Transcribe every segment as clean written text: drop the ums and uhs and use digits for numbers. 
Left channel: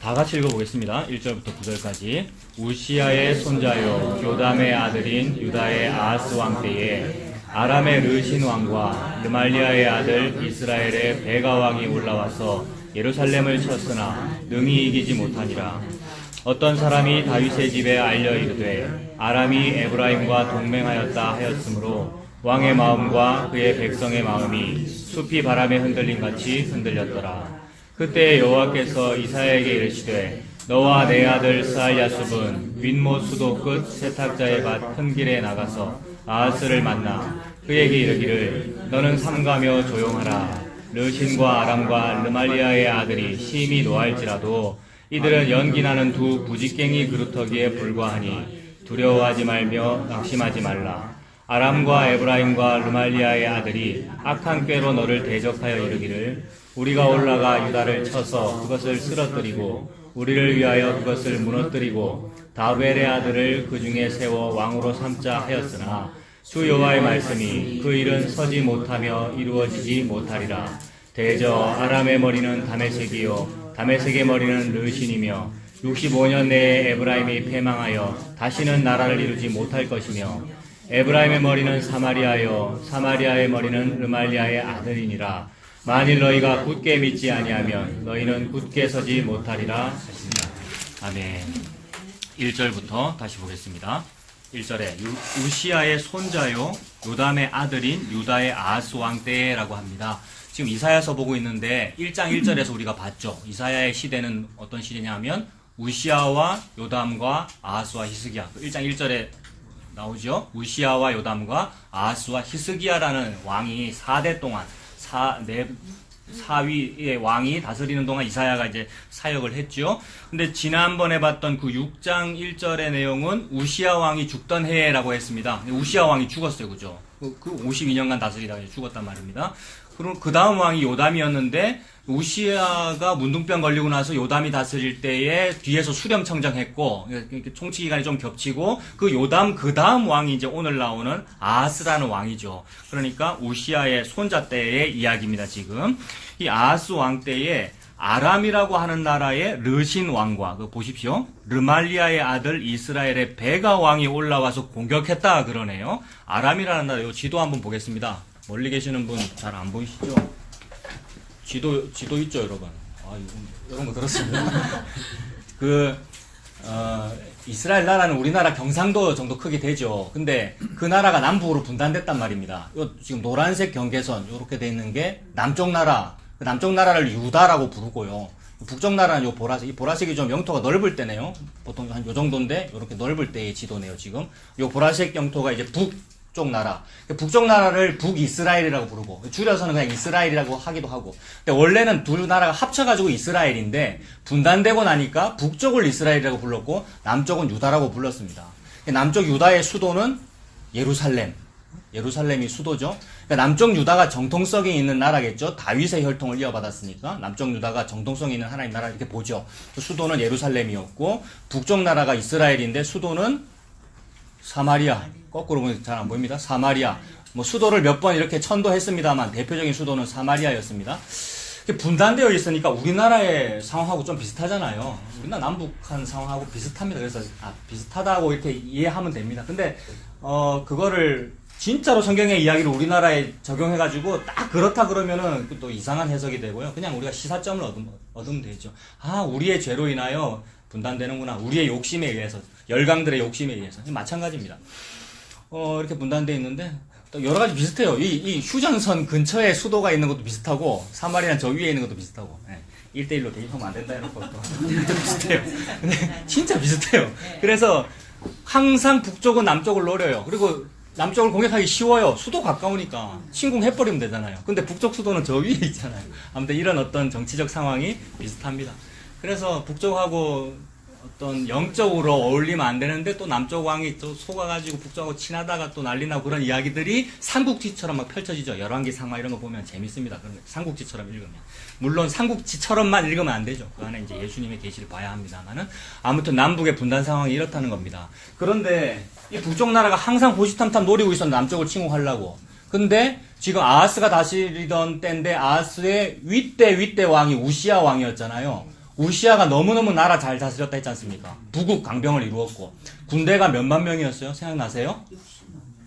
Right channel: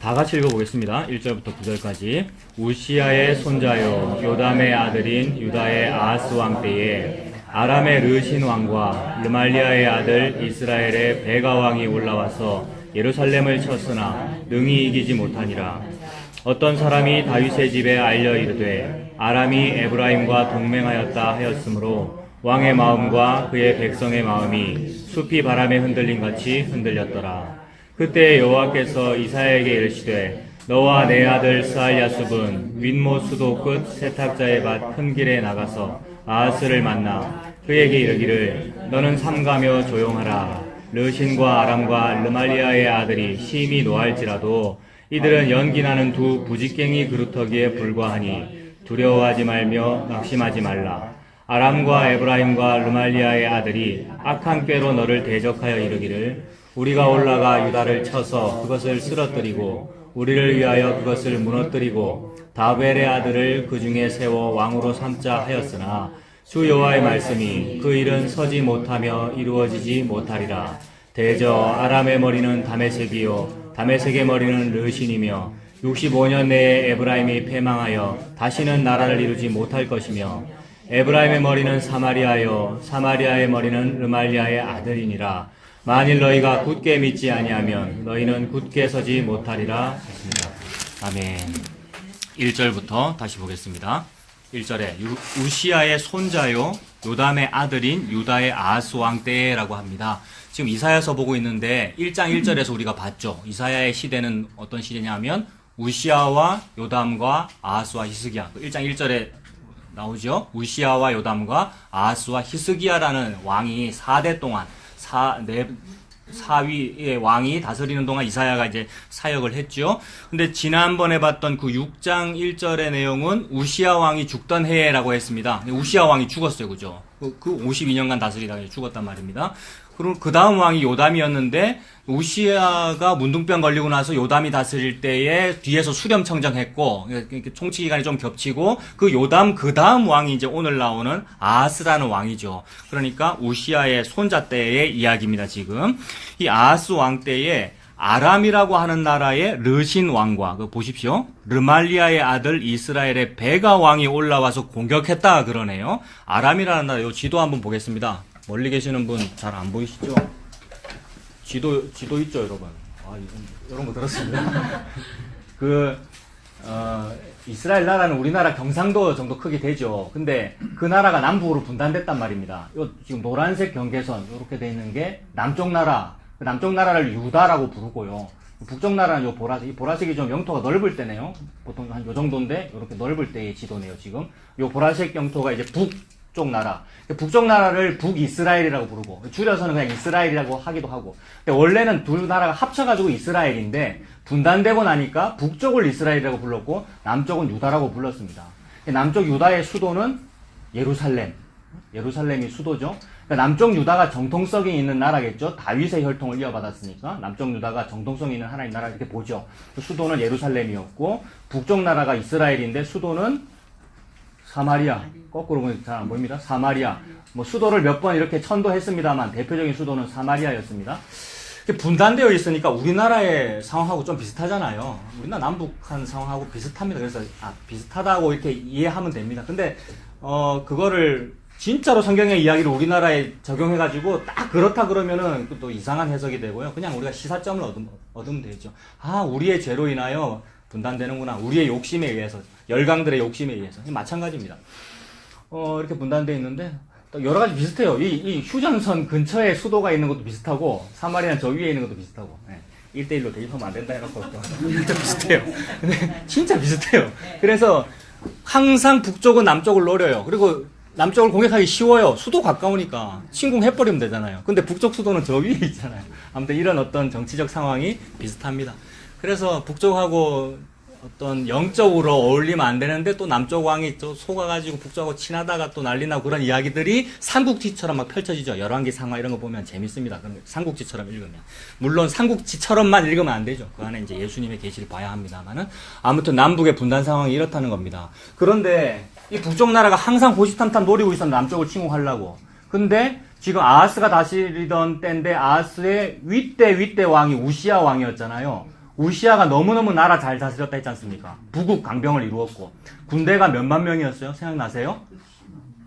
다 같이 읽어보겠습니다. 1절부터 9절까지. 우시야의 손자요 요담의 아들인 유다의 아하스 왕 때에 아람의 르신 왕과 르말리아의 아들 이스라엘의 베가 왕이 올라와서 예루살렘을 쳤으나 능히 이기지 못하니라. 어떤 사람이 다윗의 집에 알려 이르되 아람이 에브라임과 동맹하였다 하였으므로 왕의 마음과 그의 백성의 마음이 숲이 바람에 흔들림 같이 흔들렸더라. 그때 여호와께서 이사야에게 이르시되 너와 내 아들 스알야숲은 윗못 수도 끝 세탁자의 밭 큰 길에 나가서 아하스를 만나 그에게 이르기를 너는 삼가며 조용하라. 르신과 아람과 르말리아의 아들이 심히 노할지라도 이들은 연기나는 두 부직갱이 그루터기에 불과하니 두려워하지 말며 낙심하지 말라. 아람과 에브라임과 르말리아의 아들이 악한 꾀로 너를 대적하여 이르기를 우리가 올라가 유다를 쳐서 그것을 쓰러뜨리고 우리를 위하여 그것을 무너뜨리고 다벨의 아들을 그 중에 세워 왕으로 삼자 하였으나 주 여호와의 말씀이 그 일은 서지 못하며 이루어지지 못하리라. 대저 아람의 머리는 다메섹이요 다메섹의 머리는 르신이며 65년 내에 에브라임이 패망하여 다시는 나라를 이루지 못할 것이며 에브라임의 머리는 사마리아요 사마리아의 머리는 르말리아의 아들이니라. 만일 너희가 굳게 믿지 아니하면 너희는 굳게 서지 못하리라 했습니다. 아멘. 1절부터 다시 보겠습니다. 1절에 우시야의 손자요 요담의 아들인 유다의 아하스 왕 때라고 합니다. 지금 이사야서 보고 있는데 1장 1절에서 우리가 봤죠. 이사야의 시대는 어떤 시대냐면 우시야와 요담과 아하스와 히스기야. 1장 1절에 나오죠. 우시야와 요담과 아하스와 히스기야라는 왕이 4대 동안 사위의 왕이 다스리는 동안 이사야가 이제 사역을 했죠. 근데 지난번에 봤던 그 6장 1절의 내용은 우시야 왕이 죽던 해라고 했습니다. 우시야 왕이 죽었어요. 그죠? 그 52년간 다스리다가 죽었단 말입니다. 그럼 그 다음 왕이 요담이었는데 우시야가 문둥병 걸리고 나서 요담이 다스릴 때에 뒤에서 수렴청정했고 총치 기간이 좀 겹치고 그 요담 그 다음 왕이 이제 오늘 나오는 아하스라는 왕이죠. 그러니까 우시야의 손자 때의 이야기입니다. 지금 이 아하스 왕 때에 아람이라고 하는 나라의 르신 왕과 보십시오. 르말리아의 아들 이스라엘의 베가 왕이 올라와서 공격했다 그러네요. 아람이라는 나라 요 지도 한번 보겠습니다. 멀리 계시는 분 잘 안 보이시죠? 지도 있죠, 여러분? 이런 거 들었습니다. 이스라엘 나라는 우리나라 경상도 정도 크게 되죠. 근데 그 나라가 남북으로 분단됐단 말입니다. 지금 노란색 경계선, 이렇게 돼 있는 게 남쪽 나라, 남쪽 나라를 유다라고 부르고요. 북쪽 나라는 요 보라색, 이 보라색이 좀 영토가 넓을 때네요. 보통 한 요 정도인데, 이렇게 넓을 때의 지도네요, 지금. 요 보라색 영토가 이제 북쪽 나라. 북쪽 나라를 북이스라엘이라고 부르고, 줄여서는 그냥 이스라엘이라고 하기도 하고. 근데 원래는 두 나라가 합쳐가지고 이스라엘인데, 분단되고 나니까 북쪽을 이스라엘이라고 불렀고, 남쪽은 유다라고 불렀습니다. 남쪽 유다의 수도는 예루살렘이 수도죠. 그러니까 남쪽 유다가 정통성이 있는 나라겠죠. 다윗의 혈통을 이어받았으니까 남쪽 유다가 정통성이 있는 하나님 나라 이렇게 보죠. 수도는 예루살렘이었고 북쪽 나라가 이스라엘인데 수도는 사마리아. 거꾸로 보면 잘 안 보입니다. 사마리아. 수도를 몇 번 이렇게 천도했습니다만 대표적인 수도는 사마리아였습니다. 분단되어 있으니까 우리나라의 상황하고 좀 비슷하잖아요. 우리나라 남북한 상황하고 비슷합니다. 그래서 비슷하다고 이렇게 이해하면 됩니다. 근데 그거를 진짜로 성경의 이야기를 우리나라에 적용해가지고 딱 그렇다 그러면은 또 이상한 해석이 되고요. 그냥 우리가 시사점을 얻으면 되죠. 우리의 죄로 인하여 분단되는구나. 우리의 욕심에 의해서, 열강들의 욕심에 의해서. 마찬가지입니다. 이렇게 분단되어 있는데 또 여러 가지 비슷해요. 이 휴전선 근처에 수도가 있는 것도 비슷하고 사마리아는 저 위에 있는 것도 비슷하고 1대1로 대입하면 안 된다 해놓고 또 비슷해요. 근데 진짜 비슷해요. 그래서 항상 북쪽은 남쪽을 노려요. 그리고 남쪽을 공격하기 쉬워요. 수도 가까우니까 침공해버리면 되잖아요. 근데 북쪽 수도는 저 위에 있잖아요. 아무튼 이런 어떤 정치적 상황이 비슷합니다. 그래서 북쪽하고 어떤 영적으로 어울리면 안 되는데 또 남쪽 왕이 또 속아가지고 북쪽하고 친하다가 또 난리나고 그런 이야기들이 삼국지처럼 막 펼쳐지죠. 열왕기 상하 이런 거 보면 재밌습니다. 삼국지처럼 읽으면. 물론 삼국지처럼만 읽으면 안 되죠. 그 안에 이제 예수님의 계시를 봐야 합니다만은 아무튼 남북의 분단 상황이 이렇다는 겁니다. 그런데 이 북쪽 나라가 항상 호시탐탐 노리고 있었는데 남쪽을 침공하려고. 근데 지금 아하스가 다스리던 때인데 아하스의 윗대 왕이 우시야 왕이었잖아요. 우시아가 너무너무 나라 잘 다스렸다 했지 않습니까? 부국 강병을 이루었고 군대가 몇만 명이었어요? 생각나세요?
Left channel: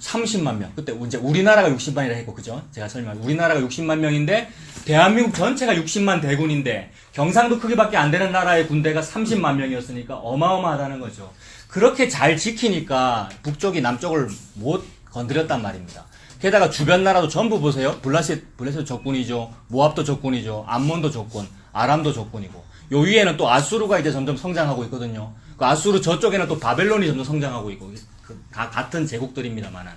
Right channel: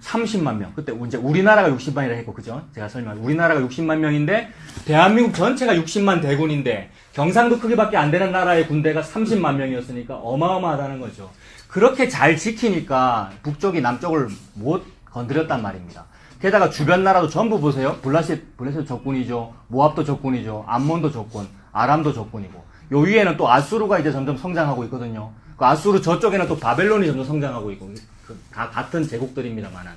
30만 명. 그때 이제 우리나라가 60만이라 했고, 그죠? 제가 우리나라가 60만 명인데 대한민국 전체가 60만 대군인데 경상도 크기밖에 안 되는 나라의 군대가 30만 명이었으니까 어마어마하다는 거죠. 그렇게 잘 지키니까 북쪽이 남쪽을 못 건드렸단 말입니다. 게다가 주변 나라도 전부 보세요. 블라셋 적군이죠. 모압도 적군이죠. 암몬도 적군, 아람도 적군이고. 요 위에는 또 아수르가 이제 점점 성장하고 있거든요. 그 아수르 저쪽에는 또 바벨론이 점점 성장하고 있고. 다 같은 제국들입니다만은.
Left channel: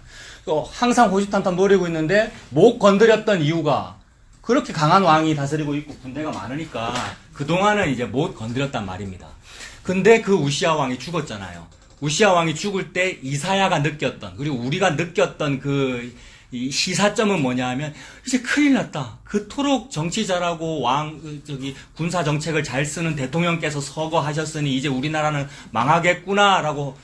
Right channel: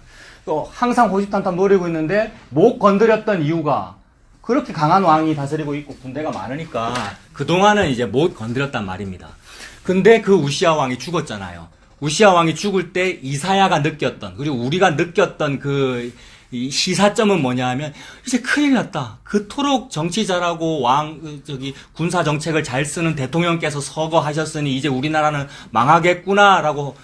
또 항상 호시탐탐 노리고 있는데 못 건드렸던 이유가 그렇게 강한 왕이 다스리고 있고 군대가 많으니까 그동안은 이제 못 건드렸단 말입니다. 근데 그 우시아 왕이 죽었잖아요. 우시아 왕이 죽을 때 이사야가 느꼈던, 그리고 우리가 느꼈던 이 시사점은 뭐냐 하면, 이제 큰일 났다. 그토록 정치 잘하고 군사 정책을 잘 쓰는 대통령께서 서거하셨으니 이제 우리나라는 망하겠구나라고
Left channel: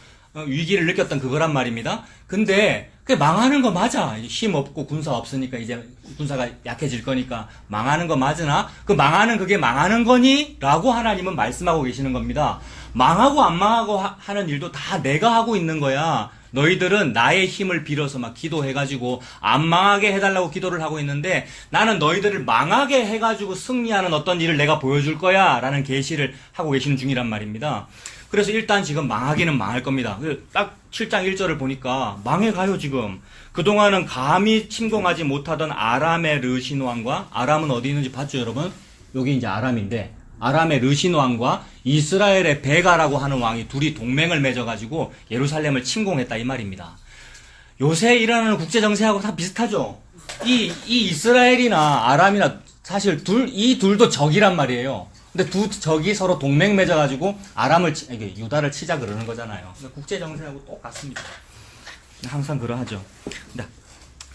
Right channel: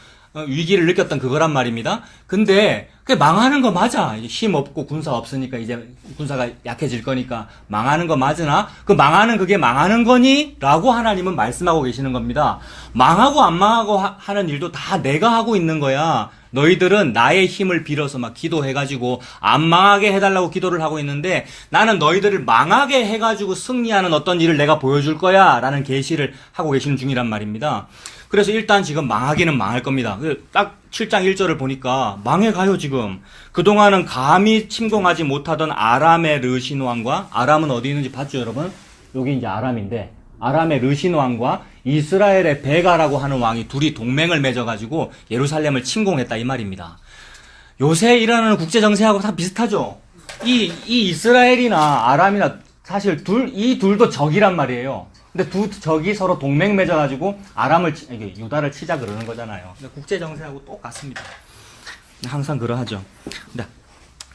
위기를 느꼈던 그거란 말입니다. 근데 그게 망하는 거 맞아. 이제 힘 없고 군사 없으니까 이제 군사가 약해질 거니까 망하는 거 맞으나 그게 망하는 거니? 라고 하나님은 말씀하고 계시는 겁니다. 망하고 안 망하고 하는 일도 다 내가 하고 있는 거야. 너희들은 나의 힘을 빌어서 막 기도해가지고 안 망하게 해달라고 기도를 하고 있는데 나는 너희들을 망하게 해가지고 승리하는 어떤 일을 내가 보여줄 거야 라는 계시를 하고 계시는 중이란 말입니다. 그래서 일단 지금 망하기는 망할 겁니다. 딱 7장 1절을 보니까 망해가요 지금. 그동안은 감히 침공하지 못하던 아람의 르신 왕과, 아람은 어디 있는지 봤죠 여러분? 여기 이제 아람인데 아람의 르신 왕과 이스라엘의 베가라고 하는 왕이 둘이 동맹을 맺어가지고 예루살렘을 침공했다 이 말입니다. 요새 일어나는 국제정세하고 다 비슷하죠. 이 이스라엘이나 아람이나 사실 이 둘도 적이란 말이에요. 근데 두 적이 서로 동맹 맺어가지고 유다를 치자 그러는 거잖아요. 국제정세하고 똑같습니다. 항상 그러하죠. 근데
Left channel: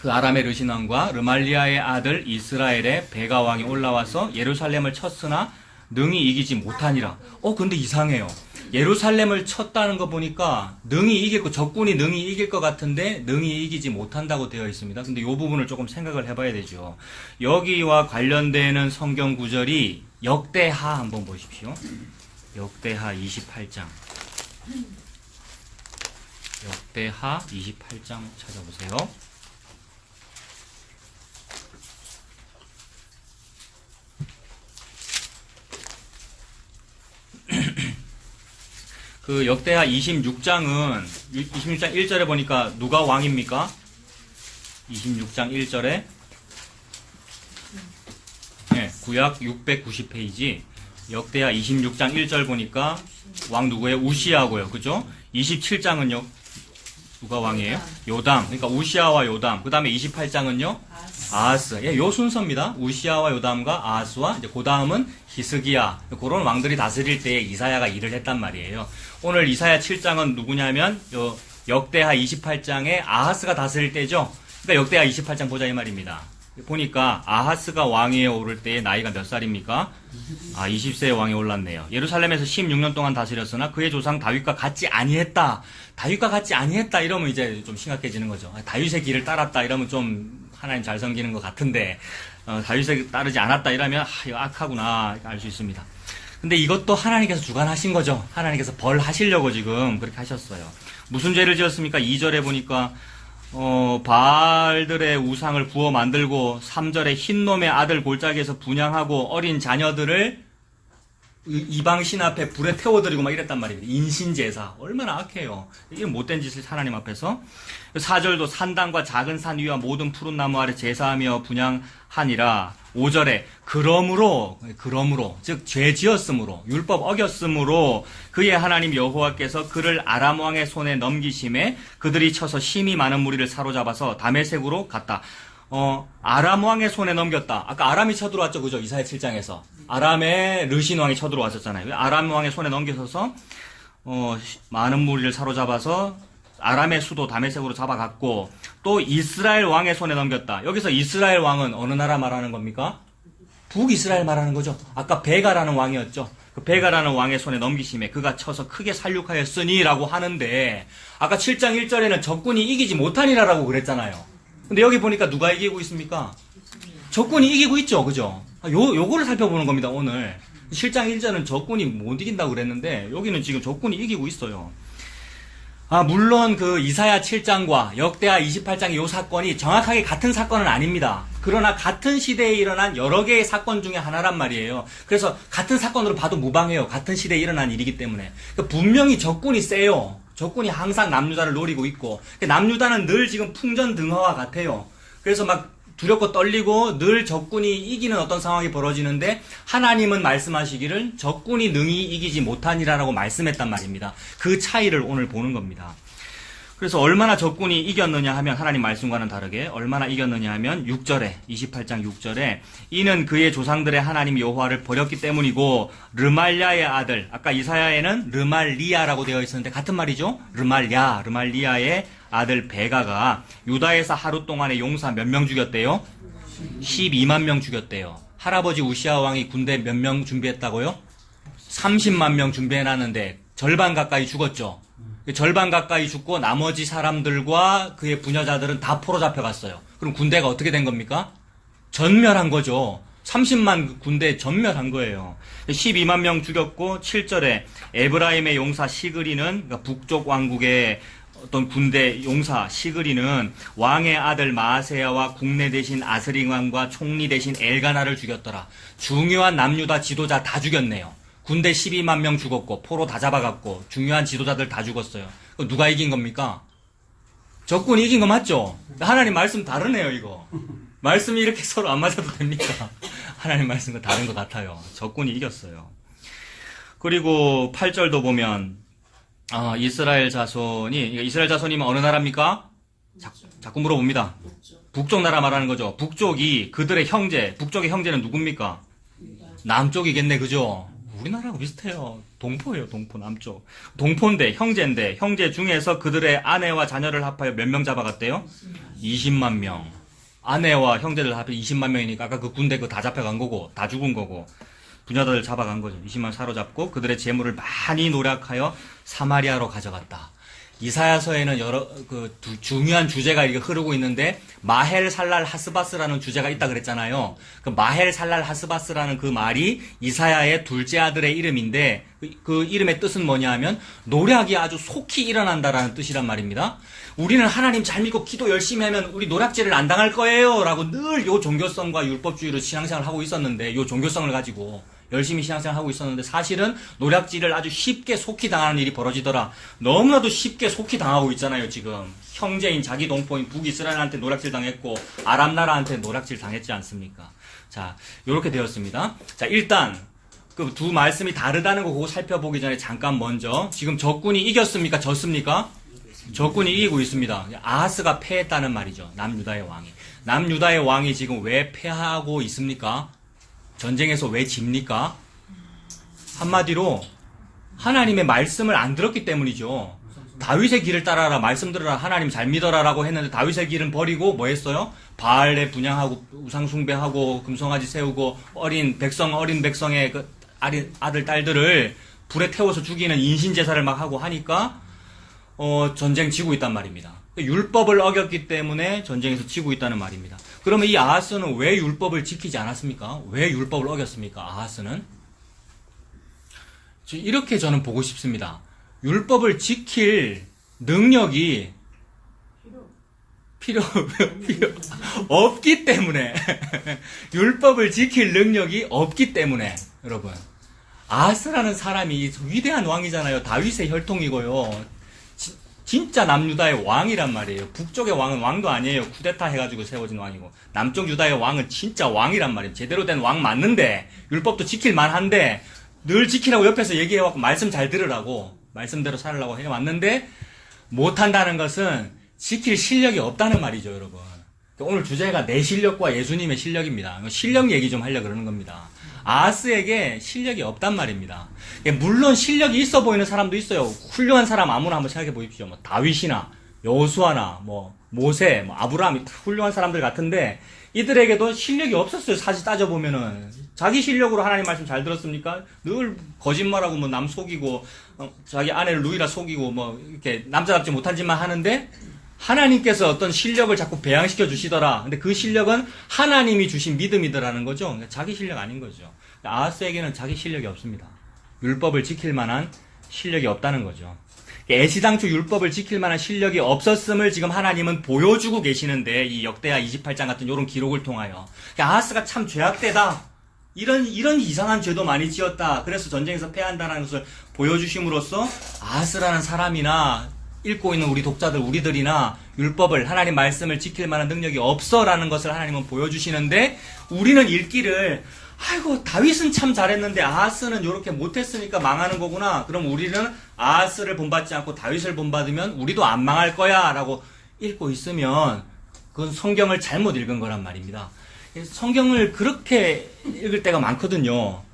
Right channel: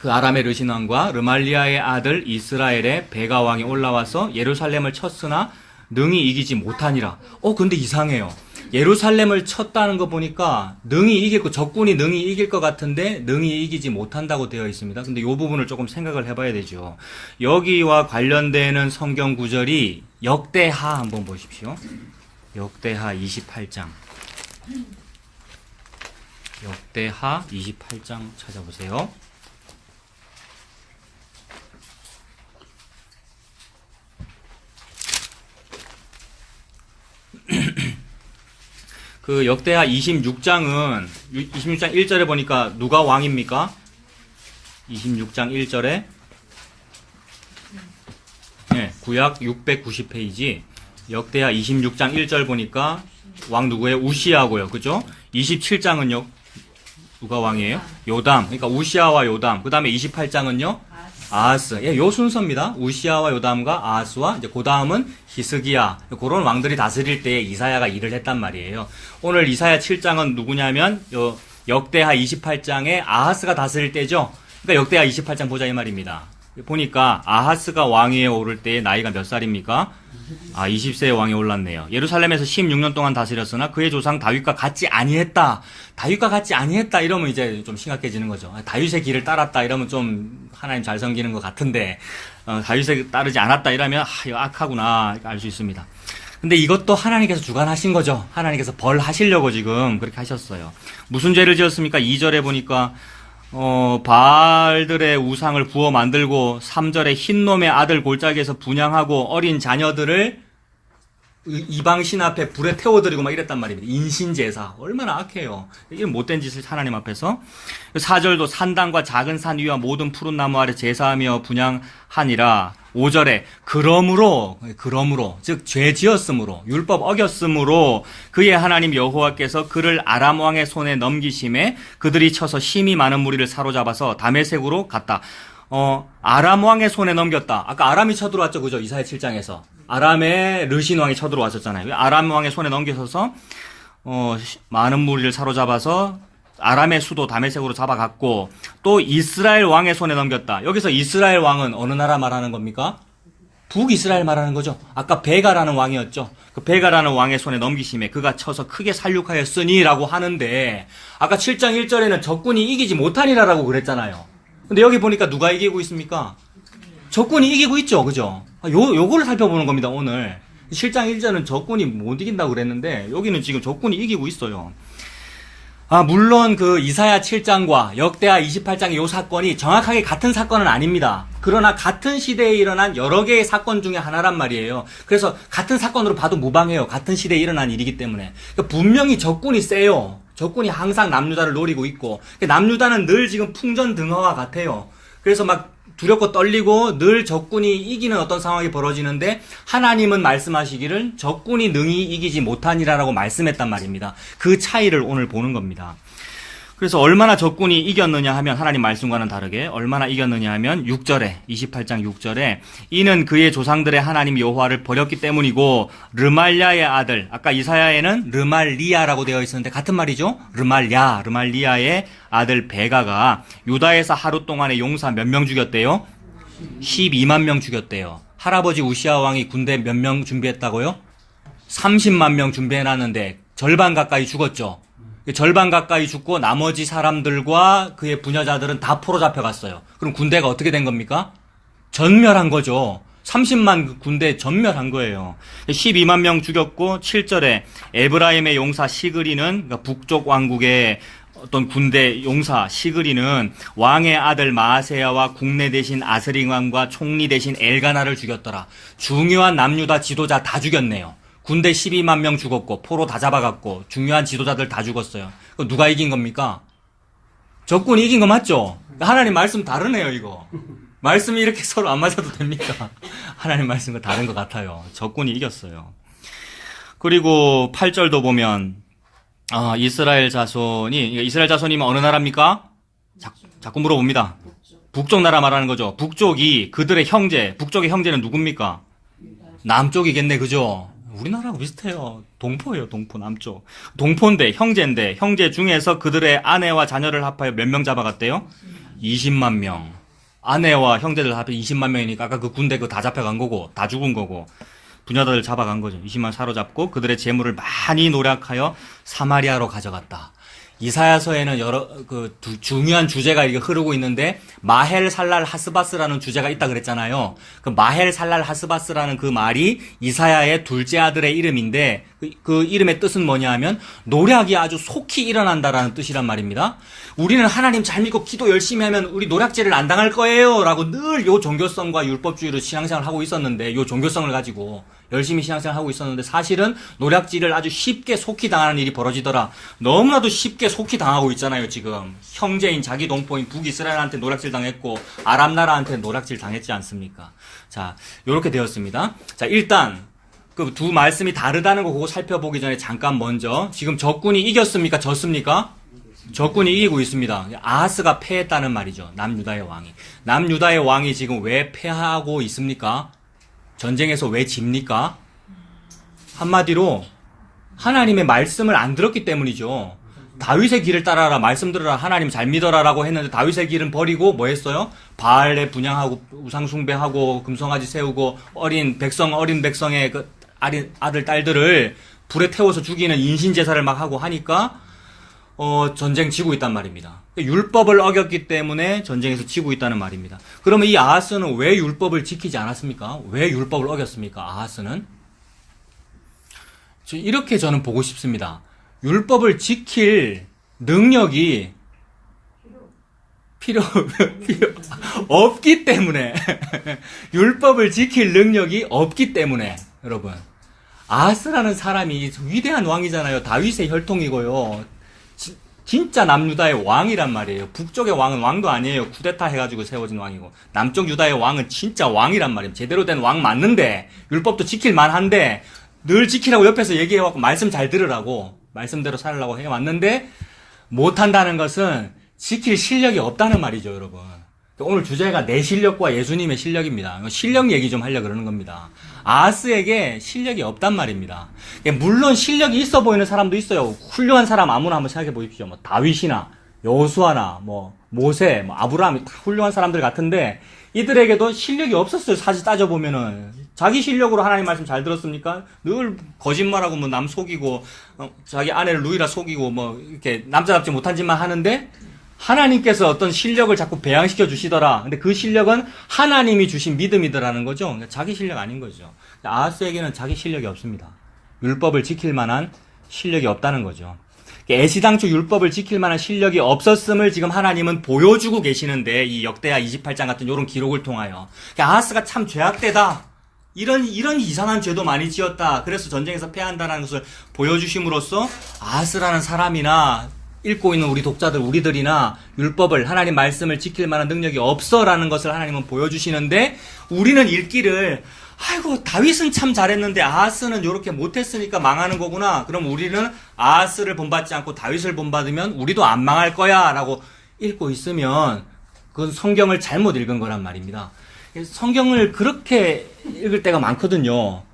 그 아람의 르신 왕과 르말리아의 아들 이스라엘의 베가 왕이 올라와서 예루살렘을 쳤으나 능히 이기지 못하니라. 근데 이상해요. 예루살렘을 쳤다는 거 보니까 적군이 능히 이길 것 같은데 능히 이기지 못한다고 되어 있습니다. 근데 이 부분을 조금 생각을 해봐야 되죠. 여기와 관련되는 성경 구절이 역대하 한번 보십시오. 역대하 28장. 역대하 28장 찾아보세요. 그 역대하 26장 1절에 보니까 누가 왕입니까? 26장 1절에 구약 690페이지 역대하 26장 1절 보니까 왕 누구예요? 우시아고요. 그죠? 27장은요? 누가 왕이에요? 요담. 그러니까 우시아와 요담. 그 다음에 28장은요? 아하스. 요 순서입니다. 우시아와 요담과 아하스와 이제 그 다음은 히스기야. 그런 왕들이 다스릴 때에 이사야가 일을 했단 말이에요. 오늘 이사야 7장은 누구냐면 역대하 28장에 아하스가 다스릴 때죠. 그러니까 역대하 28장 보자 이 말입니다. 보니까 아하스가 왕위에 오를 때의 나이가 몇 살입니까? 20세의 왕에 올랐네요. 예루살렘에서 16년 동안 다스렸으나 그의 조상 다윗과 같지 아니했다. 다윗과 같지 아니했다 이러면 이제 좀 심각해지는 거죠. 다윗의 길을 따랐다 이러면 좀 하나님 잘 섬기는 것 같은데 다윗에 따르지 않았다 이러면 이거 악하구나 알 수 있습니다. 근데 이것도 하나님께서 주관하신 거죠. 하나님께서 벌하시려고 지금 그렇게 하셨어요. 무슨 죄를 지었습니까? 2절에 보니까 바알들의 우상을 부어 만들고 3절에 흰놈의 아들 골짜기에서 분향하고 어린 자녀들을 이방신 앞에 불에 태워드리고 막 이랬단 말입니다. 인신제사. 얼마나 악해요. 이게 못된 짓을 하나님 앞에서. 4절도 산당과 작은 산 위와 모든 푸른 나무 아래 제사하며 분향하니라. 5절에 그러므로 즉 죄 지었으므로 율법 어겼으므로 그의 하나님 여호와께서 그를 아람 왕의 손에 넘기심에 그들이 쳐서 힘이 많은 무리를 사로잡아서 다메섹으로 갔다. 아람 왕의 손에 넘겼다. 아까 아람이 쳐들어왔죠, 그죠? 이사야 7장에서 아람의 르신 왕이 쳐들어왔었잖아요. 아람 왕의 손에 넘겨서서 많은 무리를 사로잡아서 아람의 수도 다메섹으로 잡아갔고 또 이스라엘 왕의 손에 넘겼다. 여기서 이스라엘 왕은 어느 나라 말하는 겁니까? 북이스라엘 말하는 거죠. 아까 베가라는 왕이었죠. 그 베가라는 왕의 손에 넘기심에 그가 쳐서 크게 살육하였으니 라고 하는데 아까 7장 1절에는 적군이 이기지 못하니라라고 그랬잖아요. 근데 여기 보니까 누가 이기고 있습니까? 적군이 이기고 있죠. 그죠? 요거를 살펴보는 겁니다, 오늘. 7장 1절은 적군이 못 이긴다고 그랬는데 여기는 지금 적군이 이기고 있어요. 물론 그 이사야 7장과 역대하 28장의 요 사건이 정확하게 같은 사건은 아닙니다. 그러나 같은 시대에 일어난 여러 개의 사건 중에 하나란 말이에요. 그래서 같은 사건으로 봐도 무방해요. 같은 시대에 일어난 일이기 때문에. 그러니까 분명히 적군이 세요. 적군이 항상 남유다를 노리고 있고, 남유다는 늘 지금 풍전등화와 같아요. 그래서 막 두렵고 떨리고 늘 적군이 이기는 어떤 상황이 벌어지는데, 하나님은 말씀하시기를 적군이 능히 이기지 못하니라라고 말씀했단 말입니다. 그 차이를 오늘 보는 겁니다. 그래서 얼마나 적군이 이겼느냐 하면, 하나님 말씀과는 다르게 얼마나 이겼느냐 하면 6절에 28장 6절에 이는 그의 조상들의 하나님 여호와를 버렸기 때문이고 르말랴의 아들, 아까 이사야에는 르말리아라고 되어 있었는데 같은 말이죠. 르말리아의 아들 베가가 유다에서 하루 동안에 용사 몇 명 죽였대요? 12만 명 죽였대요. 할아버지 우시아 왕이 군대 몇 명 준비했다고요? 30만 명 준비해놨는데 절반 가까이 죽었죠. 절반 가까이 죽고 나머지 사람들과 그의 부녀자들은 다 포로 잡혀갔어요. 그럼 군대가 어떻게 된 겁니까? 전멸한 거죠. 30만 군대 전멸한 거예요. 12만 명 죽였고 7절에 에브라임의 용사 시그리는, 그러니까 북쪽 왕국의 어떤 군대 용사 시그리는 왕의 아들 마아세야와 국내 대신 아스링 왕과 총리 대신 엘가나를 죽였더라. 중요한 남유다 지도자 다 죽였네요. 군대 12만 명 죽었고 포로 다 잡아갔고 중요한 지도자들 다 죽었어요. 누가 이긴 겁니까? 적군이 이긴 거 맞죠? 하나님 말씀 다르네요. 이거 말씀이 이렇게 서로 안 맞아도 됩니까? 하나님 말씀과 다른 것 같아요. 적군이 이겼어요. 그리고 8절도 보면 이스라엘 자손이면 어느 나라입니까? 자꾸 물어봅니다. 북쪽 나라 말하는 거죠. 북쪽이 그들의 형제, 북쪽의 형제는 누굽니까? 남쪽이겠네, 그죠? 우리나라하고 비슷해요. 동포예요, 동포, 남쪽. 동포인데, 형제인데, 형제 중에서 그들의 아내와 자녀를 합하여 몇 명 잡아갔대요? 20만 명. 아내와 형제들 합해 20만 명이니까 아까 그 군대 다 잡혀간 거고, 다 죽은 거고, 부녀들을 잡아간 거죠. 20만 사로잡고 그들의 재물을 많이 노력하여 사마리아로 가져갔다. 이사야서에는 여러 중요한 주제가 이렇게 흐르고 있는데, 마헬 살랄 하스바스라는 주제가 있다 그랬잖아요. 그 마헬 살랄 하스바스라는 그 말이 이사야의 둘째 아들의 이름인데, 그 이름의 뜻은 뭐냐 하면 노략이 아주 속히 일어난다라는 뜻이란 말입니다. 우리는 하나님 잘 믿고 기도 열심히 하면 우리 노략질을 안 당할 거예요 라고 늘 요 종교성과 율법주의로 신앙생활을 하고 있었는데, 요 종교성을 가지고 열심히 신앙생활 하고 있었는데, 사실은 노략질을 아주 쉽게 속히 당하는 일이 벌어지더라. 너무나도 쉽게 속히 당하고 있잖아요. 지금 형제인 자기 동포인 북이스라엘한테 노략질 당했고 아람 나라한테 노략질 당했지 않습니까? 자, 요렇게 되었습니다. 자, 일단 그 두 말씀이 다르다는 거 그거 살펴보기 전에 잠깐 먼저, 지금 적군이 이겼습니까? 졌습니까? 적군이 이기고 있습니다. 아하스가 패했다는 말이죠. 남유다의 왕이. 남유다의 왕이 지금 왜 패하고 있습니까? 전쟁에서 왜 집니까? 한마디로 하나님의 말씀을 안 들었기 때문이죠. 다윗의 길을 따라라, 말씀 들어라, 하나님 잘 믿어라 라고 했는데 다윗의 길은 버리고 뭐 했어요? 바알에 분향하고 우상 숭배하고 금송아지 세우고 어린 백성의 그 아들 딸들을 불에 태워서 죽이는 인신제사를 막 하고 하니까 전쟁 지고 있단 말입니다. 율법을 어겼기 때문에 전쟁에서 지고 있다는 말입니다. 그러면 이 아하스는 왜 율법을 지키지 않았습니까? 왜 율법을 어겼습니까? 아하스는? 이렇게 저는 보고 싶습니다. 율법을 지킬 능력이 필요 없기 때문에 율법을 지킬 능력이 없기 때문에, 여러분, 아하스라는 사람이 위대한 왕이잖아요. 다윗의 혈통이고요. 진짜 남유다의 왕이란 말이에요. 북쪽의 왕은 왕도 아니에요. 쿠데타 해가지고 세워진 왕이고, 남쪽 유다의 왕은 진짜 왕이란 말이에요. 제대로 된 왕 맞는데, 율법도 지킬 만한데, 늘 지키라고 옆에서 얘기해갖고 말씀 잘 들으라고, 말씀대로 살으라고 해왔는데, 못한다는 것은 지킬 실력이 없다는 말이죠, 여러분. 오늘 주제가 내 실력과 예수님의 실력입니다. 실력 얘기 좀 하려고 그러는 겁니다. 아하스에게 실력이 없단 말입니다. 물론 실력이 있어 보이는 사람도 있어요. 훌륭한 사람 아무나 한번 생각해 보십시오. 뭐 다윗이나 여호수아나 뭐 모세, 뭐 아브라함이 다 훌륭한 사람들 같은데, 이들에게도 실력이 없었어요. 사실 따져보면은 자기 실력으로 하나님 말씀 잘 들었습니까? 늘 거짓말하고 뭐 남 속이고 자기 아내를 누이라 속이고 뭐 이렇게 남자답지 못한 짓만 하는데, 하나님께서 어떤 실력을 자꾸 배양시켜 주시더라. 근데 그 실력은 하나님이 주신 믿음이더라는 거죠. 그러니까 자기 실력 아닌 거죠. 아하스에게는 자기 실력이 없습니다. 율법을 지킬 만한 실력이 없다는 거죠. 애시당초 율법을 지킬 만한 실력이 없었음을 지금 하나님은 보여주고 계시는데, 이 역대하 28장 같은 이런 기록을 통하여 아하스가 참 죄악되다, 이런 이상한 죄도 많이 지었다, 그래서 전쟁에서 패한다는 것을 보여주심으로써 아하스라는 사람이나 읽고 있는 우리 독자들, 우리들이나 율법을, 하나님 말씀을 지킬 만한 능력이 없어라는 것을 하나님은 보여주시는데, 우리는 읽기를 아이고 다윗은 참 잘했는데 아하스는 이렇게 못했으니까 망하는 거구나, 그럼 우리는 아하스를 본받지 않고 다윗을 본받으면 우리도 안 망할 거야 라고 읽고 있으면 그건 성경을 잘못 읽은 거란 말입니다. 성경을 그렇게 읽을 때가 많거든요.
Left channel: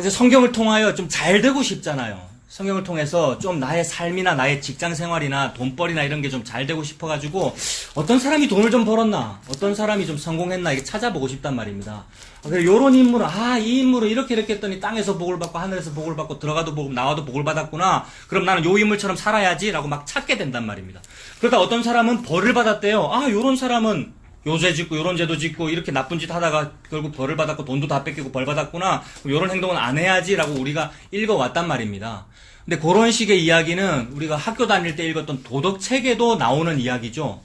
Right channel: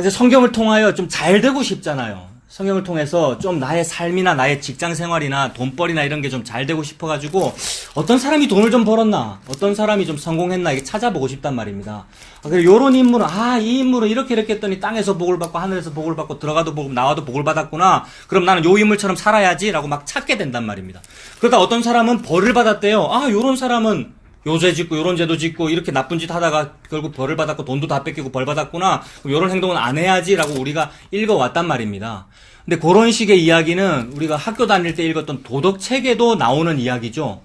이제 성경을 통하여 좀 잘 되고 싶잖아요. 성경을 통해서 좀 나의 삶이나 나의 직장 생활이나 돈벌이나 이런 게 좀 잘 되고 싶어가지고 어떤 사람이 돈을 좀 벌었나, 어떤 사람이 좀 성공했나, 이게 찾아보고 싶단 말입니다. 요런 인물은, 이 인물은 이렇게 했더니 땅에서 복을 받고 하늘에서 복을 받고 들어가도 복, 나와도 복을 받았구나, 그럼 나는 요 인물처럼 살아야지 라고 막 찾게 된단 말입니다. 그러다 어떤 사람은 벌을 받았대요. 요런 사람은 요죄 짓고 요런 죄도 짓고 이렇게 나쁜 짓 하다가 결국 벌을 받았고 돈도 다 뺏기고 벌 받았구나, 요런 행동은 안 해야지 라고 우리가 읽어왔단 말입니다. 근데 그런 식의 이야기는 우리가 학교 다닐 때 읽었던 도덕책에도 나오는 이야기죠.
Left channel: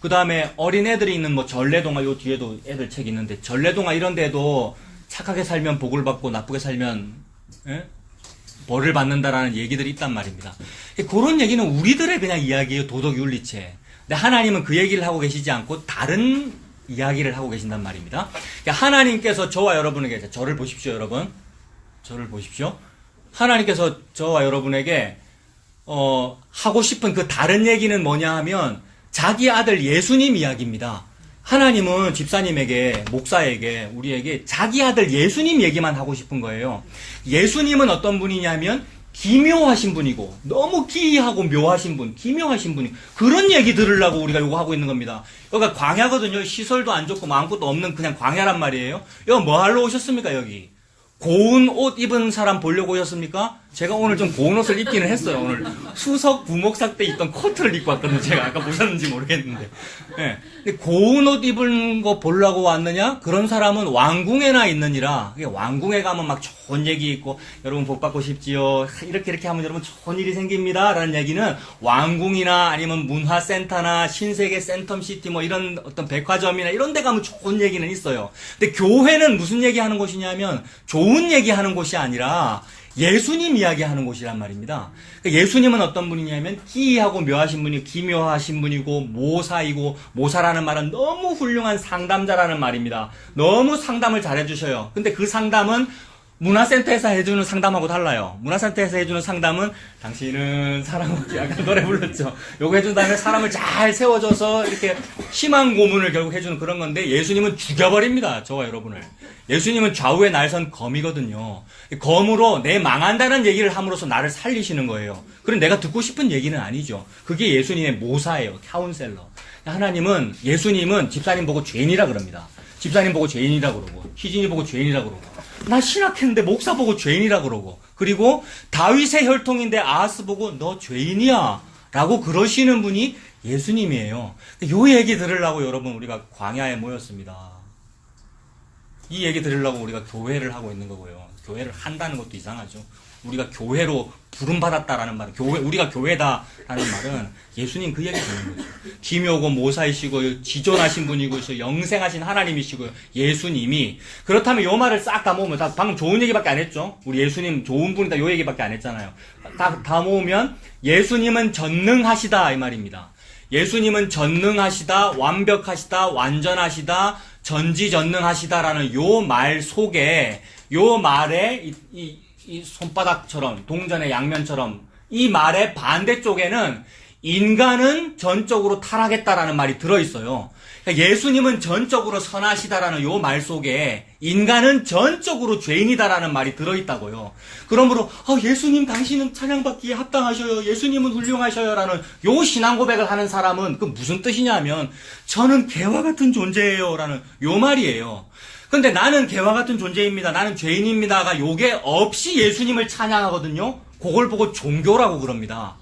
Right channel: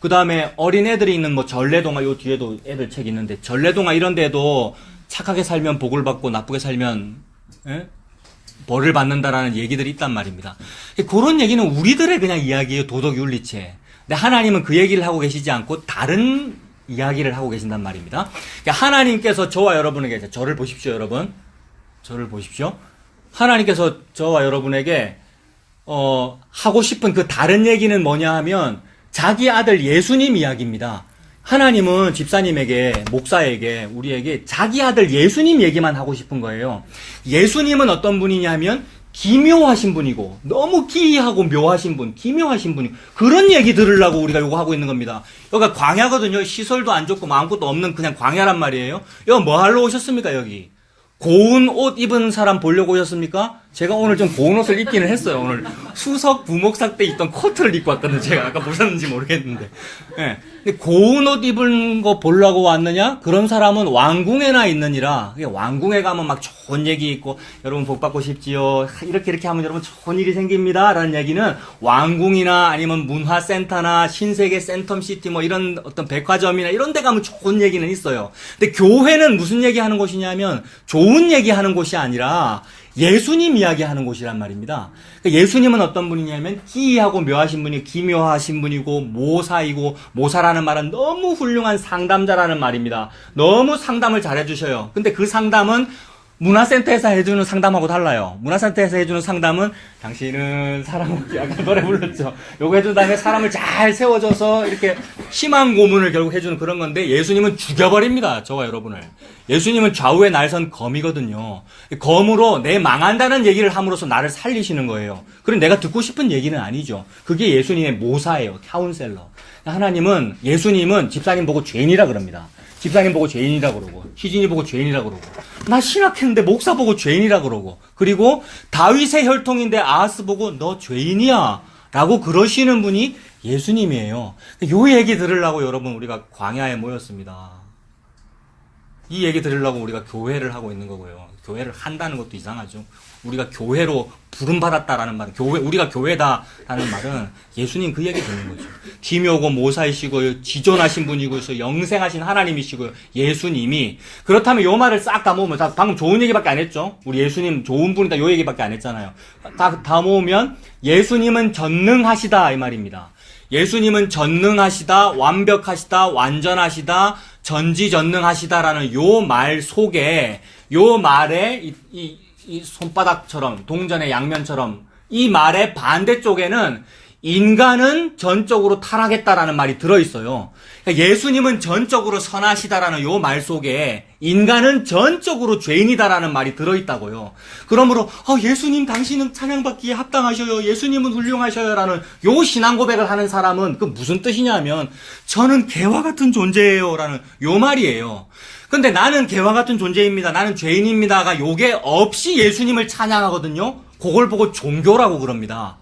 그 다음에 어린애들이 있는 전래동화, 요 뒤에도 애들 책 있는데 전래동화 이런 데도 착하게 살면 복을 받고 나쁘게 살면 벌을 받는다라는 얘기들이 있단 말입니다. 그런 얘기는 우리들의 그냥 이야기예요, 도덕윤리체. 근데 하나님은 그 얘기를 하고 계시지 않고 다른 이야기를 하고 계신단 말입니다. 하나님께서 저와 여러분에게, 저를 보십시오 여러분, 저를 보십시오. 하나님께서 저와 여러분에게 하고 싶은 그 다른 얘기는 뭐냐 하면 자기 아들 예수님 이야기입니다. 하나님은 집사님에게, 목사에게, 우리에게 자기 아들 예수님 얘기만 하고 싶은 거예요. 예수님은 어떤 분이냐면 기묘하신 분이고, 너무 기이하고 묘하신 분, 기묘하신 분이, 그런 얘기 들으려고 우리가 요거 하고 있는 겁니다. 여기가 광야거든요. 시설도 안 좋고 아무것도 없는 그냥 광야란 말이에요. 여기 뭐 하러 오셨습니까, 여기? 고운 옷 입은 사람 보려고 오셨습니까? 제가 오늘 좀 고운 옷을 입기는 했어요. 오늘 수석 부목사 때 입던 코트를 입고 왔거든요. 제가 아까 보셨는지 모르겠는데. 네. 근데 고운 옷 입은 거 보려고 왔느냐? 그런 사람은 왕궁에나 있느니라. 왕궁에 가면 막 좋은 얘기 있고, 여러분 복 받고 싶지요, 이렇게 하면 여러분 좋은 일이 생깁니다 라는 얘기는 왕궁이나 아니면 문화센터나 신세계 센텀시티 이런 어떤 백화점이나 이런 데 가면 좋은 얘기는 있어요. 근데 교회는 무슨 얘기 하는 곳이냐면 좋은 얘기 하는 곳이 아니라 예수님 이야기하는 곳이란 말입니다. 예수님은 어떤 분이냐면 기이하고 묘하신 분이, 기묘하신 분이고, 모사이고, 모사라는 말은 너무 훌륭한 상담자라는 말입니다. 너무 상담을 잘해주셔요. 근데 그 상담은 문화센터에서 해주는 상담하고 달라요. 문화센터에서 해주는 상담은 당신은 사랑하기, 아까 노래 불렀죠. 요거 해준 다음에 사람을 잘 세워줘서 이렇게 희망 고문을 결국 해주는 그런 건데, 예수님은 죽여버립니다. 저와 여러분을. 예수님은 좌우에 날선 검이거든요. 검으로 내 망한다는 얘기를 함으로써 나를 살리시는 거예요. 그럼 내가 듣고 싶은 얘기는 아니죠. 그게 예수님의 모사예요. 카운셀러. 하나님은, 예수님은 집사님 보고 죄인이라 그럽니다. 집사님 보고 죄인이라 그러고, 희진이 보고 죄인이라 그러고, 나 신학했는데 목사 보고 죄인이라 그러고, 그리고 다윗의 혈통인데 아하스 보고 너 죄인이야 라고 그러시는 분이 예수님이에요. 요 얘기 들으려고 여러분 우리가 광야에 모였습니다. 이 얘기 들으려고 우리가 교회를 하고 있는 거고요. 교회를 한다는 것도 이상하죠. 우리가 교회로 부름받았다라는 말은, 우리가 교회다라는 말은 예수님 그 얘기 듣는 거죠. 기묘고 모사이시고 지존하신 분이고 영생하신 하나님이시고 예수님이. 그렇다면 요 말을 싹 다 모으면, 방금 좋은 얘기밖에 안 했죠. 우리 예수님 좋은 분이다 요 얘기밖에 안 했잖아요. 다 모으면 예수님은 전능하시다 이 말입니다. 예수님은 전능하시다, 완벽하시다, 완전하시다, 전지전능하시다라는 요 말 속에, 요 말에 이 손바닥처럼, 동전의 양면처럼 이 말의 반대쪽에는 인간은 전적으로 타락했다라는 말이 들어있어요. 그러니까 예수님은 전적으로 선하시다라는 요 말 속에 인간은 전적으로 죄인이다라는 말이 들어있다고요. 그러므로 예수님 당신은 찬양받기에 합당하셔요, 예수님은 훌륭하셔요 라는 요 신앙 고백을 하는 사람은 그 무슨 뜻이냐면 저는 개와 같은 존재예요 라는 요 말이에요. 근데 나는 개와 같은 존재입니다, 나는 죄인입니다가 요게 없이 예수님을 찬양하거든요. 그걸 보고 종교라고 그럽니다.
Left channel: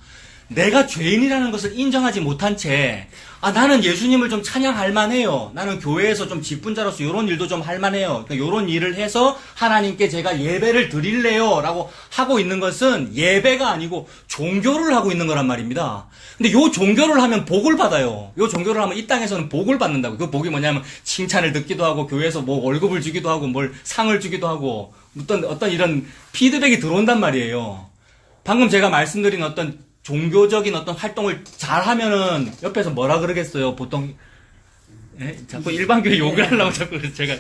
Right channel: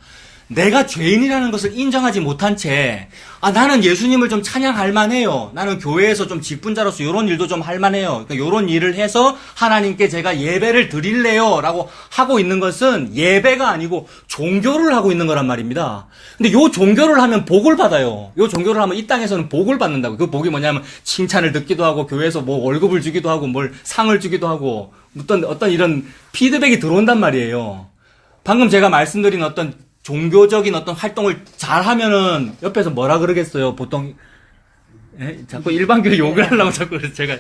내가 죄인이라는 것을 인정하지 못한 채, 나는 예수님을 좀 찬양할 만해요. 나는 교회에서 좀 직분자로서 이런 일도 좀 할 만해요. 그러니까 이런 일을 해서 하나님께 제가 예배를 드릴래요. 라고 하고 있는 것은 예배가 아니고 종교를 하고 있는 거란 말입니다. 근데 요 종교를 하면 복을 받아요. 요 종교를 하면 이 땅에서는 복을 받는다고. 그 복이 뭐냐면 칭찬을 듣기도 하고, 교회에서 뭐 월급을 주기도 하고, 뭘 상을 주기도 하고, 어떤 이런 피드백이 들어온단 말이에요. 방금 제가 말씀드린 어떤 종교적인 어떤 활동을 잘 하면은 옆에서 뭐라 그러겠어요? 보통, 자꾸 일반교회 욕을 하려고 자꾸 제가.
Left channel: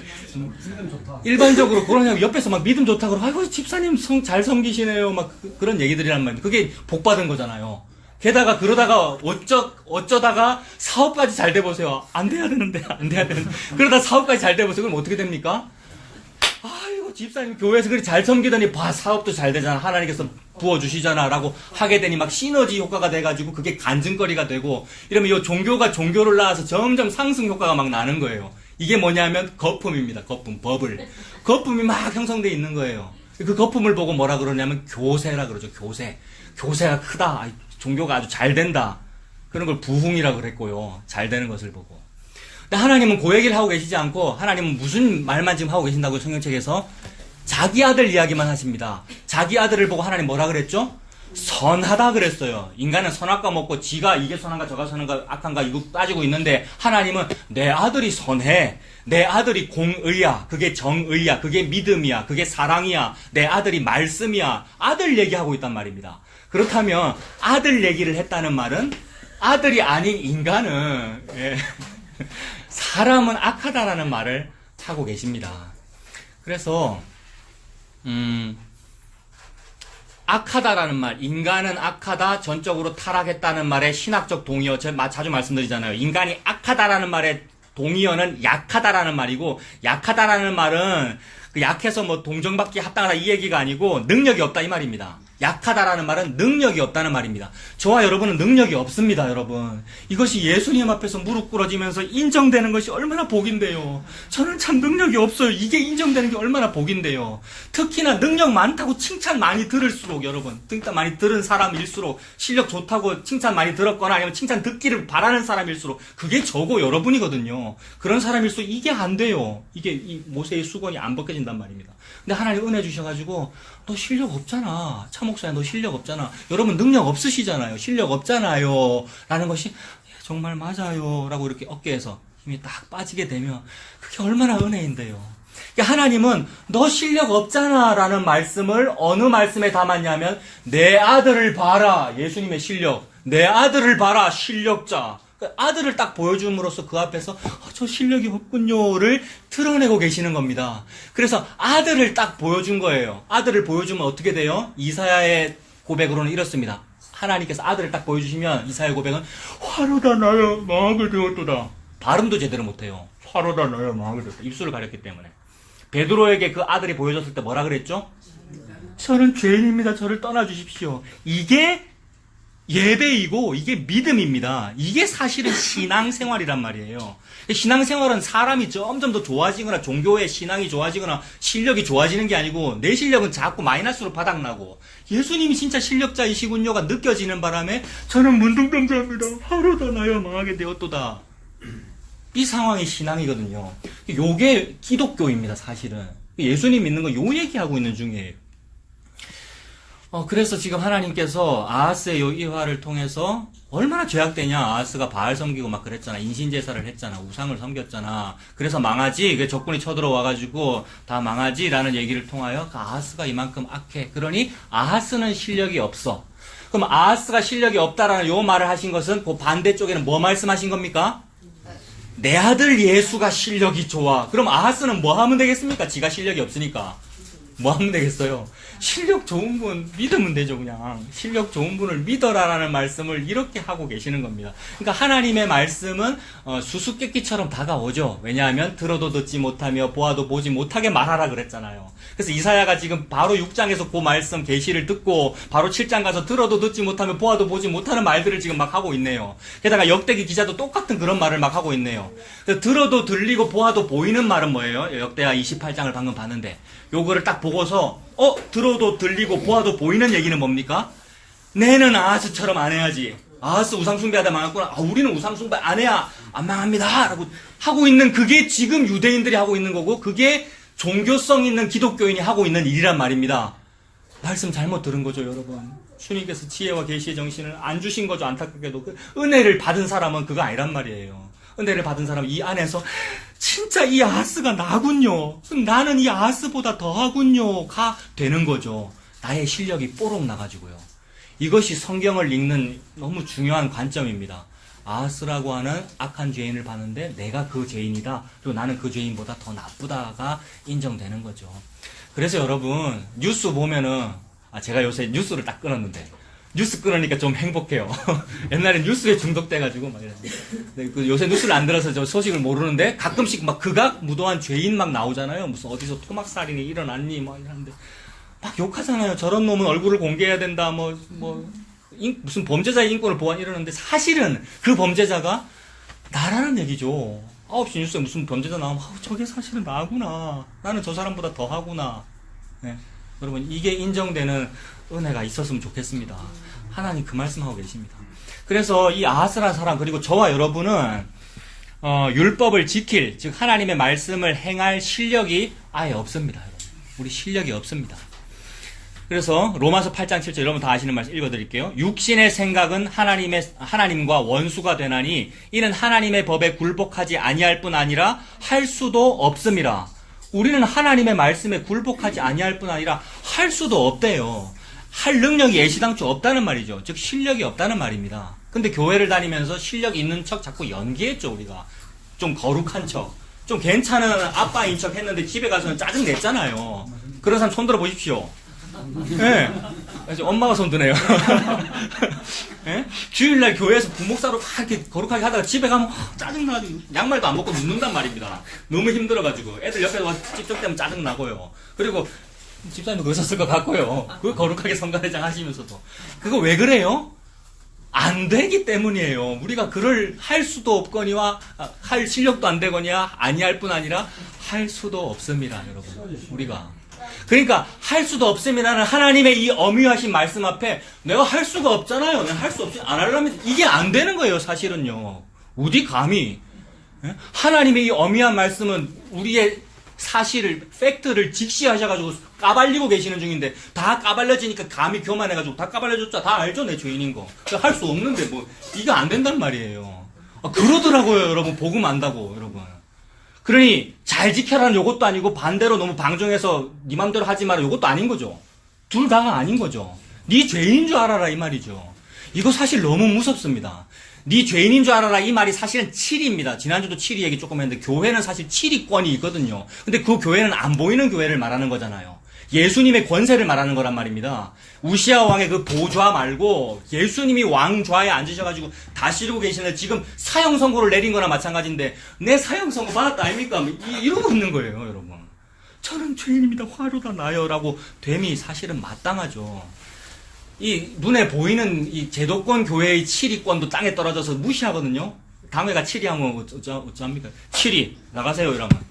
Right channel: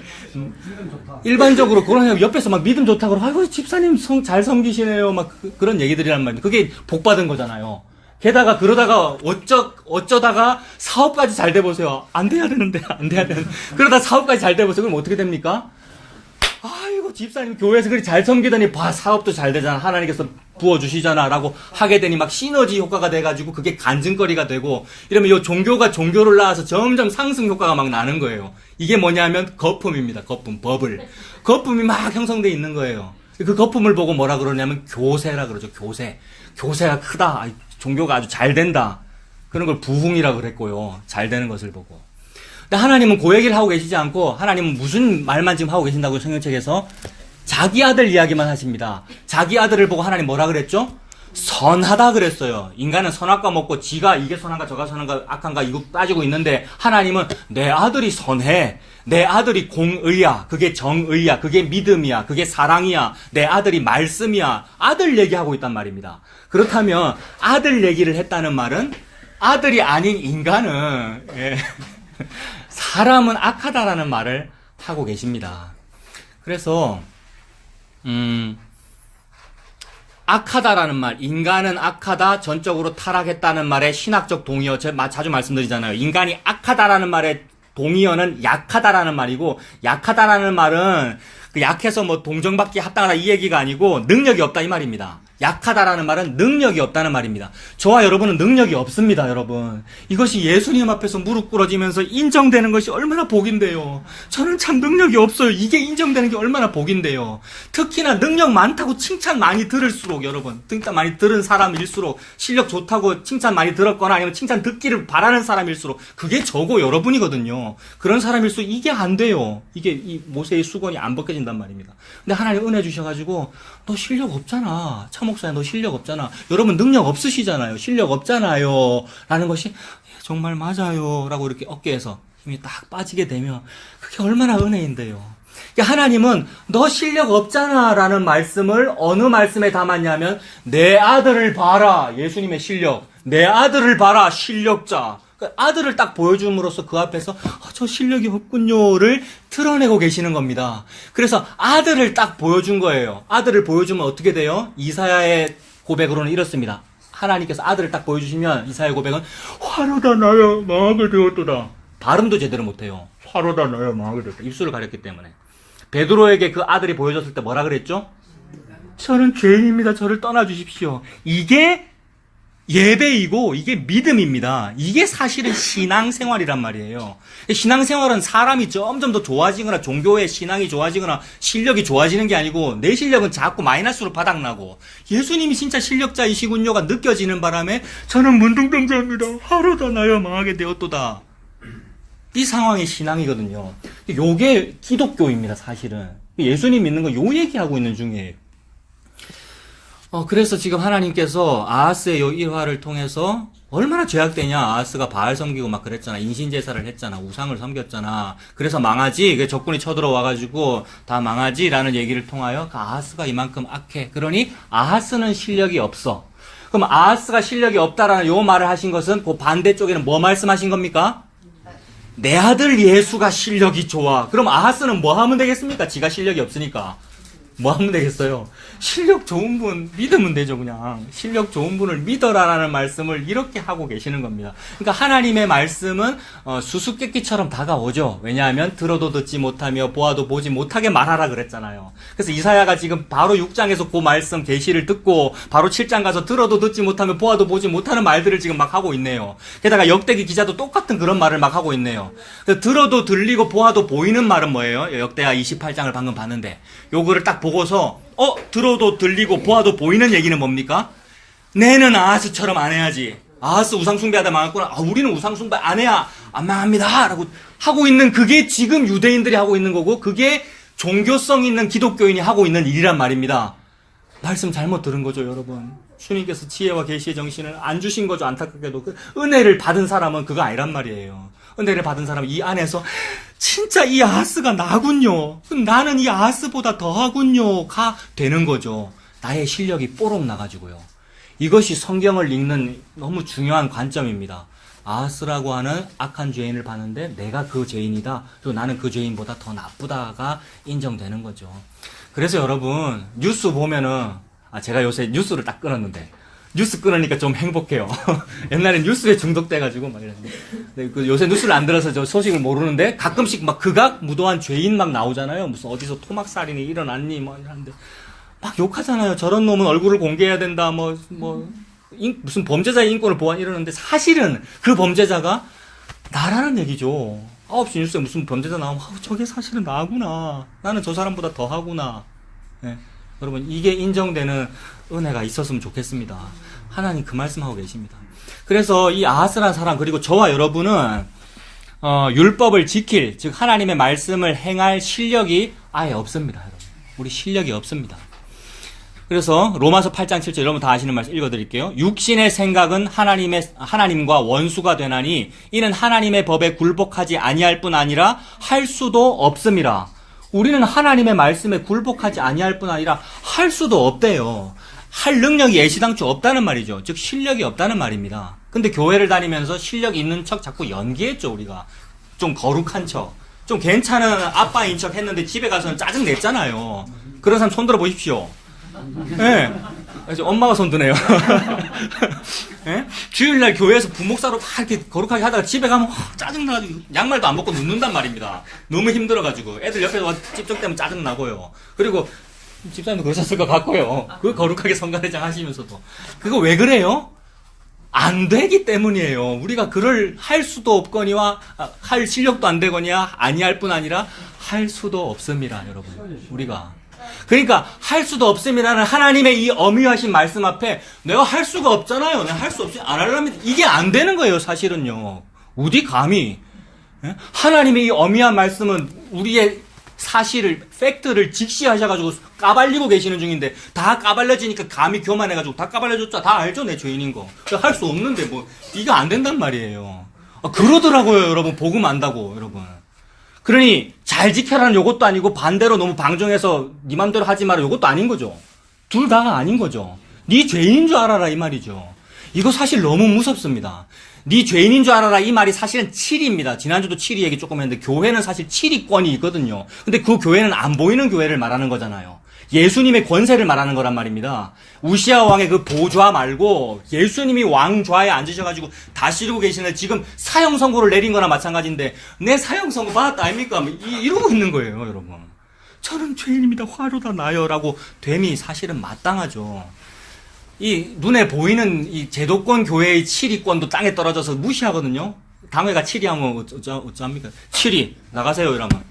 일반적으로 그러냐고 옆에서 막 믿음 좋다고 그러고, 아이고, 집사님 잘 섬기시네요. 막 그런 얘기들이란 말이에요. 그게 복받은 거잖아요. 게다가 그러다가 어쩌다가 사업까지 잘 돼보세요. 안 돼야 되는데. 그러다 사업까지 잘 돼보세요. 그럼 어떻게 됩니까? 아이고, 집사님 교회에서 그렇게 잘 섬기더니 사업도 잘 되잖아. 하나님께서 부어주시잖아. 라고 하게 되니 막 시너지 효과가 돼가지고 그게 간증거리가 되고, 이러면 이 종교가 종교를 낳아서 점점 상승 효과가 막 나는 거예요. 이게 뭐냐면 거품입니다. 거품, 버블. 거품이 막 형성돼 있는 거예요. 그 거품을 보고 뭐라 그러냐면 교세라 그러죠. 교세가 크다. 종교가 아주 잘 된다. 그런 걸 부흥이라고 그랬고요. 잘 되는 것을 보고. 근데 하나님은 그 얘기를 하고 계시지 않고, 하나님은 무슨 말만 지금 하고 계신다고 성경책에서 자기 아들 이야기만 하십니다. 자기 아들을 보고 하나님 뭐라 그랬죠? 선하다 그랬어요. 인간은 선악과 먹고 지가 이게 선한가 저가 선한가 악한가 이거 따지고 있는데, 하나님은 내 아들이 선해. 내 아들이 공의야. 그게 정의야. 그게 믿음이야. 그게 사랑이야. 내 아들이 말씀이야. 아들 얘기하고 있단 말입니다. 그렇다면 아들 얘기를 했다는 말은 아들이 아닌 인간은 사람은 악하다라는 말을 하고 계십니다. 그래서 악하다라는 말, 인간은 악하다, 전적으로 타락했다는 말의 신학적 동의어, 제가 자주 말씀드리잖아요. 인간이 악하다라는 말의 동의어는 약하다라는 말이고, 약하다라는 말은 약해서 뭐 동정받기 합당하다 이 얘기가 아니고 능력이 없다 이 말입니다. 약하다라는 말은 능력이 없다는 말입니다. 저와 여러분은 능력이 없습니다, 여러분. 이것이 예수님 앞에서 무릎 꿇어지면서 인정되는 것이 얼마나 복인데요. 저는 참 능력이 없어요. 이게 인정되는 게 얼마나 복인데요. 특히나 능력 많다고 칭찬 많이 들을수록, 여러분, 칭찬 많이 들은 사람일수록, 실력 좋다고 칭찬 많이 들었거나 아니면 칭찬 듣기를 바라는 사람일수록 그게 저고 여러분이거든요. 그런 사람일수록 이게 안 돼요. 이게 이 모세의 수건이 안 벗겨진단 말입니다. 근데 하나님 은혜 주셔가지고, 너 실력 없잖아. 차목사야, 너 실력 없잖아. 여러분 능력 없으시잖아요. 실력 없잖아요. 라는 것이 정말 맞아요. 라고 이렇게 어깨에서 힘이 딱 빠지게 되면 그게 얼마나 은혜인데요. 하나님은 너 실력 없잖아 라는 말씀을 어느 말씀에 담았냐면, 내 아들을 봐라. 예수님의 실력. 내 아들을 봐라. 실력자. 아들을 딱 보여줌으로써 그 앞에서 저 실력이 없군요를 드러내고 계시는 겁니다. 그래서 아들을 딱 보여준 거예요. 아들을 보여주면 어떻게 돼요? 이사야의 고백으로는 이렇습니다. 하나님께서 아들을 딱 보여주시면 이사야의 고백은 화로다 나여 망하게 되었도다. 발음도 제대로 못해요. 화로다 나여 망하게 되었다. 입술을 가렸기 때문에. 베드로에게 그 아들이 보여줬을 때 뭐라 그랬죠? 저는 죄인입니다. 저를 떠나주십시오. 이게 예배이고 이게 믿음입니다. 이게 사실은 신앙생활이란 말이에요. 신앙생활은 사람이 점점 더 좋아지거나 종교의 신앙이 좋아지거나 실력이 좋아지는 게 아니고, 내 실력은 자꾸 마이너스로 바닥나고 예수님이 진짜 실력자이시군요가 느껴지는 바람에 저는 문둥병자입니다. 하루도 나여 망하게 되었도다. 이 상황이 신앙이거든요. 요게 기독교입니다, 사실은. 예수님 믿는 거 요 얘기하고 있는 중이에요. 그래서 지금 하나님께서 아하스의 요 일화를 통해서 얼마나 죄악되냐. 아하스가 바알 섬기고 막 그랬잖아. 인신제사를 했잖아. 우상을 섬겼잖아. 그래서 망하지. 적군이 쳐들어와가지고 다 망하지. 라는 얘기를 통하여 아하스가 이만큼 악해. 그러니 아하스는 실력이 없어. 그럼 아하스가 실력이 없다라는 요 말을 하신 것은 그 반대쪽에는 뭐 말씀하신 겁니까? 내 아들 예수가 실력이 좋아. 그럼 아하스는 뭐 하면 되겠습니까? 지가 실력이 없으니까. 뭐 하면 되겠어요? 실력 좋은 분 믿으면 되죠, 그냥. 실력 좋은 분을 믿어라라는 말씀을 이렇게 하고 계시는 겁니다. 그러니까 하나님의 말씀은 수수께끼처럼 다가오죠. 왜냐하면 들어도 듣지 못하며 보아도 보지 못하게 말하라 그랬잖아요. 그래서 이사야가 지금 바로 6장에서 그 말씀 계시를 듣고 바로 7장 가서 들어도 듣지 못하며 보아도 보지 못하는 말들을 지금 막 하고 있네요. 게다가 역대기 기자도 똑같은 그런 말을 막 하고 있네요. 들어도 들리고 보아도 보이는 말은 뭐예요? 역대하 28장을 방금 봤는데 요거를 딱 보고서 들어도 들리고 보아도 보이는 얘기는 뭡니까? 내는 아하스처럼 안 해야지. 아하스 우상숭배하다 망했구나. 우리는 우상숭배 안 해야 안 망합니다. 라고 하고 있는 그게 지금 유대인들이 하고 있는 거고 그게 종교성 있는 기독교인이 하고 있는 일이란 말입니다. 말씀 잘못 들은 거죠, 여러분. 주님께서 지혜와 계시의 정신을 안 주신 거죠, 안타깝게도. 그 은혜를 받은 사람은 그거 아니란 말이에요. 은혜를 받은 사람은 이 안에서 진짜 이 아하스가 나군요. 나는 이 아하스보다 더하군요. 가 되는 거죠. 나의 실력이 뽀록 나가지고요. 이것이 성경을 읽는 너무 중요한 관점입니다. 아하스라고 하는 악한 죄인을 봤는데 내가 그 죄인이다. 그리고 나는 그 죄인보다 더 나쁘다가 인정되는 거죠. 그래서 여러분 뉴스 보면은 제가 요새 뉴스를 딱 끊었는데 뉴스 끊으니까 좀 행복해요. 옛날에 뉴스에 중독돼가지고 막 이랬는데 요새 뉴스를 안 들어서 저 소식을 모르는데 가끔씩 막 극악 무도한 죄인 막 나오잖아요. 무슨 어디서 토막살인이 일어났니 뭐 이러는데 막 욕하잖아요. 저런 놈은 얼굴을 공개해야 된다. 무슨 범죄자의 인권을 보완 이러는데 사실은 그 범죄자가 나라는 얘기죠. 9시 뉴스에 무슨 범죄자 나오면 저게 사실은 나구나. 나는 저 사람보다 더 하구나. 네. 여러분 이게 인정되는 은혜가 있었으면 좋겠습니다. 하나님 그 말씀하고 계십니다. 그래서 이 아하스라는 사람 그리고 저와 여러분은 율법을 지킬 즉 하나님의 말씀을 행할 실력이 아예 없습니다. 여러분. 우리 실력이 없습니다. 그래서 로마서 8장 7절 여러분 다 아시는 말씀 읽어드릴게요. 육신의 생각은 하나님과 원수가 되나니 이는 하나님의 법에 굴복하지 아니할 뿐 아니라 할 수도 없음이라. 우리는 하나님의 말씀에 굴복하지 아니할 뿐 아니라 할 수도 없대요. 할 능력이 예시당초 없다는 말이죠. 즉 실력이 없다는 말입니다. 근데 교회를 다니면서 실력 있는 척 자꾸 연기했죠. 우리가 좀 거룩한 척, 좀 괜찮은 아빠인 척 했는데 집에 가서는 짜증 냈잖아요. 그런 사람 손 들어 보십시오. 네. 엄마가 손드네요. 네? 주일날 교회에서 부목사로 이렇게 거룩하게 하다가 집에 가면 짜증나가지고 양말도 안 벗고 눕는단 말입니다. 너무 힘들어가지고 애들 옆에 와서 찝쩍대면 짜증나고요. 그리고 집사님도 그러셨을 것 같고요. 그 거룩하게 성가대장 하시면서도 그거 왜 그래요? 안 되기 때문이에요. 우리가 그를 할 수도 없거니와 할 실력도 안 되거니와 아니할 뿐 아니라 할 수도 없음이라 여러분. 우리가 그러니까 할 수도 없음이라는 하나님의 이 엄유하신 말씀 앞에 내가 할 수가 없잖아요. 내가 할 수 없이 안 하려면 이게 안 되는 거예요. 사실은요. 어디 감히 하나님의 이 엄유한 말씀은 우리의 사실을 팩트를 직시하셔가지고 까발리고 계시는 중인데 다 까발려지니까 감히 교만해가지고 다 까발려줬죠. 다 알죠. 내 죄인인 거. 할 수 없는데 뭐 이거 안 된단 말이에요. 그러더라고요. 여러분 복음 안다고 여러분. 그러니 잘 지켜라는 요것도 아니고 반대로 너무 방종해서 네 맘대로 하지 마라 요것도 아닌 거죠. 둘 다가 아닌 거죠. 네 죄인인 줄 알아라 이 말이죠. 이거 사실 너무 무섭습니다. 네 죄인인 줄 알아라 이 말이 사실은 7위입니다. 지난주도 7위 얘기 조금 했는데 교회는 사실 7위권이 있거든요. 근데 그 교회는 안 보이는 교회를 말하는 거잖아요. 예수님의 권세를 말하는 거란 말입니다. 우시아 왕의 그 보좌 말고 예수님이 왕좌에 앉으셔가지고 다스리고 계시는 지금 사형 선고를 내린 거나 마찬가지인데 내 사형 선고 받았다 아닙니까? 이러고 있는 거예요, 여러분. 저는 죄인입니다. 화로다 나요. 라고 됨이 사실은 마땅하죠. 이 눈에 보이는 이 제도권 교회의 7위권도 땅에 떨어져서 무시하거든요. 당회가 7위 하면 어쩌합니까? 7위 나가세요 이러면.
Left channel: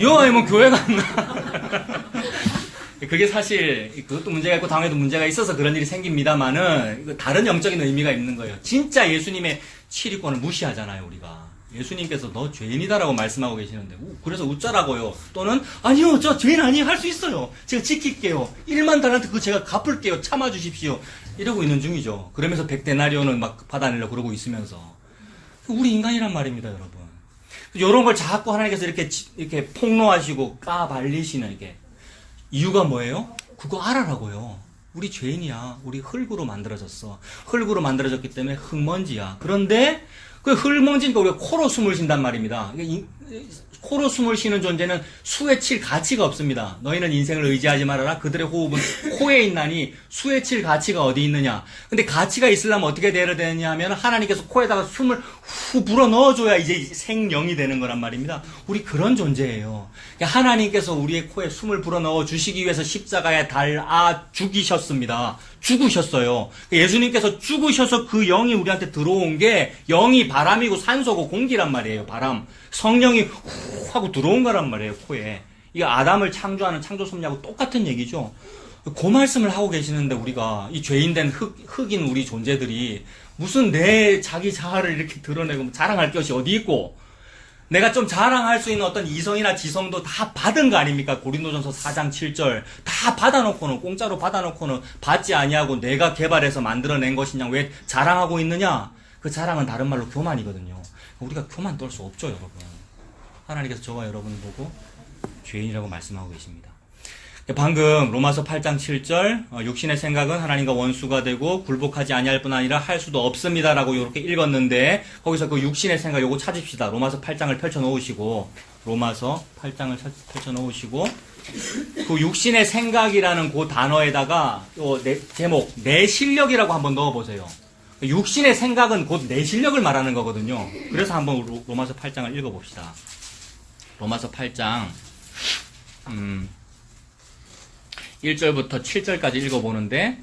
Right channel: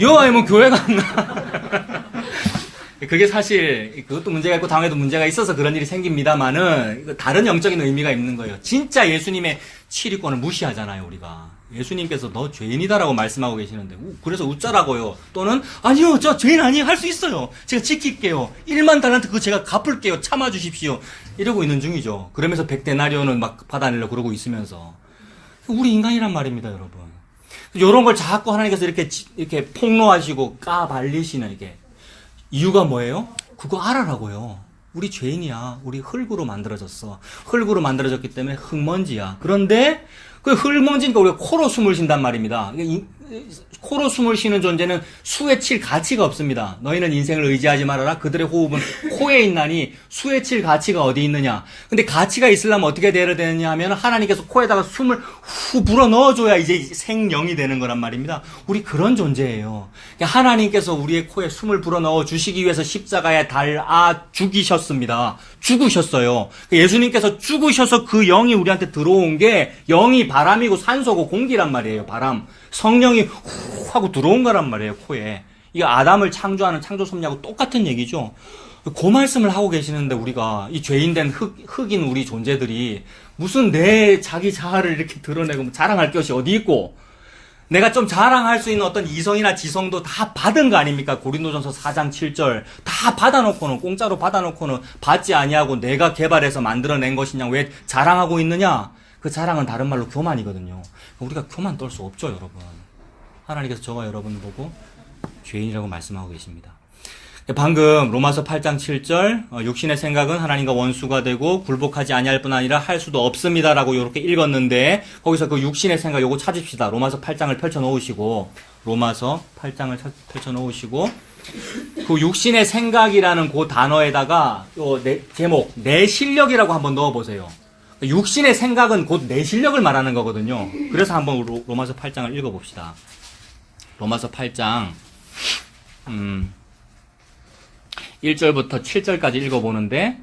여아이면 교회가 안 나. 그게 사실 그것도 문제가 있고 당회도 문제가 있어서 그런 일이 생깁니다만은 다른 영적인 의미가 있는 거예요. 진짜 예수님의 7위권을 무시하잖아요 우리가. 예수님께서 너 죄인이다라고 말씀하고 계시는데 그래서 웃자라고요. 또는 아니요 저 죄인 아니에요 할 수 있어요. 제가 지킬게요. 1만 달란트 그거 제가 갚을게요. 참아주십시오. 이러고 있는 중이죠. 그러면서 100데나리온은 막 받아내려고 그러고 있으면서 우리 인간이란 말입니다 여러분. 이런 걸 자꾸 하나님께서 이렇게 폭로하시고 까발리시는 이게 이유가 뭐예요? 그거 알아라고요. 우리 죄인이야. 우리 흙으로 만들어졌어. 흙으로 만들어졌기 때문에 흙먼지야. 그런데 그 흙먼지니까 우리가 코로 숨을 쉰단 말입니다. 코로 숨을 쉬는 존재는 수에 칠 가치가 없습니다. 너희는 인생을 의지하지 말아라. 그들의 호흡은 코에 있나니 수에 칠 가치가 어디 있느냐. 근데 가치가 있으려면 어떻게 되어야 되느냐 하면 하나님께서 코에다가 숨을 후 불어 넣어줘야 이제 생명이 되는 거란 말입니다. 우리 그런 존재예요. 하나님께서 우리의 코에 숨을 불어 넣어 주시기 위해서 십자가에 달아 죽이셨습니다. 죽으셨어요. 예수님께서 죽으셔서 그 영이 우리한테 들어온 게 영이 바람이고 산소고 공기란 말이에요. 바람. 성령이 후 하고 들어온 거란 말이에요. 코에. 이거 아담을 창조하는 창조 섭리하고 똑같은 얘기죠. 그 말씀을 하고 계시는데 우리가 이 죄인된 흑인 우리 존재들이 무슨 내 자기 자아를 이렇게 드러내고 자랑할 것이 어디 있고 내가 좀 자랑할 수 있는 어떤 이성이나 지성도 다 받은 거 아닙니까? 고린도전서 4장 7절 다 받아놓고는 공짜로 받아놓고는 받지 아니하고 내가 개발해서 만들어낸 것이냐 왜 자랑하고 있느냐? 그 자랑은 다른 말로 교만이거든요. 우리가 교만 떨 수 없죠, 여러분. 하나님께서 저와 여러분 보고 죄인이라고 말씀하고 계십니다. 방금 로마서 8장 7절 육신의 생각은 하나님과 원수가 되고 굴복하지 아니할 뿐 아니라 할 수도 없습니다라고 이렇게 읽었는데 거기서 그 육신의 생각 요거 찾읍시다. 로마서 8장을 펼쳐 놓으시고 로마서 8장을 펼쳐 놓으시고 그 육신의 생각이라는 그 단어에다가 요 제목 내 실력이라고 한번 넣어 보세요. 육신의 생각은 곧 내 실력을 말하는 거거든요. 그래서 한번 로마서 8장을 읽어 봅시다. 로마서 8장 1절부터 7절까지 읽어보는데,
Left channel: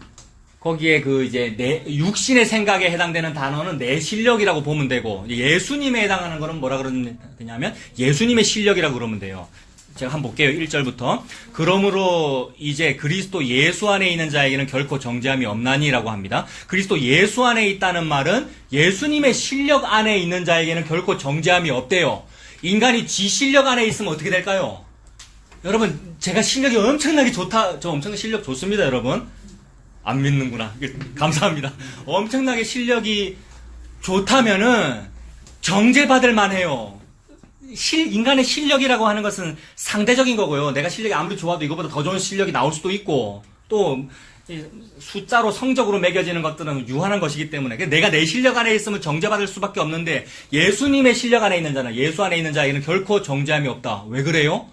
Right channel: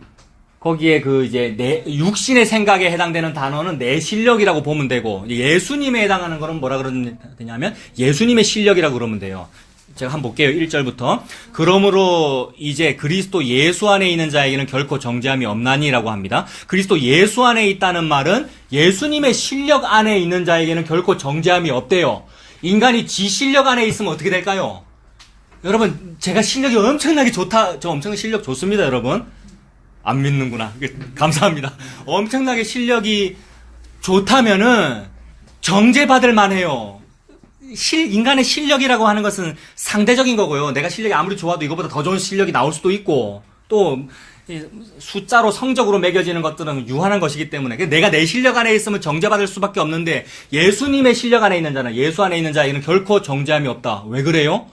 거기에 이제 육신의 생각에 해당되는 단어는 내 실력이라고 보면 되고, 예수님에 해당하는 거는 뭐라 그러냐면, 예수님의 실력이라고 그러면 돼요. 제가 한번 볼게요. 1절부터. 그러므로 이제 그리스도 예수 안에 있는 자에게는 결코 정죄함이 없나니라고 합니다. 그리스도 예수 안에 있다는 말은 예수님의 실력 안에 있는 자에게는 결코 정죄함이 없대요. 인간이 지 실력 안에 있으면 어떻게 될까요? 여러분, 제가 실력이 엄청나게 좋다. 저 엄청나게 실력 좋습니다, 여러분. 안 믿는구나. 감사합니다. 엄청나게 실력이 좋다면은 정죄받을 만해요. 인간의 실력이라고 하는 것은 상대적인 거고요. 내가 실력이 아무리 좋아도 이거보다 더 좋은 실력이 나올 수도 있고, 또 숫자로 성적으로 매겨지는 것들은 유한한 것이기 때문에 내가 내 실력 안에 있으면 정죄받을 수밖에 없는데, 예수님의 실력 안에 있는 자는, 예수 안에 있는 자에게는 결코 정죄함이 없다. 왜 그래요?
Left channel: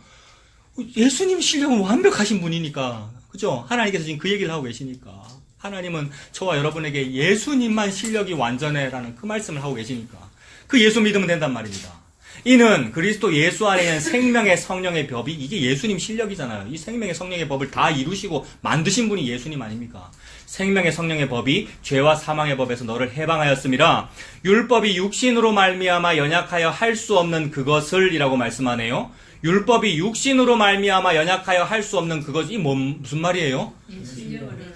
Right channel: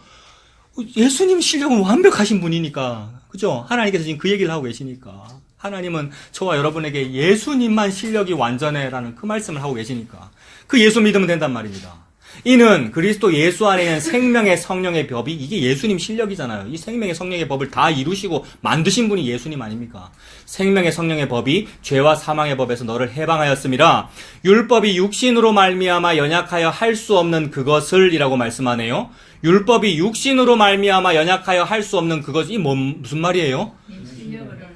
예수님 실력은 완벽하신 분이니까. 그죠? 하나님께서 지금 그 얘기를 하고 계시니까. 하나님은 저와 여러분에게 예수님만 실력이 완전해라는 그 말씀을 하고 계시니까. 그 예수 믿으면 된단 말입니다. 이는 그리스도 예수 안에 있는 생명의 성령의 법이, 이게 예수님 실력이잖아요. 이 생명의 성령의 법을 다 이루시고 만드신 분이 예수님 아닙니까? 생명의 성령의 법이 죄와 사망의 법에서 너를 해방하였음이라. 율법이 육신으로 말미암아 연약하여 할 수 없는 그것을 이라고 말씀하네요. 율법이 육신으로 말미암아 연약하여 할 수 없는 그것이 무슨 말이에요?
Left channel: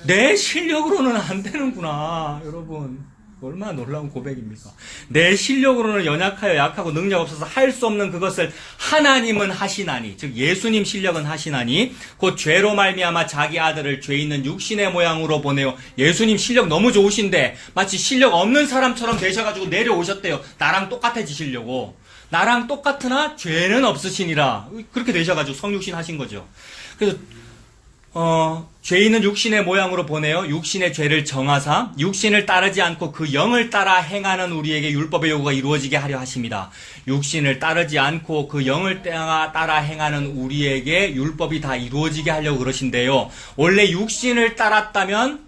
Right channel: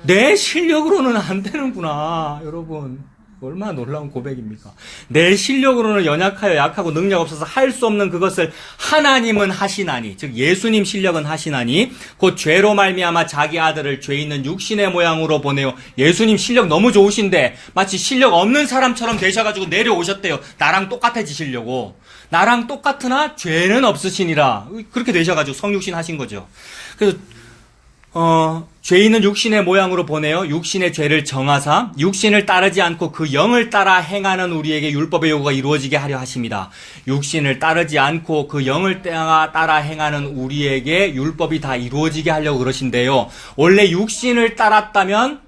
내 실력으로는 안 되는구나, 여러분. 얼마나 놀라운 고백입니까? 내 실력으로는 연약하여 약하고 능력 없어서 할 수 없는 그것을 하나님은 하시나니, 즉 예수님 실력은 하시나니 곧 죄로 말미암아 자기 아들을 죄 있는 육신의 모양으로 보내요. 예수님 실력 너무 좋으신데 마치 실력 없는 사람처럼 되셔가지고 내려오셨대요. 나랑 똑같아지시려고. 나랑 똑같으나 죄는 없으시니라. 그렇게 되셔가지고 성육신 하신 거죠. 그래서 죄 있는 육신의 모양으로 보내요. 육신의 죄를 정하사 육신을 따르지 않고 그 영을 따라 행하는 우리에게 율법의 요구가 이루어지게 하려 하십니다. 육신을 따르지 않고 그 영을 따라 행하는 우리에게 율법이 다 이루어지게 하려고 그러신데요. 원래 육신을 따랐다면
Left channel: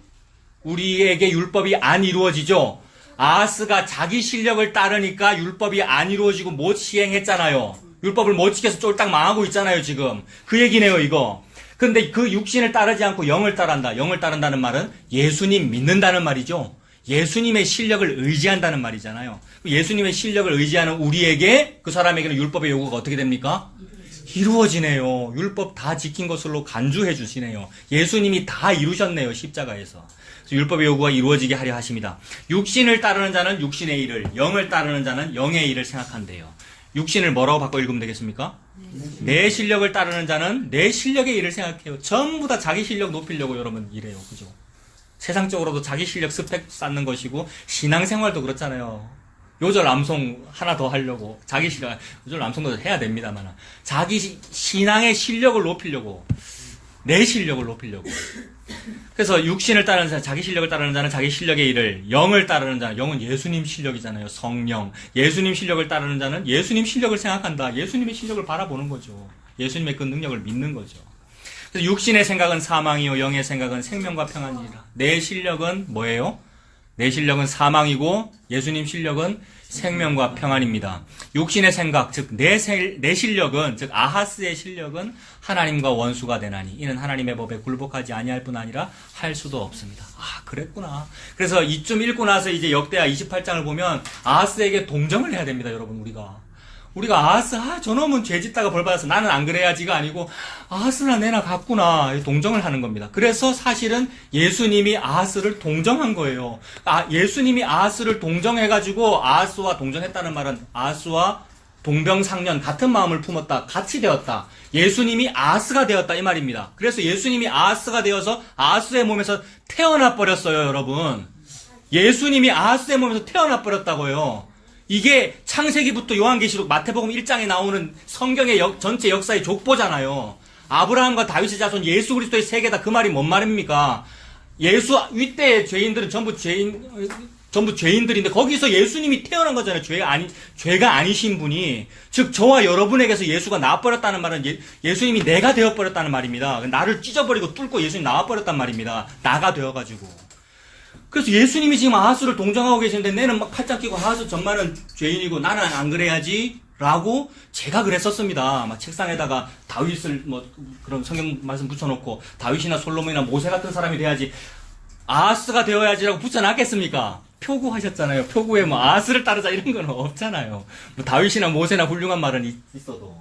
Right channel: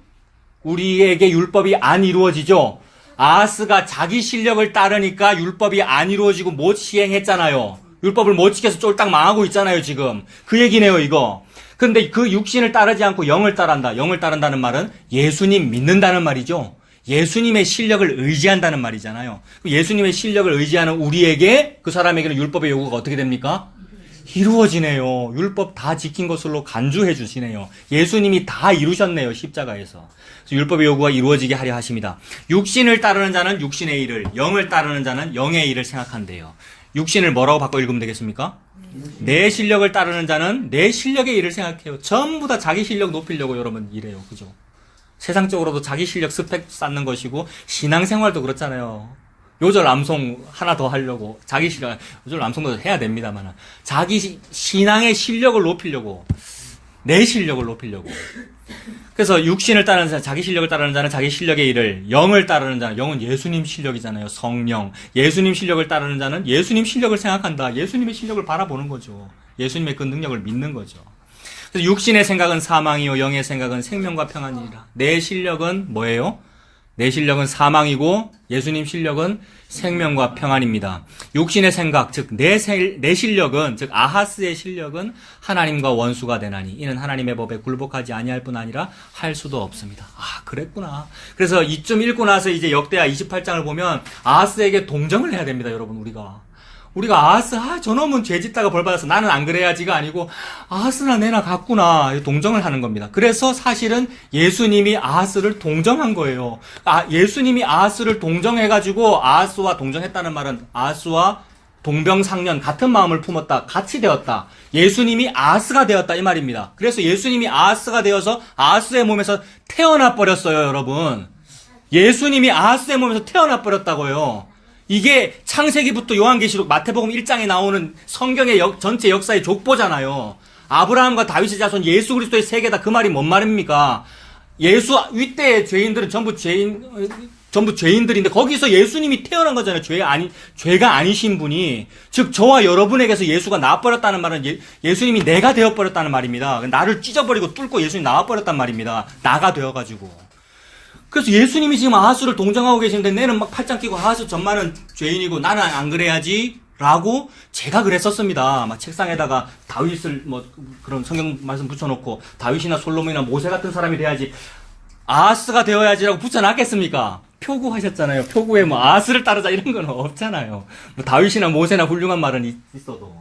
우리에게 율법이 안 이루어지죠. 아하스가 자기 실력을 따르니까 율법이 안 이루어지고 못 시행했잖아요. 율법을 못 지켜서 쫄딱 망하고 있잖아요, 지금. 그 얘기네요, 이거. 근데 그 육신을 따르지 않고 영을 따른다. 영을 따른다는 말은 예수님 믿는다는 말이죠. 예수님의 실력을 의지한다는 말이잖아요. 예수님의 실력을 의지하는 우리에게, 그 사람에게는 율법의 요구가 어떻게 됩니까? 이루어지네요. 율법 다 지킨 것으로 간주해 주시네요. 예수님이 다 이루셨네요, 십자가에서. 율법의 요구가 이루어지게 하려 하십니다. 육신을 따르는 자는 육신의 일을, 영을 따르는 자는 영의 일을 생각한대요. 육신을 뭐라고 바꿔 읽으면 되겠습니까? 내 실력을 따르는 자는 내 실력의 일을 생각해요. 전부 다 자기 실력 높이려고 여러분 이래요. 그죠? 세상적으로도 자기 실력 스펙 쌓는 것이고, 신앙생활도 그렇잖아요. 요절 암송 하나 더 하려고, 자기 실력, 요절 암송도 해야 됩니다만, 자기 신앙의 실력을 높이려고, 내 실력을 높이려고. 그래서 육신을 따르는 자는, 자기 실력을 따르는 자는 자기 실력의 일을, 영을 따르는 자는, 영은 예수님 실력이잖아요. 성령. 예수님 실력을 따르는 자는 예수님 실력을 생각한다. 예수님의 실력을 바라보는 거죠. 예수님의 그 능력을 믿는 거죠. 그래서 육신의 생각은 사망이요, 영의 생각은 생명과 평안이라. 내 실력은 뭐예요? 내 실력은 사망이고 예수님 실력은 생명과 평안입니다. 육신의 생각, 즉 내 실력은, 즉 아하스의 실력은 하나님과 원수가 되나니 이는 하나님의 법에 굴복하지 아니할 뿐 아니라 할 수도 없습니다. 아, 그랬구나. 그래서 이쯤 읽고 나서 이제 역대하 28장을 보면 아하스에게 동정을 해야 됩니다, 여러분. 우리가 우리가 아하스, 저놈은 죄 짓다가 벌 받았어. 나는 안 그래야지가 아니고, 아하스나 내나 같구나. 동정을 하는 겁니다. 그래서 사실은 예수님이 아하스를 동정한 거예요. 예수님이 아하스를 동정해가지고, 아하스와 동정했다는 말은 아하스와 동병상련, 같은 마음을 품었다. 같이 되었다. 예수님이 아하스가 되었다. 이 말입니다. 그래서 예수님이 아하스가 되어서 아하스의 몸에서 태어나 버렸어요, 여러분. 예수님이 아하스의 몸에서 태어나 버렸다고요. 이게 창세기부터 요한계시록, 마태복음 1장에 나오는 성경의 전체 역사의 족보잖아요. 아브라함과 다윗의 자손 예수 그리스도의 세계다. 그 말이 뭔 말입니까? 이때의 죄인들은 전부 죄인들인데 거기서 예수님이 태어난 거잖아요. 죄가 아니신 분이. 즉 저와 여러분에게서 예수가 나와버렸다는 말은 예수님이 내가 되어버렸다는 말입니다. 나를 찢어버리고 뚫고 예수님이 나와버렸단 말입니다. 나가 되어가지고. 그래서 예수님이 지금 아하스를 동정하고 계시는데 내는 막 팔짱 끼고 아하스 전만은 죄인이고 나는 안 그래야지 라고 제가 그랬었습니다. 막 책상에다가 다윗을 그런 성경 말씀 붙여놓고 다윗이나 솔로몬이나 모세 같은 사람이 돼야지, 아하스가 되어야지라고 붙여놨겠습니까? 표구하셨잖아요. 표구에 아하스를 따르자 이런 건 없잖아요. 다윗이나 모세나 훌륭한 말은 있어도.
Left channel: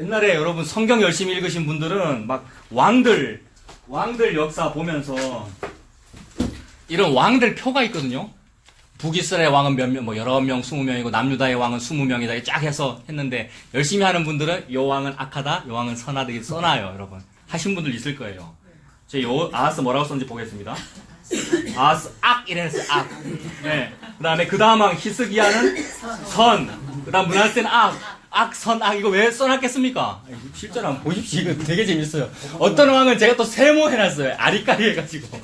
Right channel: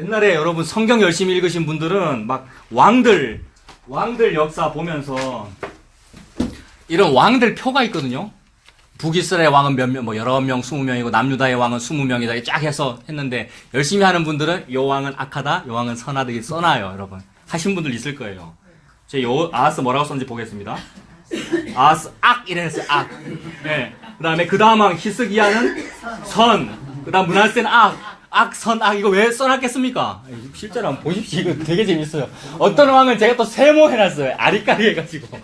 옛날에 여러분 성경 열심히 읽으신 분들은 막 왕들 역사 보면서 이런 왕들 표가 있거든요. 북이스라엘 왕은 몇 명, 여러 명, 20명이고, 남유다의 왕은 20명이다. 쫙 해서 했는데, 열심히 하는 분들은, 요 왕은 악하다, 요 왕은 선하다, 이렇게 써놔요, 여러분. 하신 분들 있을 거예요. 아하스 뭐라고 썼는지 보겠습니다. 아하스 이래서 악. 네. 그 다음 왕, 히스기야는 선. 그 다음 문하세는 악, 이거 왜 써놨겠습니까? 실제로 한번 보십시오. 이거 되게 재밌어요. 어떤 왕은 제가 또 세모해놨어요. 아리까리 해가지고.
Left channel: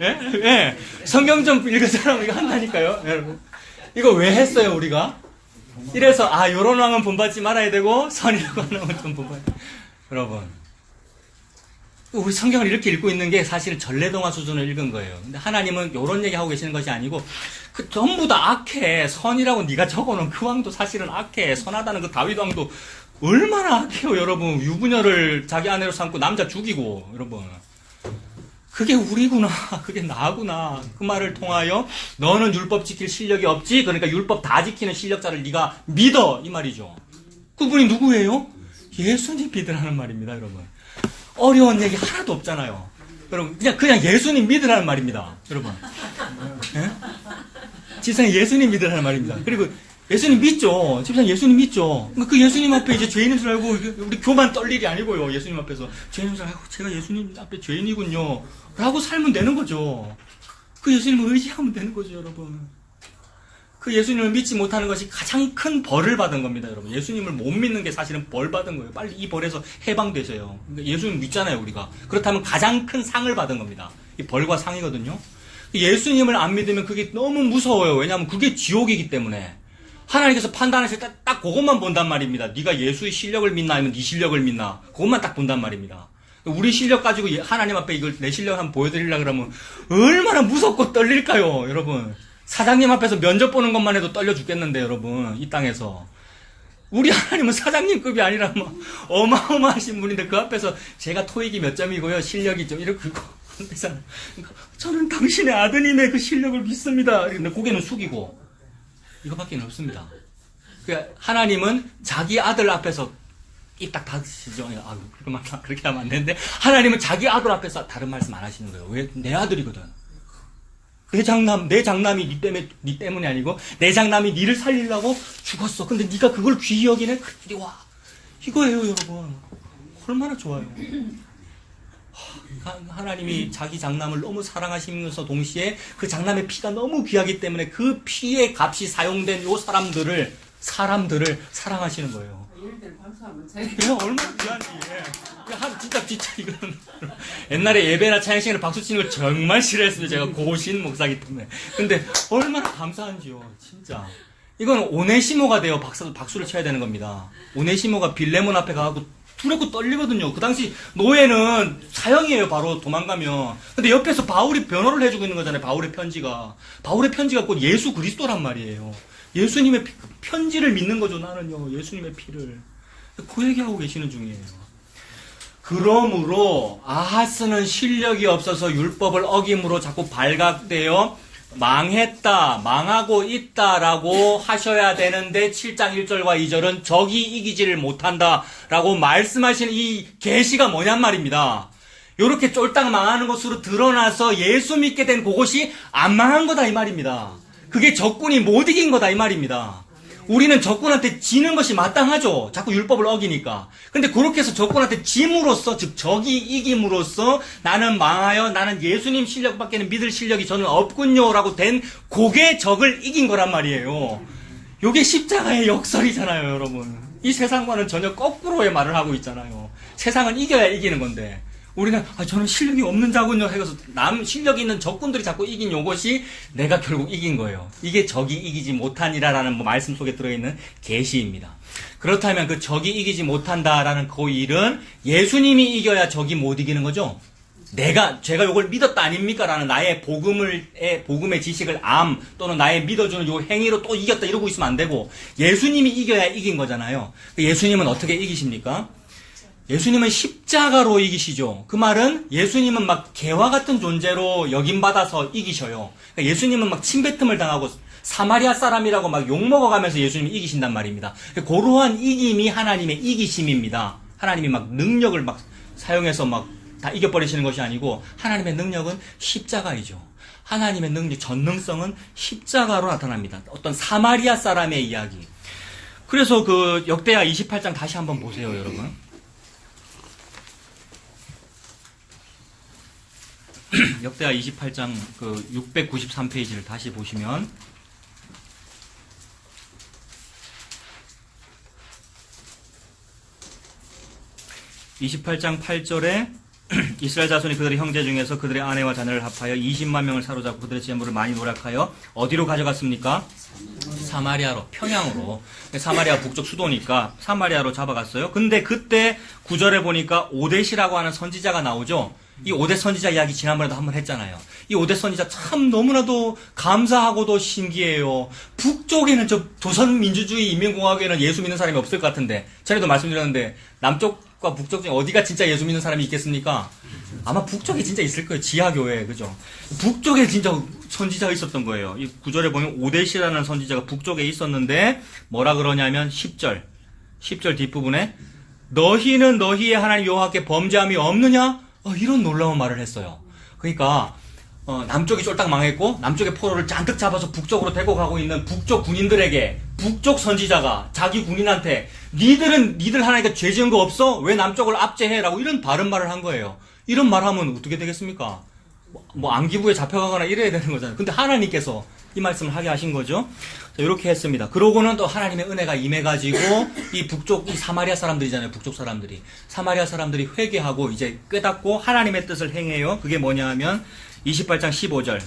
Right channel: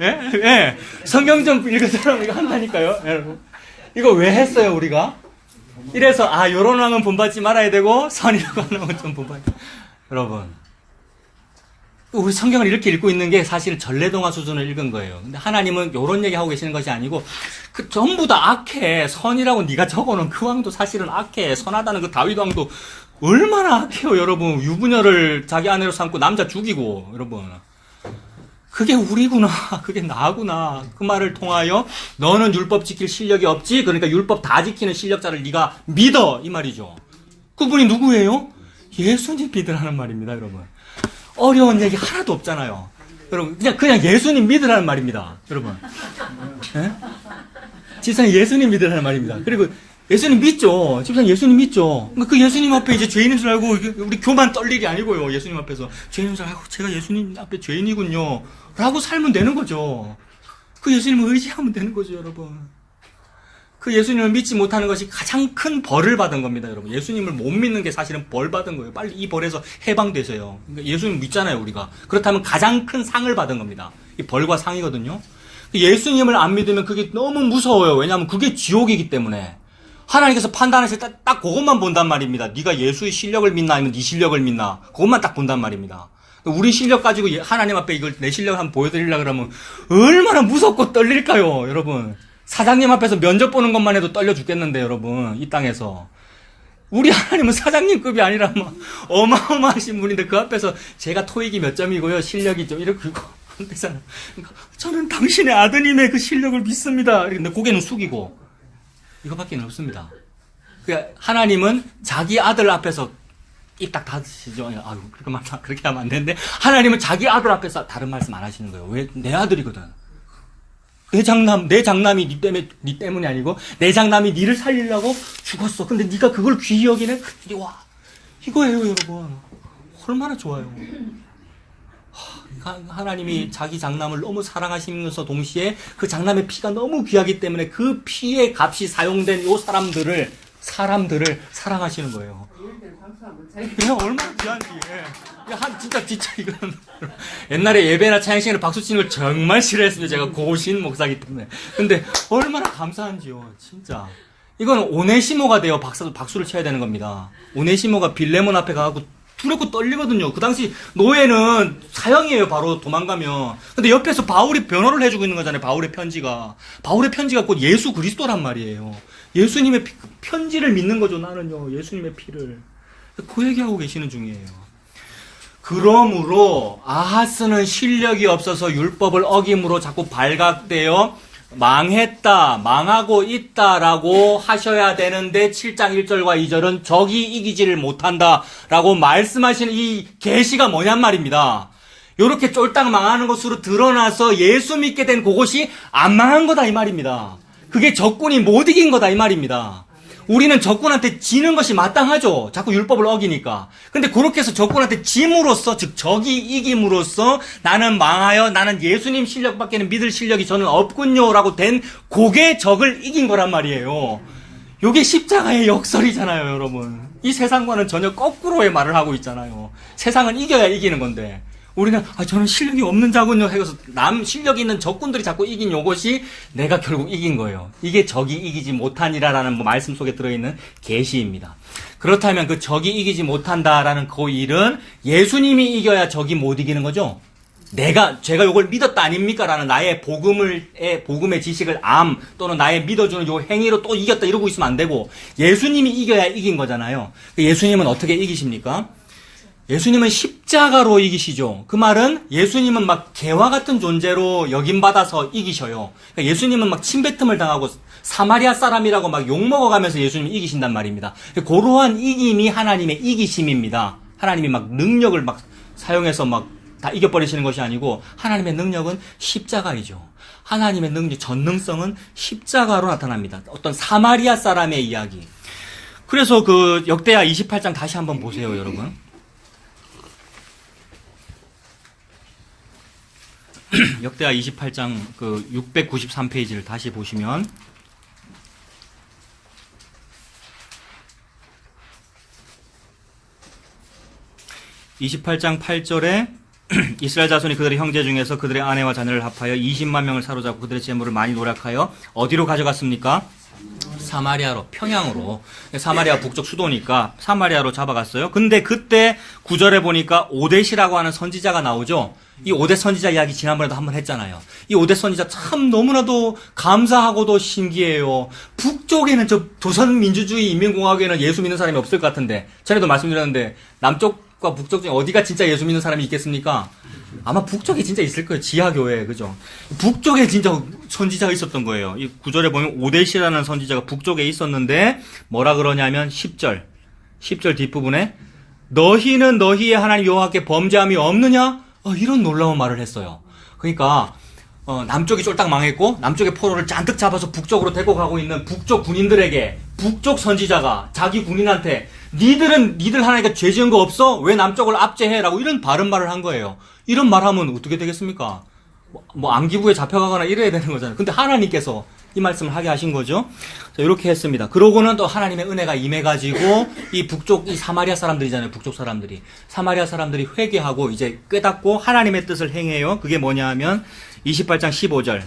예? 성경 좀 읽으시라면 이거 한다니까요, 여러분. 이거 왜 했어요, 우리가? 이래서, 요런 왕은 본받지 말아야 되고, 선이라고 하는 왕은 좀 본받지. 여러분. 우리 성경을 이렇게 읽고 있는 게 사실 전래동화 수준을 읽은 거예요. 근데 하나님은 요런 얘기 하고 계시는 것이 아니고, 전부 다 악해. 선이라고 네가 적어놓은 그 왕도 사실은 악해. 선하다는 그 다윗 왕도 얼마나 악해요, 여러분. 유부녀를 자기 아내로 삼고 남자 죽이고, 여러분. 그게 우리구나. 그게 나구나. 그 말을 통하여 너는 율법 지킬 실력이 없지? 그러니까 율법 다 지키는 실력자를 네가 믿어. 이 말이죠. 그분이 누구예요? 예수님 믿으라는 말입니다, 여러분. 어려운 얘기 하나도 없잖아요. 여러분, 그냥 예수님 믿으라는 말입니다, 여러분. 예? 집사님 예수님 믿으라는 말입니다. 그리고 예수님 믿죠. 집사님 예수님 믿죠. 그 예수님 앞에 이제 죄인인 줄 알고 우리 교만 떨리기 아니고요. 예수님 앞에서 죄인인 줄 알고 제가 예수님 앞에 죄인이군요 라고 살면 되는 거죠. 그 예수님을 의지하면 되는 거죠, 여러분. 그 예수님을 믿지 못하는 것이 가장 큰 벌을 받은 겁니다, 여러분. 예수님을 못 믿는 게 사실은 벌 받은 거예요. 빨리 이 벌에서 해방되세요. 그러니까 예수님 믿잖아요, 우리가. 그렇다면 가장 큰 상을 받은 겁니다. 이 벌과 상이거든요. 예수님을 안 믿으면 그게 너무 무서워요. 왜냐하면 그게 지옥이기 때문에. 하나님께서 판단하실 때 딱 그것만 본단 말입니다. 네가 예수의 실력을 믿나 아니면 네 실력을 믿나. 그것만 딱 본단 말입니다. 우리 실력 가지고 하나님 앞에 이걸 내 실력을 한번 보여드리려고 그러면 얼마나 무섭고 떨릴까요, 여러분. 사장님 앞에서 면접 보는 것만 해도 떨려 죽겠는데, 여러분. 이 땅에서. 우리 하나님은 사장님급이 아니라 어마어마하신 분인데 그 앞에서 제가 토익이 몇 점이고요. 실력이 좀 이렇게 그러잖아요. 저는 당신의 아드님의 그 실력을 믿습니다. 근데 고개는 숙이고 이거밖에 없습니다. 그러니까 하나님은 자기 아들 앞에서 입 딱 닫으시죠. 그렇게 하면 안 되는데 하나님은 자기 아들 앞에서 다른 말씀 안 하시는 거예요. 왜? 내 아들이거든. 내 장남이 네 때문이 아니고 내 장남이 니를 살리려고 죽었어. 근데 네가 그걸 귀히 여기네. 이리 와. 이거예요, 여러분. 얼마나 좋아요. 하나님이 자기 장남을 너무 사랑하시면서 동시에 그 장남의 피가 너무 귀하기 때문에 그 피의 값이 사용된 요 사람들을 사랑하시는 거예요. 이거 얼마나 귀한지. 진짜 이거는. 옛날에 예배나 찬양 시간에 박수 치는 걸 정말 싫어했어요. 제가 고신 목사기 때문에. 근데 얼마나 감사한지요. 진짜. 이거는 오네시모가 돼요. 박수를 쳐야 되는 겁니다. 오네시모가 빌레몬 앞에 가고 두렵고 떨리거든요. 그 당시 노예는 사형이에요. 바로 도망가면. 근데 옆에서 바울이 변호를 해주고 있는 거잖아요. 바울의 편지가 곧 예수 그리스도란 말이에요. 예수님의 편지를 믿는 거죠. 나는요. 예수님의 피를. 그 얘기하고 계시는 중이에요. 그러므로 아하스는 실력이 없어서 율법을 어김으로 자꾸 발각되어 망했다, 망하고 있다라고 하셔야 되는데 7장 1절과 2절은 적이 이기지를 못한다라고 말씀하시는 이 계시가 뭐냔 말입니다. 요렇게 쫄딱 망하는 것으로 드러나서 예수 믿게 된 그것이 안 망한 거다 이 말입니다. 그게 적군이 못 이긴 거다 이 말입니다. 우리는 적군한테 지는 것이 마땅하죠. 자꾸 율법을 어기니까. 근데 그렇게 해서 적군한테 짐으로써, 즉 적이 이김으로써 나는 망하여 나는 예수님 실력밖에는 믿을 실력이 저는 없군요라고 된 그게 적을 이긴 거란 말이에요. 요게 십자가의 역설이잖아요, 여러분. 이 세상과는 전혀 거꾸로의 말을 하고 있잖아요. 세상은 이겨야 이기는 건데 우리는 저는 실력이 없는 자군요 해서 남 실력 있는 적군들이 자꾸 이긴 요것이 내가 결국 이긴 거예요. 이게 적이 이기지 못하니라라는 말씀 속에 들어있는 계시입니다. 그렇다면 그 적이 이기지 못한다라는 그 일은 예수님이 이겨야 적이 못 이기는 거죠. 제가 요걸 믿었다 아닙니까? 라는 나의 복음의 지식을 또는 나의 믿어주는 요 행위로 또 이겼다 이러고 있으면 안 되고 예수님이 이겨야 이긴 거잖아요. 예수님은 어떻게 이기십니까? 예수님은 십자가로 이기시죠. 그 말은 예수님은 막 개와 같은 존재로 여김받아서 이기셔요. 그러니까 예수님은 막 침뱉음을 당하고 사마리아 사람이라고 막 욕먹어가면서 예수님이 이기신단 말입니다. 그러한 이김이 하나님의 이기심입니다. 하나님이 막 능력을 막 사용해서 막 다 이겨버리시는 것이 아니고 하나님의 능력은 십자가이죠. 하나님의 능력, 전능성은 십자가로 나타납니다. 어떤 사마리아 사람의 이야기. 그래서 그 역대하 28장 다시 한번 보세요, 여러분. 역대하 28장 그 693페이지를 다시 보시면 28장 8절에 이스라엘 자손이 그들의 형제 중에서 그들의 아내와 자녀를 합하여 20만 명을 사로잡고 그들의 재물을 많이 노력하여 어디로 가져갔습니까? 사마리아로, 평양으로. 사마리아 북쪽 수도니까 사마리아로 잡아갔어요. 근데 그때 9절에 보니까 오뎃이라고 하는 선지자가 나오죠. 이 오뎃 선지자 이야기 지난번에도 한번 했잖아요. 이 오뎃 선지자 참 너무나도 감사하고도 신기해요. 북쪽에는 저 조선민주주의 인민공화국에는 예수 믿는 사람이 없을 것 같은데 전에도 말씀드렸는데 남쪽과 북쪽 중에 어디가 진짜 예수 믿는 사람이 있겠습니까? 아마 북쪽에 진짜 있을 거예요. 지하교회, 그죠? 북쪽에 진짜 선지자가 있었던 거예요. 이 9절에 보면 오뎃이라는 선지자가 북쪽에 있었는데 뭐라 그러냐면 10절 뒷부분에 너희는 너희의 하나님 여호와께 범죄함이 없느냐? 이런 놀라운 말을 했어요. 그러니까 남쪽이 쫄딱 망했고 남쪽의 포로를 잔뜩 잡아서 북쪽으로 데리고 가고 있는 북쪽 군인들에게 북쪽 선지자가 자기 군인한테 니들 하나님께 죄 지은 거 없어? 왜 남쪽을 압제해? 라고 이런 바른 말을 한 거예요. 이런 말 하면 어떻게 되겠습니까? 안기부에 잡혀가거나 이래야 되는 거잖아요. 근데 하나님께서 이 말씀을 하게 하신 거죠. 자, 이렇게 했습니다. 그러고는 또 하나님의 은혜가 임해가지고 이 북쪽, 이 사마리아 사람들이잖아요. 북쪽 사람들이. 사마리아 사람들이 회개하고 이제 깨닫고 하나님의 뜻을 행해요. 그게 뭐냐 하면 28장 15절.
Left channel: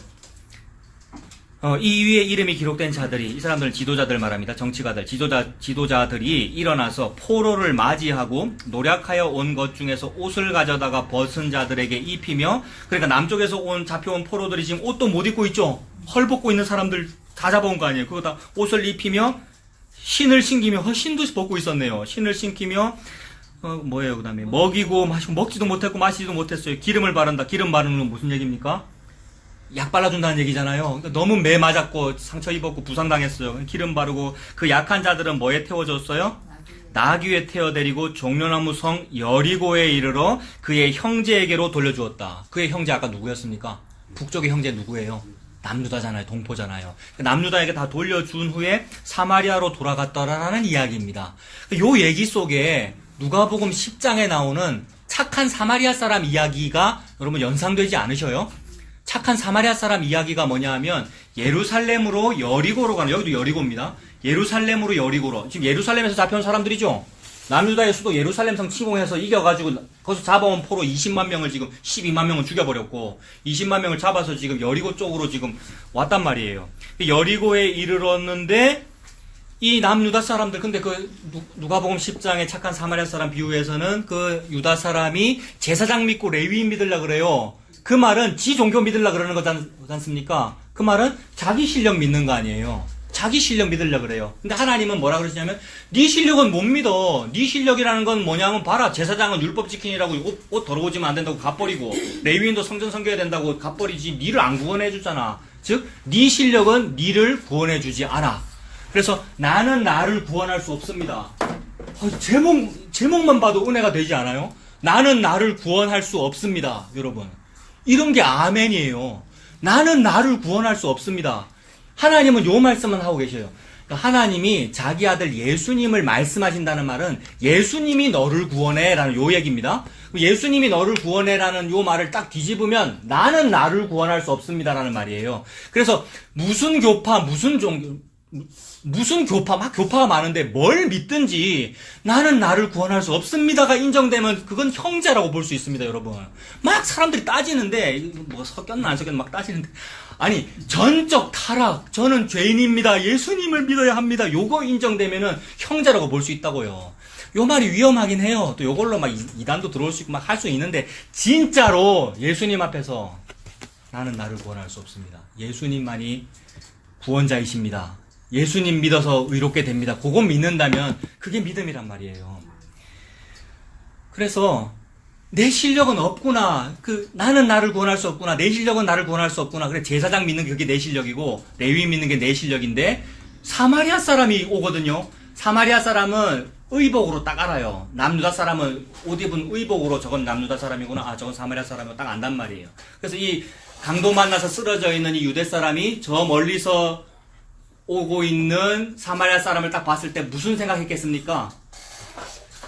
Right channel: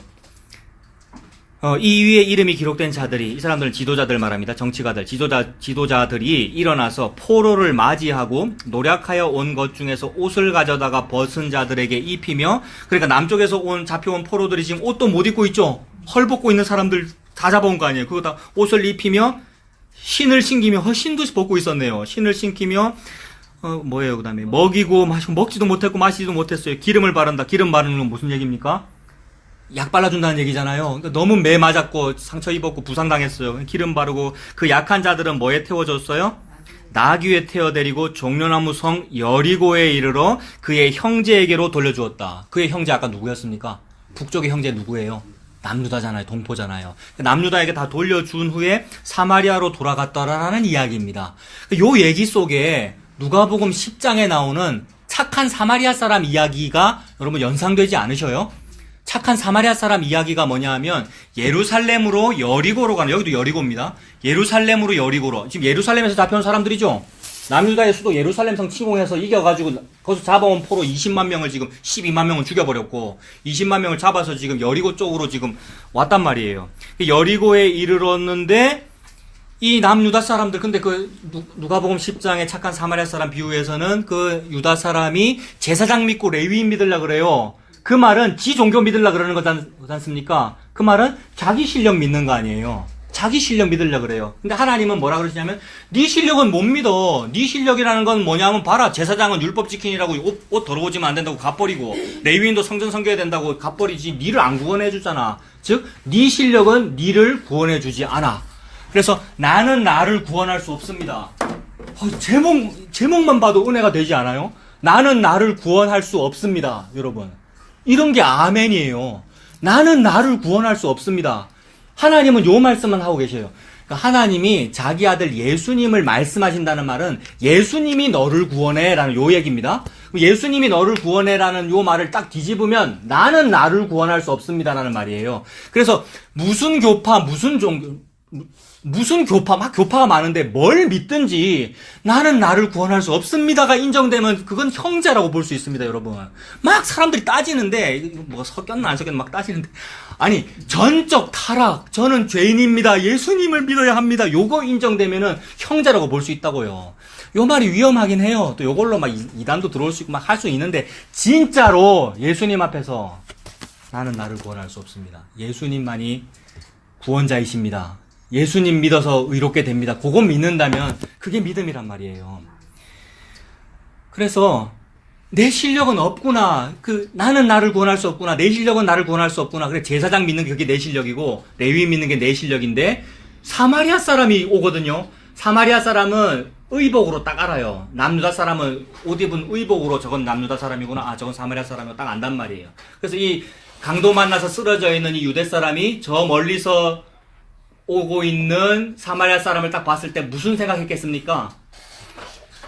이 위에 이름이 기록된 자들이, 이 사람들은 지도자들 말합니다. 정치가들, 지도자들이 일어나서 포로를 맞이하고 노력하여 온 것 중에서 옷을 가져다가 벗은 자들에게 입히며, 그러니까 남쪽에서 잡혀온 포로들이 지금 옷도 못 입고 있죠. 헐벗고 있는 사람들 다 잡아온 거 아니에요. 그거 다 옷을 입히며 신을 신기며, 신도 벗고 있었네요. 신을 신기며 뭐예요? 그 다음에 먹이고 마시고, 먹지도 못했고 마시지도 못했어요. 기름을 바른다. 기름 바르는 건 무슨 얘기입니까? 약 발라준다는 얘기잖아요. 그러니까 너무 매 맞았고 상처 입었고 부상당했어요. 기름 바르고 그 약한 자들은 뭐에 태워줬어요? 나귀에 태워데리고 종려나무 성 여리고에 이르러 그의 형제에게로 돌려주었다. 그의 형제 아까 누구였습니까? 북쪽의 형제 누구예요? 남유다잖아요. 동포잖아요. 남유다에게 다 돌려준 후에 사마리아로 돌아갔다라는 이야기입니다. 요 얘기 속에 누가복음 10장에 나오는 착한 사마리아 사람 이야기가 여러분 연상되지 않으셔요? 착한 사마리아 사람 이야기가 뭐냐 하면 예루살렘으로 여리고로 가는, 여기도 여리고입니다. 예루살렘으로 여리고로. 지금 예루살렘에서 잡혀온 사람들이죠. 남유다의 수도 예루살렘성 침공해서 이겨가지고 거기서 잡아온 포로 20만 명을 지금 12만 명을 죽여버렸고 20만 명을 잡아서 지금 여리고 쪽으로 지금 왔단 말이에요. 여리고에 이르렀는데 이 남유다 사람들, 근데 그 누가복음 10장의 착한 사마리아 사람 비유에서는 그 유다 사람이 제사장 믿고 레위인 믿으려 그래요. 그 말은 지 종교 믿으려 그러는 거지 않습니까? 그 말은 자기 실력 믿는 거 아니에요. 자기 실력 믿으려 그래요. 근데 하나님은 뭐라 그러시냐면 네 실력은 못 믿어. 네 실력이라는 건 뭐냐면 봐라. 제사장은 율법 지키니라고 옷 더러워지면 안 된다고 갓버리고 레위인도 성전 섬겨야 된다고 갓버리지. 니를 안 구원해 주잖아. 즉, 네 실력은 니를 구원해 주지 않아. 그래서 나는 나를 구원할 수 없습니다. 제목만 봐도 은혜가 되지 않아요? 나는 나를 구원할 수 없습니다, 여러분. 이런 게 아멘이에요. 나는 나를 구원할 수 없습니다. 하나님은 요 말씀만 하고 계셔요. 하나님이 자기 아들 예수님을 말씀하신다는 말은 예수님이 너를 구원해라는 요 얘기입니다. 예수님이 너를 구원해라는 요 말을 딱 뒤집으면 나는 나를 구원할 수 없습니다라는 말이에요. 그래서 무슨 교파, 무슨 교파, 막 교파가 많은데 뭘 믿든지 나는 나를 구원할 수 없습니다가 인정되면 그건 형제라고 볼 수 있습니다, 여러분. 막 사람들이 따지는데, 뭐가 섞였나 안 섞였나 막 따지는데, 아니, 전적 타락, 저는 죄인입니다, 예수님을 믿어야 합니다, 요거 인정되면은 형제라고 볼 수 있다고요. 요 말이 위험하긴 해요. 또 요걸로 막 이단도 들어올 수 있고 막 할 수 있는데, 진짜로 예수님 앞에서 나는 나를 구원할 수 없습니다. 예수님만이 구원자이십니다. 예수님 믿어서 의롭게 됩니다. 그거 믿는다면 그게 믿음이란 말이에요. 그래서 내 실력은 없구나. 나는 나를 구원할 수 없구나. 내 실력은 나를 구원할 수 없구나. 그래 제사장 믿는 게 그게 내 실력이고 레위 믿는 게 내 실력인데 사마리아 사람이 오거든요. 사마리아 사람은 의복으로 딱 알아요. 남유다 사람은 옷 입은 의복으로 저건 남유다 사람이구나. 아 저건 사마리아 사람이고 딱 안단 말이에요. 그래서 이 강도 만나서 쓰러져 있는 이 유대 사람이 저 멀리서 오고 있는 사마리아 사람을 딱 봤을 때 무슨 생각했겠습니까?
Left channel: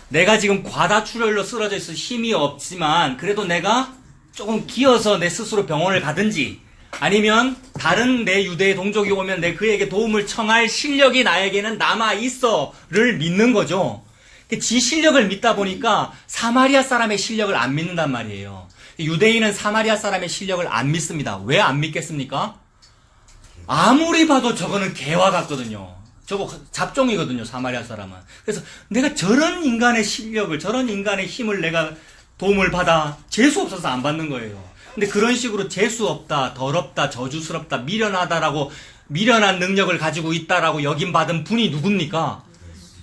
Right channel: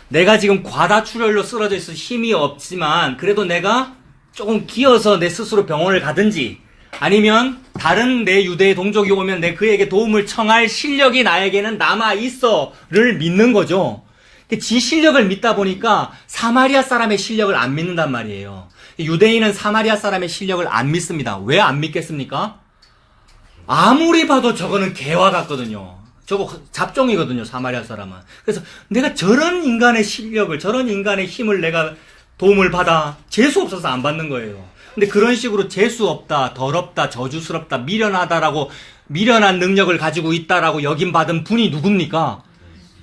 내가 지금 과다출혈로 쓰러져 있어 힘이 없지만 그래도 내가 조금 기어서 내 스스로 병원을 가든지 아니면 다른 내 유대의 동족이 오면 내 그에게 도움을 청할 실력이 나에게는 남아있어를 믿는 거죠. 지 실력을 믿다 보니까 사마리아 사람의 실력을 안 믿는단 말이에요. 유대인은 사마리아 사람의 실력을 안 믿습니다. 왜 안 믿겠습니까? 아무리 봐도 저거는 개와 같거든요. 저거 잡종이거든요, 사마리아 사람은. 그래서 내가 저런 인간의 실력을, 저런 인간의 힘을 내가 도움을 받아 재수 없어서 안 받는 거예요. 근데 그런 식으로 재수 없다, 더럽다, 저주스럽다, 미련하다라고 미련한 능력을 가지고 있다라고 여김받은 분이 누굽니까?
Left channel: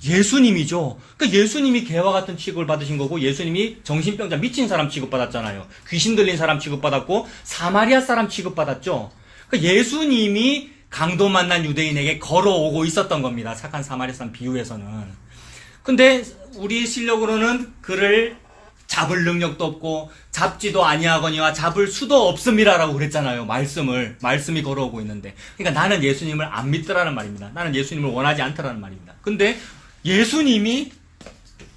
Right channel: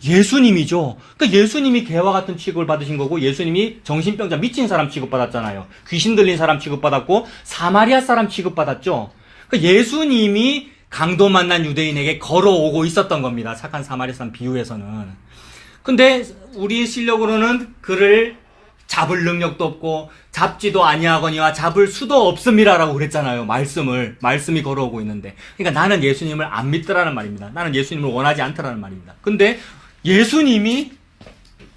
예수님이죠. 그러니까 예수님이 개와 같은 취급을 받으신 거고 예수님이 정신병자 미친 사람 취급받았잖아요. 귀신 들린 사람 취급받았고 사마리아 사람 취급받았죠. 그러니까 예수님이 강도 만난 유대인에게 걸어오고 있었던 겁니다. 착한 사마리아 사람 비유에서는. 근데 우리 실력으로는 그를 잡을 능력도 없고 잡지도 아니하거니와 잡을 수도 없음이라라고 그랬잖아요. 말씀이 걸어오고 있는데. 그러니까 나는 예수님을 안 믿더라는 말입니다. 나는 예수님을 원하지 않더라는 말입니다. 근데 예수님이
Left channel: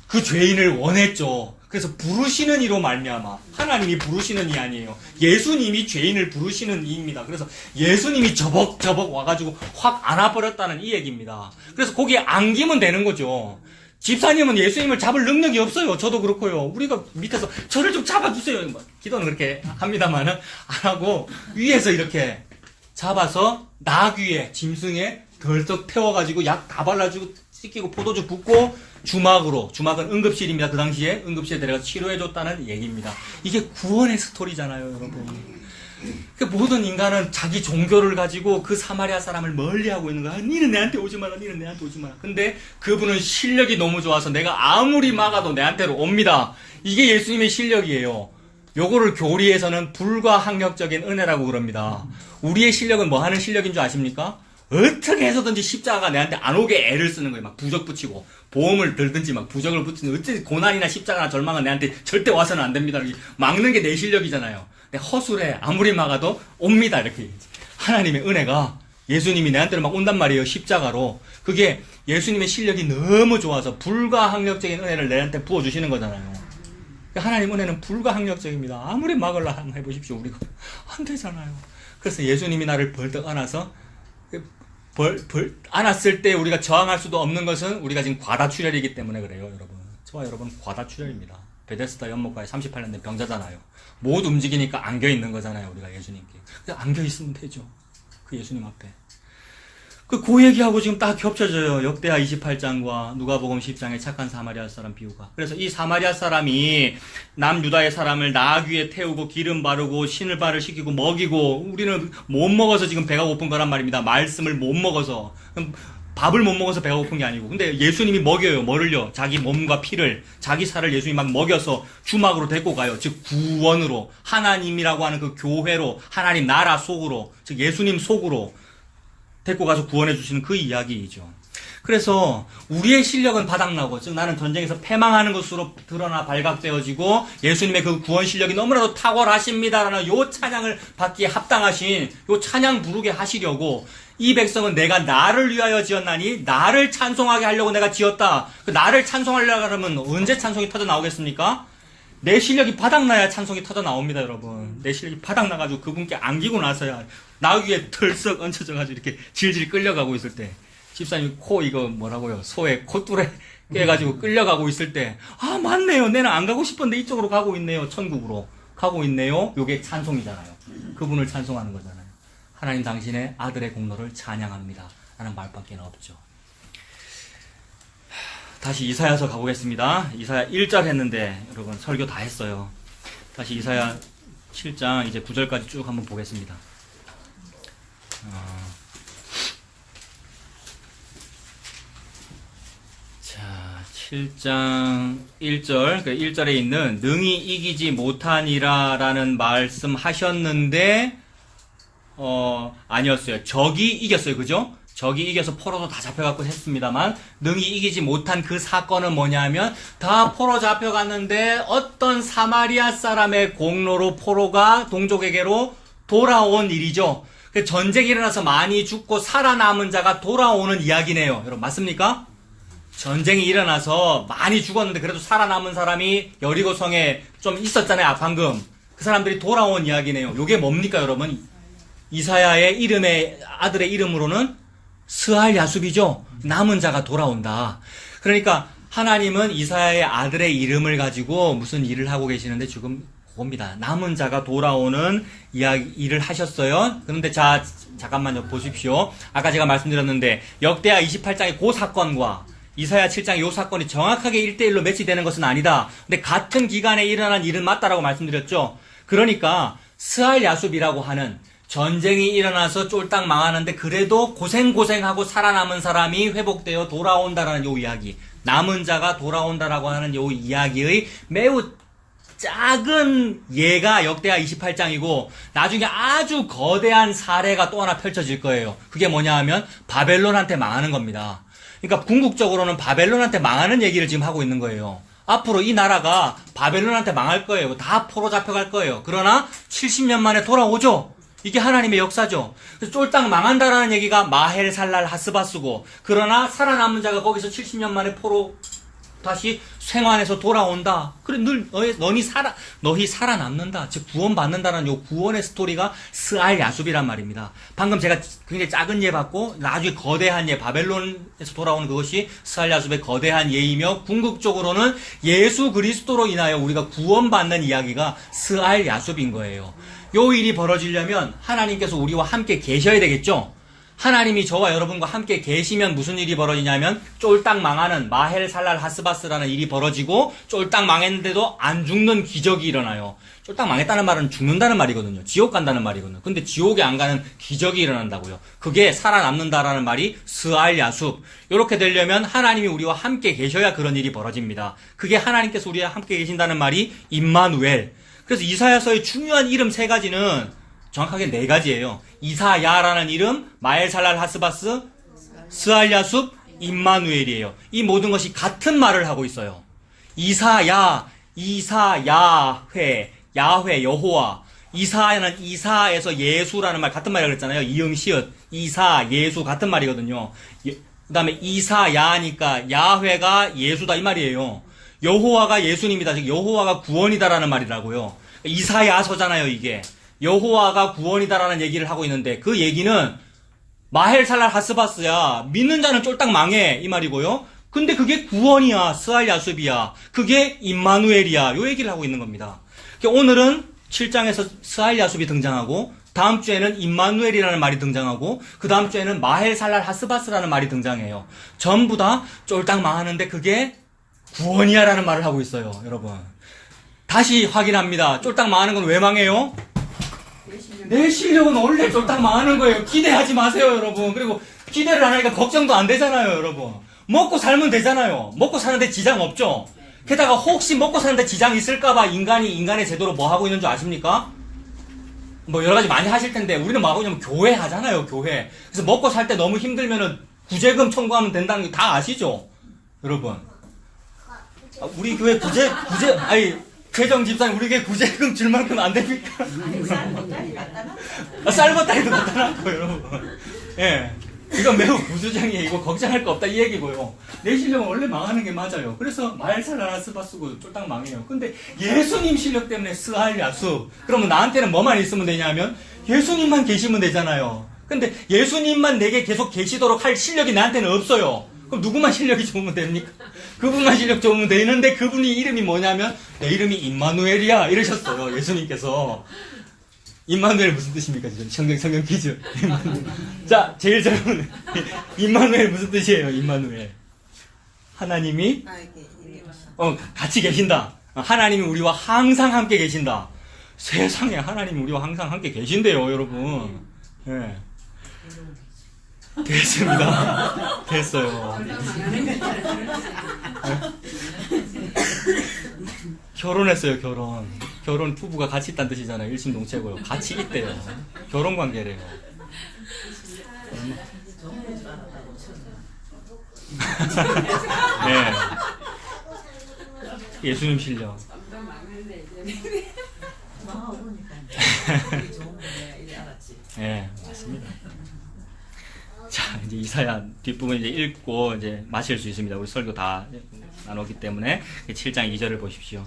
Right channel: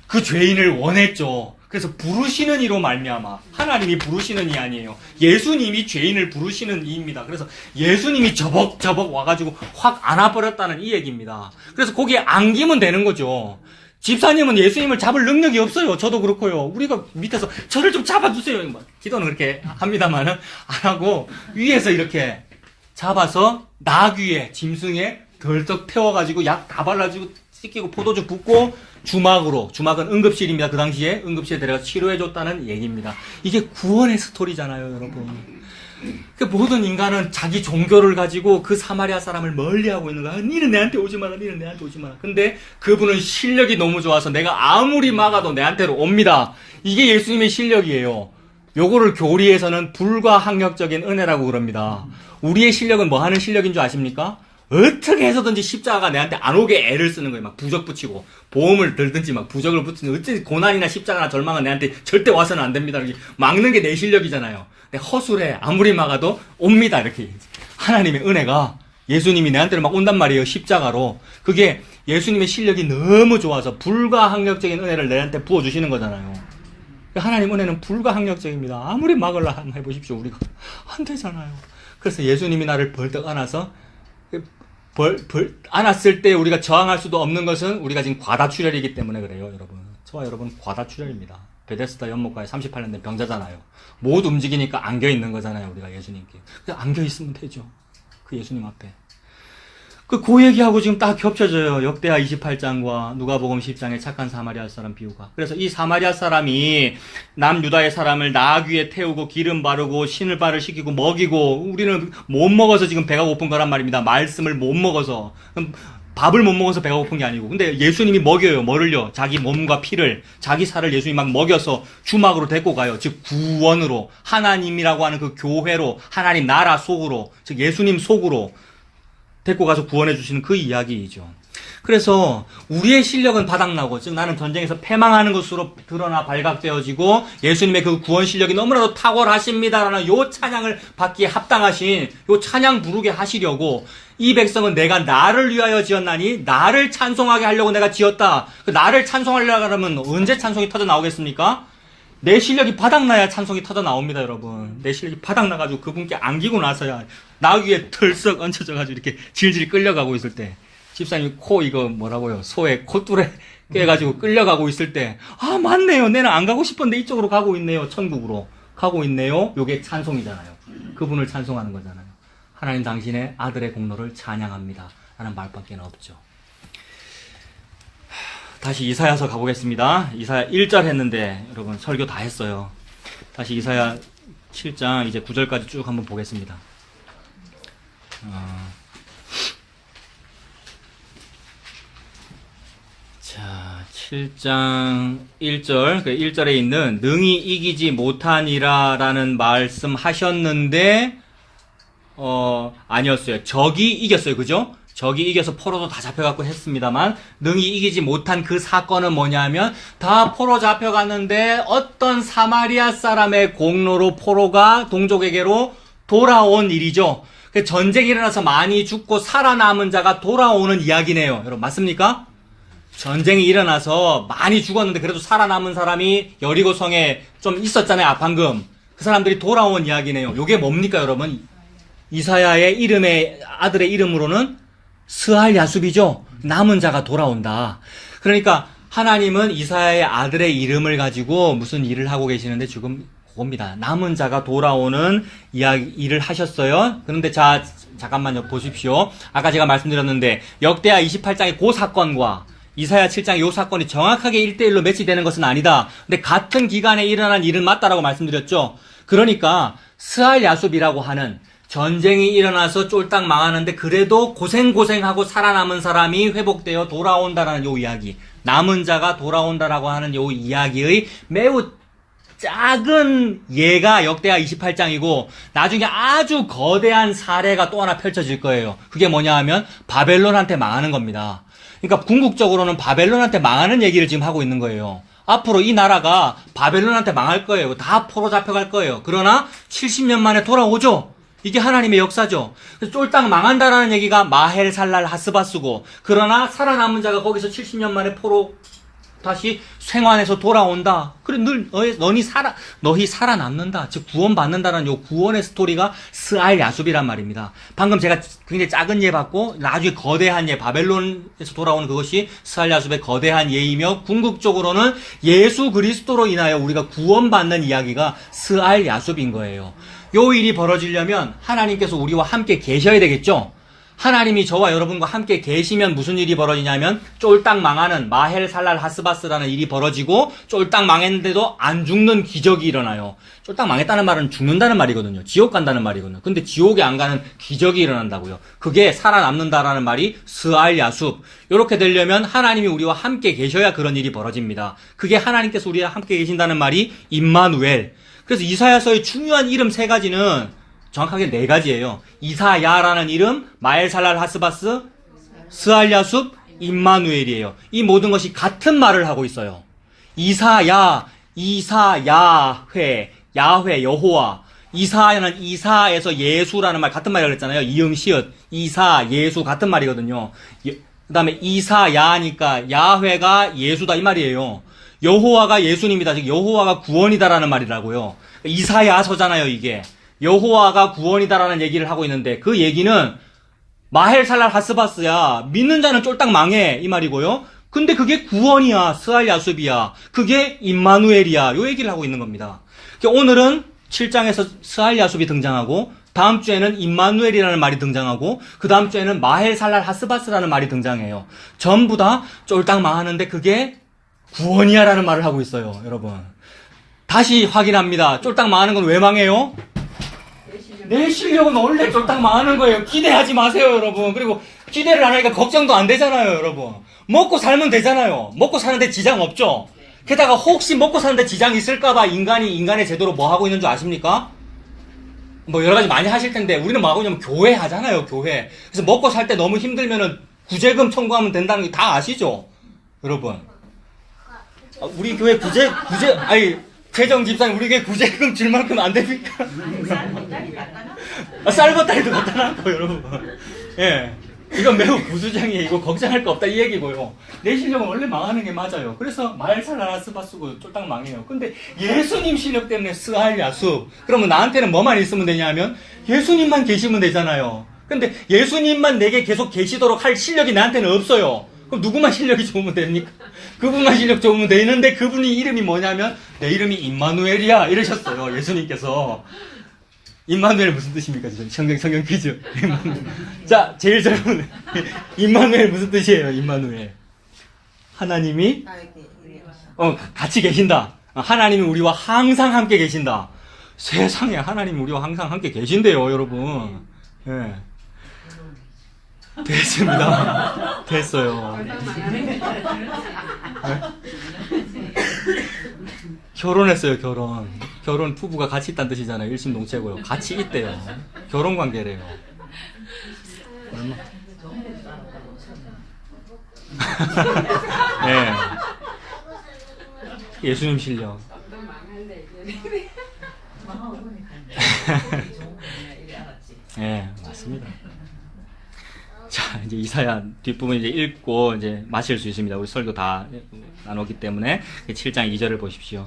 그 죄인을 원했죠. 그래서 부르시는 이로 말미암아 하나님이 부르시는 이 아니에요. 예수님이 죄인을 부르시는 이입니다. 그래서 예수님이 저벅저벅 와가지고 확 안아버렸다는 이 얘기입니다. 그래서 거기에 안기면 되는 거죠. 집사님은 예수님을 잡을 능력이 없어요. 저도 그렇고요. 우리가 밑에서 저를 좀 잡아주세요. 기도는 그렇게 합니다만은 안 하고 위에서 이렇게 잡아서 나귀에 짐승에 덜떡 태워가지고 약 다 발라주고 씻기고 포도주 붓고 주막은 응급실입니다. 그 당시에 응급실에 데려가서 치료해줬다는 얘기입니다. 이게 구원의 스토리잖아요, 여러분. 모든 인간은 자기 종교를 가지고 그 사마리아 사람을 멀리하고 있는 거야. 니는 내한테 오지 마라, 니는 내한테 오지 마라. 근데 그분은 실력이 너무 좋아서 내가 아무리 막아도 내한테로 옵니다. 이게 예수님의 실력이에요. 요거를 교리에서는 불가항력적인 은혜라고 그럽니다. 우리의 실력은 뭐 하는 실력인 줄 아십니까? 어떻게 해서든지 십자가가 내한테 안 오게 애를 쓰는 거예요. 막 부적 붙이고 보험을 들든지 막 부적을 붙이는 어찌 고난이나 십자가나 절망은 내한테 절대 와서는 안 됩니다. 막는 게 내 실력이잖아요. 근데 허술해. 아무리 막아도 옵니다. 이렇게 하나님의 은혜가 예수님이 내한테는 막 온단 말이에요. 십자가로. 그게 예수님의 실력이 너무 좋아서 불가항력적인 은혜를 내한테 부어주시는 거잖아요. 하나님 은혜는 불가항력적입니다. 아무리 막으려 한번 해보십시오. 우리가 안 되잖아요. 그래서 예수님이 나를 벌떡 안아서 안았을 때 우리가 저항할 수도 없는 것은 우리가 지금 과다출혈이기 때문에 그래요, 여러분. 저와 여러분 과다출혈입니다. 베데스다 연못가에 38년 된 병자잖아요. 못 움직이니까 안겨 있는 거잖아요, 우리가 예수님께. 그냥 안겨 있으면 되죠. 그 예수님 앞에. 그 얘기하고 지금 딱 겹쳐져요. 역대하 28장과 누가복음 10장의 착한 사마리아 사람 비유가. 그래서 이 사마리아 사람이 남유다의 사람을 나귀에 태우고 기름 바르고 신을발을 시키고 먹이고 우리는 못 먹어서 지금 배가 고픈 거란 말입니다. 말씀을 못 먹어서. 밥을 못 먹어서 배가 고픈 게 아니고. 근데 예수님이 먹여요. 뭐를요? 자기 몸과 피를, 자기 살을 예수님이 막 먹여서 주막으로 데리고 가요. 즉 구원으로, 하나님이라고 하는 그 교회로, 하나님 나라 속으로, 즉 예수님 속으로 데리고 가서 구원해 주시는 그 이야기이죠. 그래서 우리의 실력은 바닥나고, 즉 나는 전쟁에서 패망하는 것으로 드러나 발각되어지고 예수님의 그 구원 실력이 너무나도 탁월하십니다라는 요 찬양을 받기에 합당하신 요 찬양 부르게 하시려고, 이 백성은 내가 나를 위하여 지었나니 나를 찬송하게 하려고 내가 지었다. 그 나를 찬송하려고 하면 언제 찬송이 터져 나오겠습니까? 내 실력이 바닥나야 찬송이 터져 나옵니다, 여러분. 내 실력이 바닥나가지고 그분께 안기고 나서야, 나 위에 털썩 얹혀져가지고 이렇게 질질 끌려가고 있을 때, 집사님 코 이거 뭐라고요? 소에 콧줄에 깨가지고 끌려가고 있을 때, 아 맞네요. 내는 안 가고 싶었는데 이쪽으로 가고 있네요. 천국으로 가고 있네요. 요게 찬송이잖아요. 그분을 찬송하는 거잖아요. 하나님 당신의 아들의 공로를 찬양합니다 라는 말밖에 없죠. 다시 이사야서 가보겠습니다. 이사야 1절 했는데 여러분 설교 다 했어요. 다시 이사야 7장 이제 9절까지 쭉 한번 보겠습니다. 자, 7장 1절, 그 1절에 있는 능히 이기지 못하니라 라는 말씀 하셨는데, 아니었어요. 적이 이겼어요. 그죠? 적이 이겨서 포로도 다 잡혀갖고 했습니다만, 능히 이기지 못한 그 사건은 뭐냐면, 다 포로 잡혀갔는데, 어떤 사마리아 사람의 공로로 포로가 동족에게로 돌아온 일이죠. 전쟁이 일어나서 많이 죽고 살아남은 자가 돌아오는 이야기네요. 여러분, 맞습니까? 전쟁이 일어나서 많이 죽었는데 그래도 살아남은 사람이 여리고성에 좀 있었잖아요. 방금. 그 사람들이 돌아온 이야기네요. 요게 뭡니까, 여러분? 이사야의 이름의, 아들의 이름으로는 스알 야숲이죠. 남은 자가 돌아온다. 그러니까 하나님은 이사야의 아들의 이름을 가지고 무슨 일을 하고 계시는데 지금 그겁니다. 남은 자가 돌아오는 일을 하셨어요. 그런데 잠깐만요. 보십시오. 아까 제가 말씀드렸는데 역대하 28장의 그 사건과 이사야 7장의 이 사건이 정확하게 1대1로 매치되는 것은 아니다. 근데 같은 기간에 일어난 일은 맞다라고 말씀드렸죠. 그러니까 스알 야숲이라고 하는 전쟁이 일어나서 쫄딱 망하는데 그래도 고생하고 살아남은 사람이 회복되어 돌아온다라는 요 이야기, 남은 자가 돌아온다라고 하는 요 이야기의 매우 작은 예가 역대하 28장이고 나중에 아주 거대한 사례가 또 하나 펼쳐질 거예요. 그게 뭐냐 하면 바벨론한테 망하는 겁니다. 그러니까 궁극적으로는 바벨론한테 망하는 얘기를 지금 하고 있는 거예요. 앞으로 이 나라가 바벨론한테 망할 거예요. 다 포로 잡혀갈 거예요. 그러나 70년 만에 돌아오죠. 이게 하나님의 역사죠. 그래서 쫄딱 망한다라는 얘기가 마헬 살랄 하스바스고, 그러나 살아남은 자가 거기서 70년 만에 포로 다시 생환해서 돌아온다. 그래, 너희 살아남는다. 즉, 구원받는다는 요 구원의 스토리가 스알 야숲이란 말입니다. 방금 제가 굉장히 작은 예 받고, 나중에 거대한 예, 바벨론에서 돌아오는 그것이 스알 야숲의 거대한 예이며, 궁극적으로는 예수 그리스도로 인하여 우리가 구원받는 이야기가 스알 야숲인 거예요. 요 일이 벌어지려면 하나님께서 우리와 함께 계셔야 되겠죠? 하나님이 저와 여러분과 함께 계시면 무슨 일이 벌어지냐면 쫄딱 망하는 마헬 살랄 하스바스라는 일이 벌어지고, 쫄딱 망했는데도 안 죽는 기적이 일어나요. 쫄딱 망했다는 말은 죽는다는 말이거든요. 지옥 간다는 말이거든요. 근데 지옥에 안 가는 기적이 일어난다고요. 그게 살아남는다라는 말이 스알 야숲. 이렇게 되려면 하나님이 우리와 함께 계셔야 그런 일이 벌어집니다. 그게 하나님께서 우리와 함께 계신다는 말이 임마누엘. 그래서 이사야서의 중요한 이름 3가지는 정확하게 4가지예요. 이사야라는 이름, 마엘살랄 하스바스, 스알야숲, 임마누엘이에요. 이 모든 것이 같은 말을 하고 있어요. 이사야, 이사야회, 야회, 여호와. 이사야는 이사에서 예수라는 말, 같은 말이라고 했잖아요. 이응, 시읒, 이사, 예수, 같은 말이거든요. 그 다음에 이사야니까 야회가 예수다 이 말이에요. 여호와가 예수님이다. 즉 여호와가 구원이다라는 말이라고요. 이사야서잖아요, 이게. 여호와가 구원이다라는 얘기를 하고 있는데 그 얘기는 마헬 살랄 하스바스야. 믿는 자는 쫄딱 망해 이 말이고요. 근데 그게 구원이야. 스알 야숲이야. 그게 임마누엘이야. 요 얘기를 하고 있는 겁니다. 오늘은 7장에서 스알 야숲이 등장하고, 다음 주에는 임마누엘이라는 말이 등장하고, 그 다음 주에는 마헬 살랄 하스바스라는 말이 등장해요. 전부 다 쫄딱 망하는데 그게 구원이야라는 말을 하고 있어요, 여러분. 다시 확인합니다. 쫄딱 망하는 건 왜 망해요? 내 실력은 원래 쫄딱 망하는 거예요. 기대하지 마세요, 여러분. 그리고 기대를 안 하니까 걱정도 안 되잖아요, 여러분. 먹고 살면 되잖아요. 먹고 사는데 지장 없죠? 게다가 혹시 먹고 사는데 지장 있을까봐 인간이 인간의 제도로 뭐 하고 있는 줄 아십니까? 뭐 여러 가지 많이 하실 텐데 우리는 뭐 하고 있냐면 교회 하잖아요, 교회. 그래서 먹고 살 때 너무 힘들면은 구제금 청구하면 된다는 게 다 아시죠? 여러분. 우리 교회 최정 집사님 우리 교회 구제금 줄 만큼 안 됩니까? 쌀보따리도 갖다 놨고, 여러분. 예. 이건 매우 부수장이에요. 이거 걱정할 거 없다 이 얘기고요. 내 실력은 원래 망하는 게 맞아요. 그래서 말살 하나 쓰바 쓰고 쫄딱 망해요. 근데 예수님 실력 때문에 스알야수. 그러면 나한테는 뭐만 있으면 되냐면 예수님만 계시면 되잖아요. 근데 예수님만 내게 계속 계시도록 할 실력이 나한테는 없어요. 그럼 누구만 실력이 좋으면 됩니까? 그분만 실력 좋으면 되는데 그분이 이름이 뭐냐면 내 이름이 임마누엘이야 이러셨어요. 예수님께서. 임마누엘 무슨 뜻입니까? 성경 퀴즈. 자, 제일 새로운 임마누엘 무슨 뜻이에요? 임마누엘. 하나님이 같이 계신다. 하나님이 우리와 항상 함께 계신다. 세상에 하나님이 우리와 항상 함께 계신대요, 여러분. 네. 됐습니다. 됐어요. 네? 결혼했어요, 결혼. 결혼 부부가 같이 있다는 뜻이잖아요. 일심동체고요. 같이 있대요. 결혼 관계래요. 네. 예수님 실력. 네, 맞습니다. 자, 이제 이사야 뒷부분 이제 읽고 이제 마실 수 있습니다. 우리 설교 다 나눴기 때문에 7장 2절을 보십시오.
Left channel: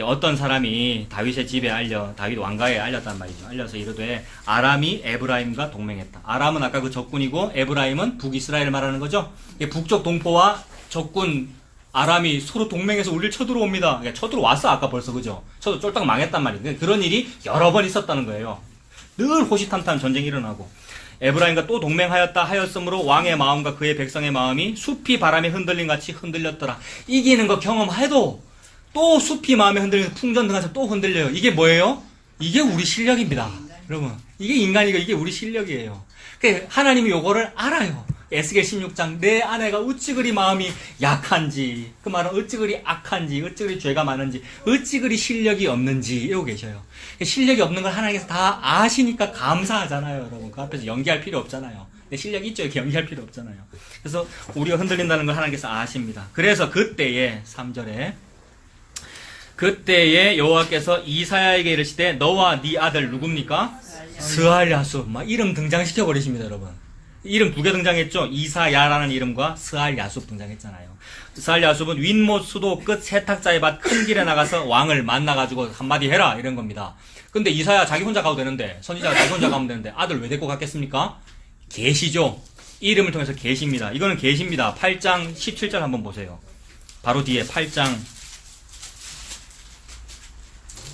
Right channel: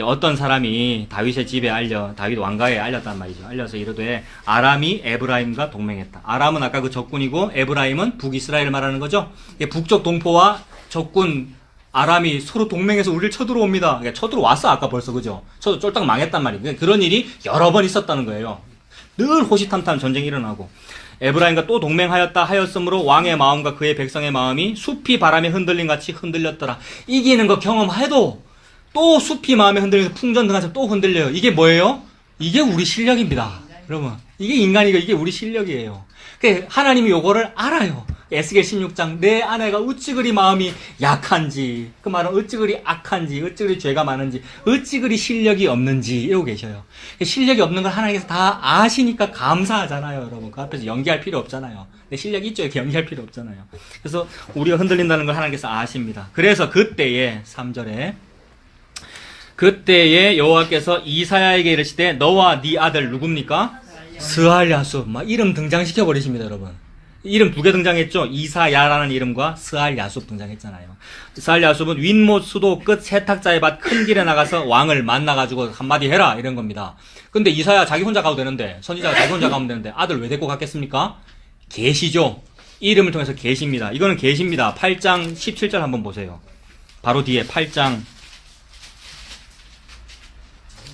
어떤 사람이 다윗의 집에 다윗 왕가에 알렸단 말이죠. 알려서 이르되 아람이 에브라임과 동맹했다. 아람은 아까 그 적군이고 에브라임은 북이스라엘을 말하는 거죠. 북쪽 동포와 적군 아람이 서로 동맹해서 우리를 쳐들어옵니다. 그러니까 쳐들어왔어 아까 벌써 그죠? 쫄딱 망했단 말이에요. 그런 일이 여러 번 있었다는 거예요. 늘 호시탐탐 전쟁이 일어나고. 에브라임과 또 동맹하였다 하였으므로 왕의 마음과 그의 백성의 마음이 숲이 바람에 흔들린 같이 흔들렸더라. 이기는 거 경험해도 또 숲이 마음에 흔들려서 풍전 등하서 또 흔들려요. 이게 뭐예요? 이게 우리 실력입니다. 여러분, 이게 인간이고 이게 우리 실력이에요. 하나님이 요거를 알아요. 에스겔 16장 내 아내가 어찌 그리 마음이 약한지, 그 말은 어찌 그리 악한지, 어찌 그리 죄가 많은지, 어찌 그리 실력이 없는지 이러고 계셔요. 실력이 없는 걸 하나님께서 다 아시니까 감사하잖아요, 여러분. 그 앞에서 연기할 필요 없잖아요. 내 실력이 있죠. 이렇게 연기할 필요 없잖아요. 그래서 우리가 흔들린다는 걸 하나님께서 아십니다. 그래서 그때에 3절에 그때에 여호와께서 이사야에게 이르시되 너와 네 아들 누굽니까? 스알야수. 막 이름 등장시켜 버리십니다, 여러분. 이름 2개 등장했죠. 이사야라는 이름과 스알야숲 등장했잖아요. 스알야숲은 윗못 수도 끝 세탁자의 밭 큰 길에 나가서 왕을 만나가지고 한마디 해라 이런 겁니다. 근데 이사야 자기 혼자 가도 되는데, 선지자가 자기 혼자 가면 되는데 아들 왜 데리고 갔겠습니까? 계시죠. 이름을 통해서 계십니다. 이거는 계십니다. 8장 17절 한번 보세요. 바로 뒤에 8장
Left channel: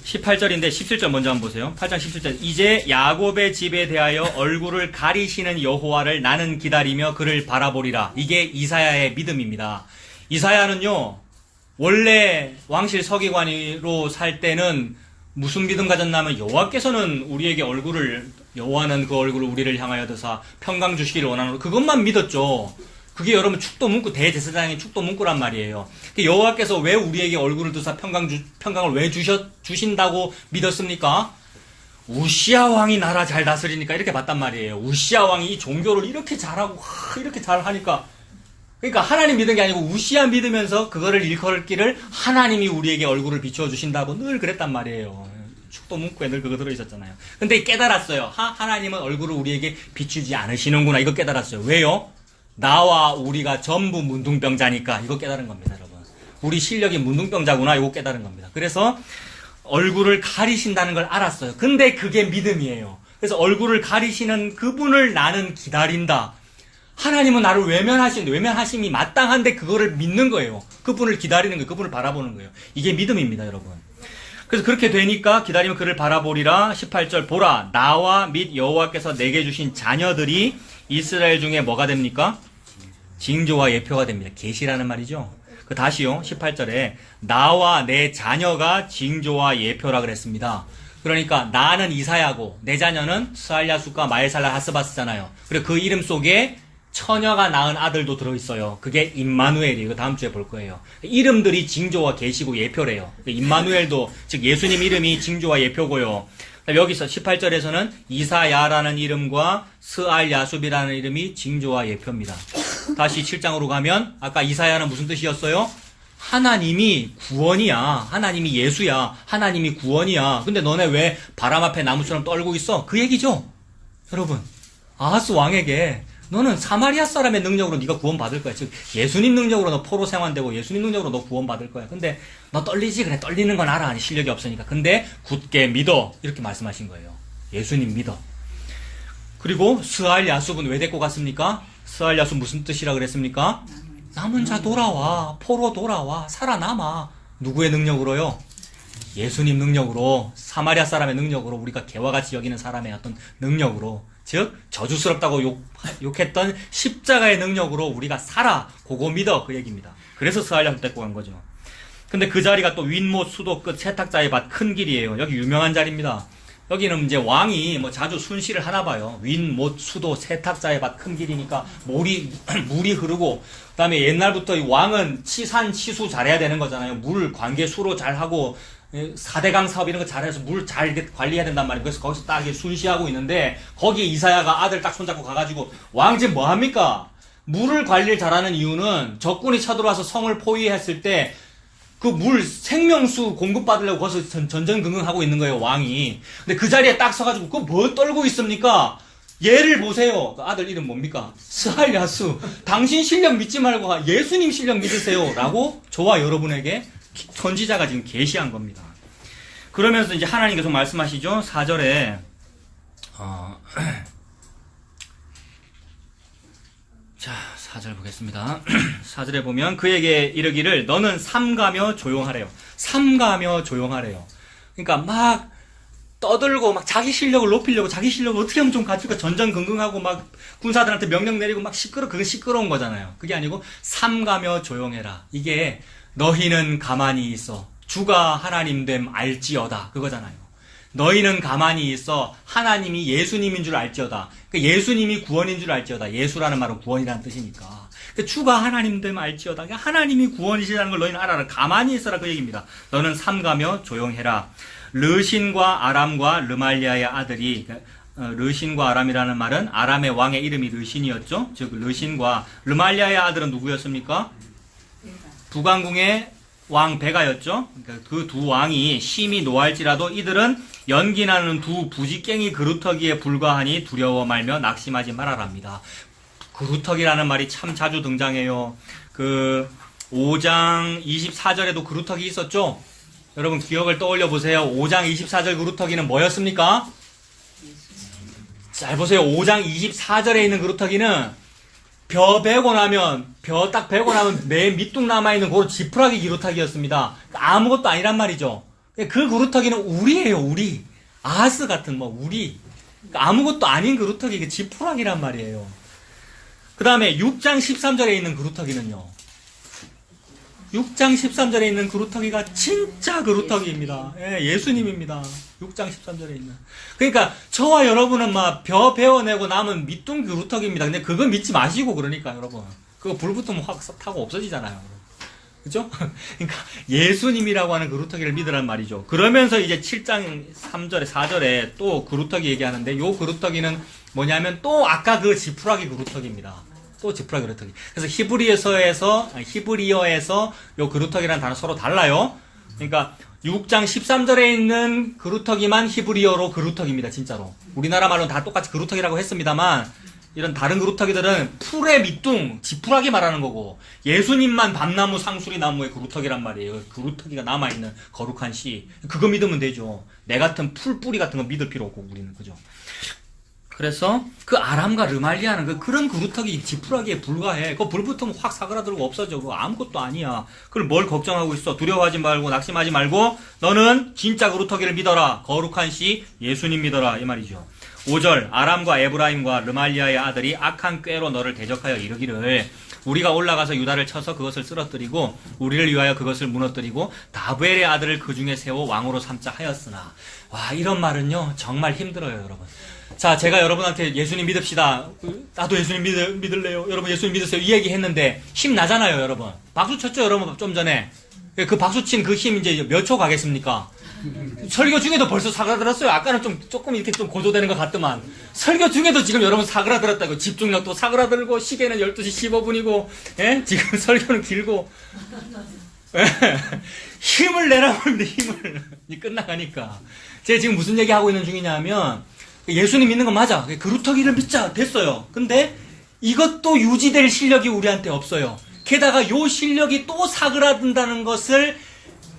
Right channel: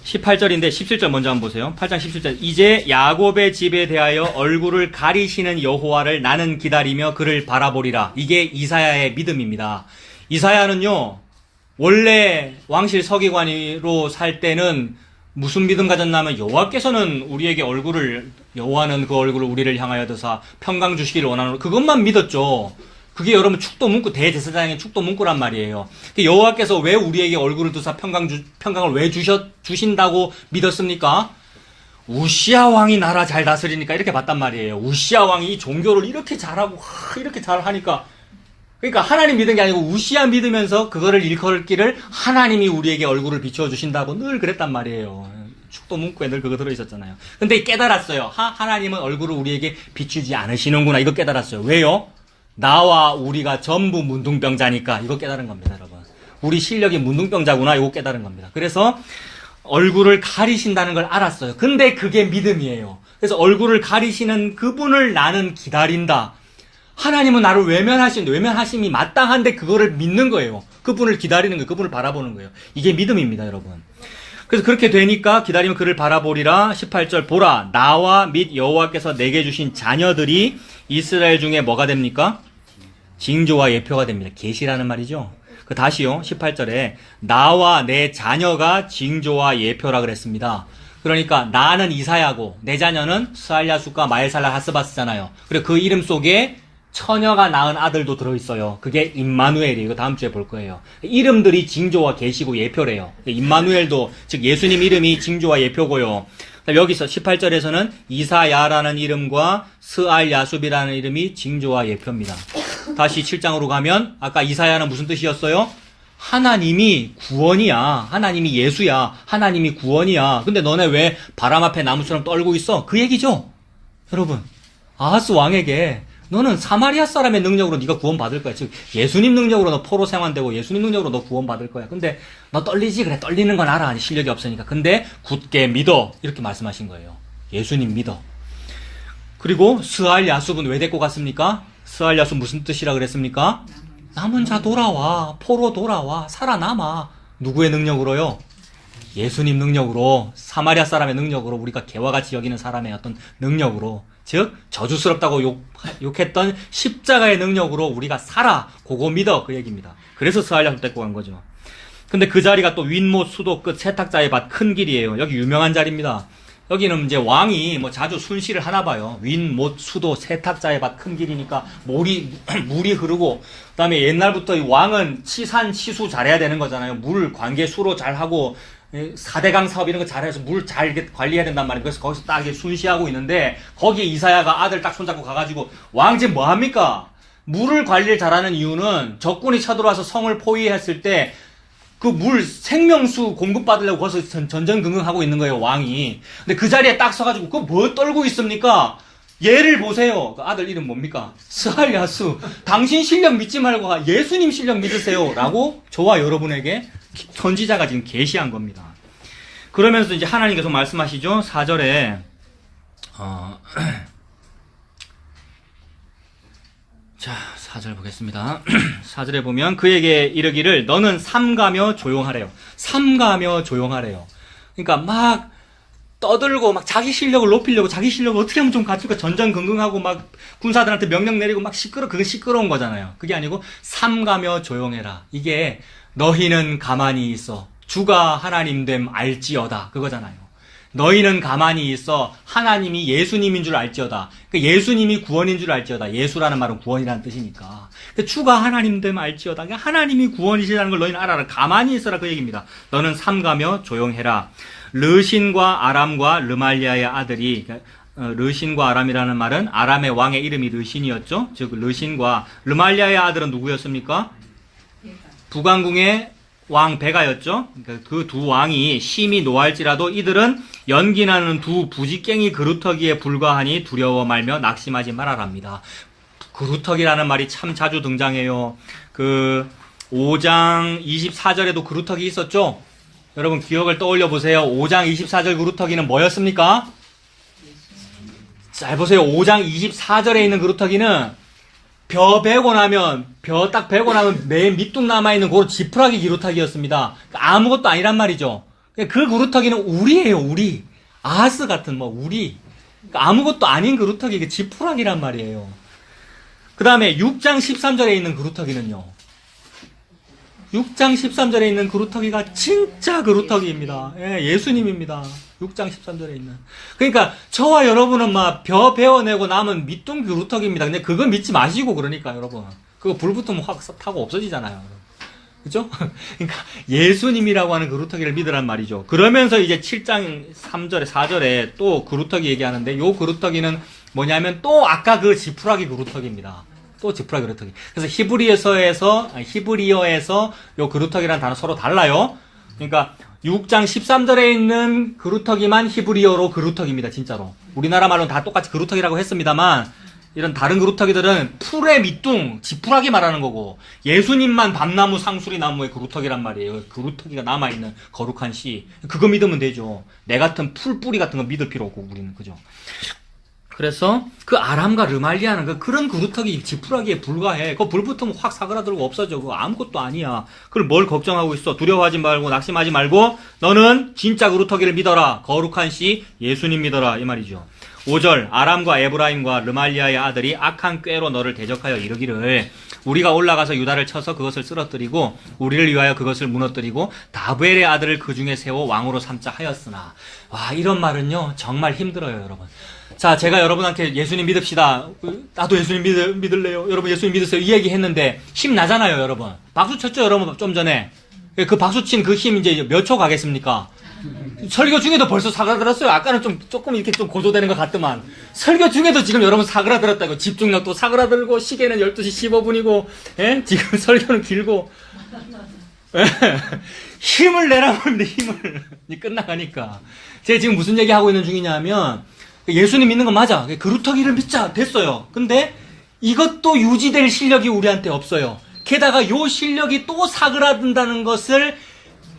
18절인데 17절 먼저 한번 보세요. 8장 17절. 이제 야곱의 집에 대하여 얼굴을 가리시는 여호와를 나는 기다리며 그를 바라보리라. 이게 이사야의 믿음입니다. 이사야는요, 원래 왕실 서기관으로 살 때는 무슨 믿음 가졌냐면 여호와께서는 우리에게 여호와는 그 얼굴을 우리를 향하여 드사 평강 주시기를 원하는 그것만 믿었죠. 그게 여러분 축도 문구, 대제사장의 축도 문구란 말이에요. 여호와께서 왜 우리에게 얼굴을 두사 평강을 왜 주신다고 믿었습니까? 우시야 왕이 나라 잘 다스리니까 이렇게 봤단 말이에요. 우시야 왕이 이 종교를 이렇게 잘하고 이렇게 잘하니까, 그러니까 하나님 믿은 게 아니고 우시야 믿으면서 그거를 일컬기를 하나님이 우리에게 얼굴을 비추어 주신다고 늘 그랬단 말이에요. 축도 문구에 늘 그거 들어있었잖아요. 근데 깨달았어요. 하나님은 얼굴을 우리에게 비추지 않으시는구나. 이거 깨달았어요. 왜요? 나와 우리가 전부 문둥병자니까. 이거 깨달은 겁니다, 여러분. 우리 실력이 문둥병자구나. 이거 깨달은 겁니다. 그래서 얼굴을 가리신다는 걸 알았어요. 근데 그게 믿음이에요. 그래서 얼굴을 가리시는 그분을 나는 기다린다. 하나님은 나를 외면하심이 마땅한데 그거를 믿는 거예요. 그분을 기다리는 거예요. 그분을 바라보는 거예요. 이게 믿음입니다, 여러분. 그래서 그렇게 되니까 기다리면 그를 바라보리라. 18절 보라 나와 및 여호와께서 내게 주신 자녀들이 이스라엘 중에 뭐가 됩니까? 징조와 예표가 됩니다. 계시라는 말이죠. 그 다시요. 18절에 나와 내 자녀가 징조와 예표라 그랬습니다. 그러니까 나는 이사야고 내 자녀는 스알야숫과 마엘살라 하스바스잖아요. 그리고 그 이름 속에 처녀가 낳은 아들도 들어있어요. 그게 임마누엘이에요. 이거 다음 주에 볼 거예요. 이름들이 징조와 계시고 예표래요. 임마누엘도, 즉 예수님 이름이 징조와 예표고요. 여기서 18절에서는 이사야라는 이름과 스알야숲이라는 이름이 징조와 예표입니다. 다시 7장으로 가면 아까 이사야는 무슨 뜻이었어요? 하나님이 구원이야. 하나님이 예수야. 하나님이 구원이야. 근데 너네 왜 바람 앞에 나무처럼 떨고 있어? 그 얘기죠. 여러분, 아하스 왕에게 너는 사마리아 사람의 능력으로 네가 구원받을 거야. 즉 예수님 능력으로 너 포로 생환되고 예수님 능력으로 너 구원받을 거야. 근데 너 떨리지? 그래, 떨리는 건 알아. 실력이 없으니까. 근데 굳게 믿어. 이렇게 말씀하신 거예요. 예수님 믿어. 그리고 스알야숲은 왜 데리고 갔습니까? 스알야숲 무슨 뜻이라 그랬습니까? 남은 자 돌아와. 포로 돌아와. 살아남아. 누구의 능력으로요? 예수님 능력으로, 사마리아 사람의 능력으로, 우리가 개와 같이 여기는 사람의 어떤 능력으로, 즉 저주스럽다고 욕했던 십자가의 능력으로 우리가 살아. 그거 믿어. 그 얘기입니다. 그래서 스알야숲 데리고 간 거죠. 근데 그 자리가 또 윗못 수도 끝 세탁자의 밭 큰 길이에요. 여기 유명한 자리입니다. 여기는 이제 왕이 뭐 자주 순시를 하나 봐요. 윗못 수도 세탁자의 밭 큰 길이니까 물이 흐르고, 그 다음에 옛날부터 이 왕은 치산 치수 잘해야 되는 거잖아요. 물 관계 수로 잘하고 4대강 사업 이런 거 잘해서 물 잘 관리해야 된단 말이에요. 그래서 거기서 딱 순시하고 있는데, 거기에 이사야가 아들 딱 손잡고 가가지고, 왕 지금 뭐 합니까? 물을 관리를 잘하는 이유는 적군이 쳐들어와서 성을 포위했을 때 그 물 생명수 공급받으려고 거기서 전전긍긍하고 있는 거예요, 왕이. 근데 그 자리에 딱 서가지고 그거 뭘 떨고 있습니까? 얘를 보세요. 그 아들 이름 뭡니까? 스알야수. 당신 실력 믿지 말고 예수님 실력 믿으세요. 라고 저와 여러분에게 선지자가 지금 계시한 겁니다. 그러면서 이제 하나님께서 말씀하시죠. 4절에 자, 4절 보겠습니다. 4절에 보면 그에게 이르기를 너는 삼가며 조용하래요. 삼가며 조용하래요. 그러니까 막 떠들고 막 자기 실력을 높이려고, 자기 실력을 어떻게 하면 좀 갖출까 전전긍긍하고 막 군사들한테 명령 내리고 막 그게 시끄러운 거잖아요. 그게 아니고 삼가며 조용해라. 이게 너희는 가만히 있어. 주가 하나님 됨 알지어다. 그거잖아요. 너희는 가만히 있어. 하나님이 예수님인 줄 알지어다. 그러니까 예수님이 구원인 줄 알지어다. 예수라는 말은 구원이라는 뜻이니까. 그러니까 주가 하나님 됨 알지어다. 그러니까 하나님이 구원이시라는 걸 너희는 알아라. 가만히 있어라. 그 얘기입니다. 너는 삼가며 조용해라. 르신과 아람과 르말리아의 아들이, 르신과 아람이라는 말은 아람의 왕의 이름이 르신이었죠. 즉 르신과 르말리아의 아들은 누구였습니까? 북왕궁의 왕 베가였죠. 그러니까 그 두 왕이 심히 노할지라도 이들은 연기나는 두 부지깽이 그루터기에 불과하니 두려워 말며 낙심하지 말아랍니다. 그루터기라는 말이 참 자주 등장해요. 그 5장 24절에도 그루터기 있었죠. 여러분 기억을 떠올려 보세요. 5장 24절 그루터기는 뭐였습니까? 잘 보세요. 5장 24절에 있는 그루터기는 벼 베고 나면 맨 밑둥 남아있는 그 지푸라기 그루터기였습니다. 아무것도 아니란 말이죠. 그 그루터기는 우리예요, 우리. 아하스 같은 우리. 아무것도 아닌 그루터기, 그 지푸라기란 말이에요. 그 다음에 6장 13절에 있는 그루터기는요. 6장 13절에 있는 그루터기가 진짜 그루터기입니다. 예수님입니다. 6장 13절에 있는. 그러니까 저와 여러분은 막 벼 베어내고 남은 밑둥 그루터기입니다. 근데 그거 믿지 마시고, 그러니까 여러분. 그거 불 붙으면 확 타고 없어지잖아요. 그죠? 그러니까 예수님이라고 하는 그루터기를 믿으란 말이죠. 그러면서 이제 7장 3절에 4절에 또 그루터기 얘기하는데, 요 그루터기는 뭐냐면 또 아까 그 지푸라기 그루터기입니다. 또 지푸라기 그루터기. 그래서 히브리어에서 요 그루터기라는 단어 서로 달라요. 그러니까 6장 13절에 있는 그루터기만 히브리어로 그루터기입니다. 진짜로. 우리나라 말로는 다 똑같이 그루터기라고 했습니다만, 이런 다른 그루터기들은 풀의 밑둥, 지푸라기 말하는 거고, 예수님만 밤나무 상수리 나무의 그루터기란 말이에요. 그루터기가 남아있는 거룩한 씨. 그거 믿으면 되죠. 내 같은 풀뿌리 같은 거 믿을 필요 없고, 우리는. 그죠? 그래서 그 아람과 르말리아는 그런 그루터기 지푸라기에 불과해. 그거 불 붙으면 확 사그라들고 없어져. 그거 아무것도 아니야. 그걸 뭘 걱정하고 있어. 두려워하지 말고 낙심하지 말고 너는 진짜 그루터기를 믿어라. 거룩한 씨 예수님 믿어라. 이 말이죠. 5절 아람과 에브라임과 르말리아의 아들이 악한 꾀로 너를 대적하여 이르기를 우리가 올라가서 유다를 쳐서 그것을 쓰러뜨리고 우리를 위하여 그것을 무너뜨리고 다부엘의 아들을 그 중에 세워 왕으로 삼자 하였으나. 와, 이런 말은요 정말 힘들어요, 여러분. 자, 제가 여러분한테 예수님 믿읍시다. 나도 예수님 믿을래요. 여러분 예수님 믿으세요. 이 얘기 했는데 힘 나잖아요, 여러분. 박수 쳤죠, 여러분, 좀 전에. 그 박수 친 그 힘 이제 몇 초 가겠습니까? 설교 중에도 벌써 사그라들었어요. 아까는 조금 이렇게 좀 고조되는 것 같더만. 설교 중에도 지금 여러분 사그라들었다고. 집중력도 사그라들고, 시계는 12시 15분이고, 예? 지금 설교는 길고. 예? 힘을 내라고 하는데 힘을. 끝나가니까. 제가 지금 무슨 얘기 하고 있는 중이냐면, 예수님 믿는 거 맞아. 그루터기를 믿자. 됐어요. 근데 이것도 유지될 실력이 우리한테 없어요. 게다가 요 실력이 또 사그라든다는 것을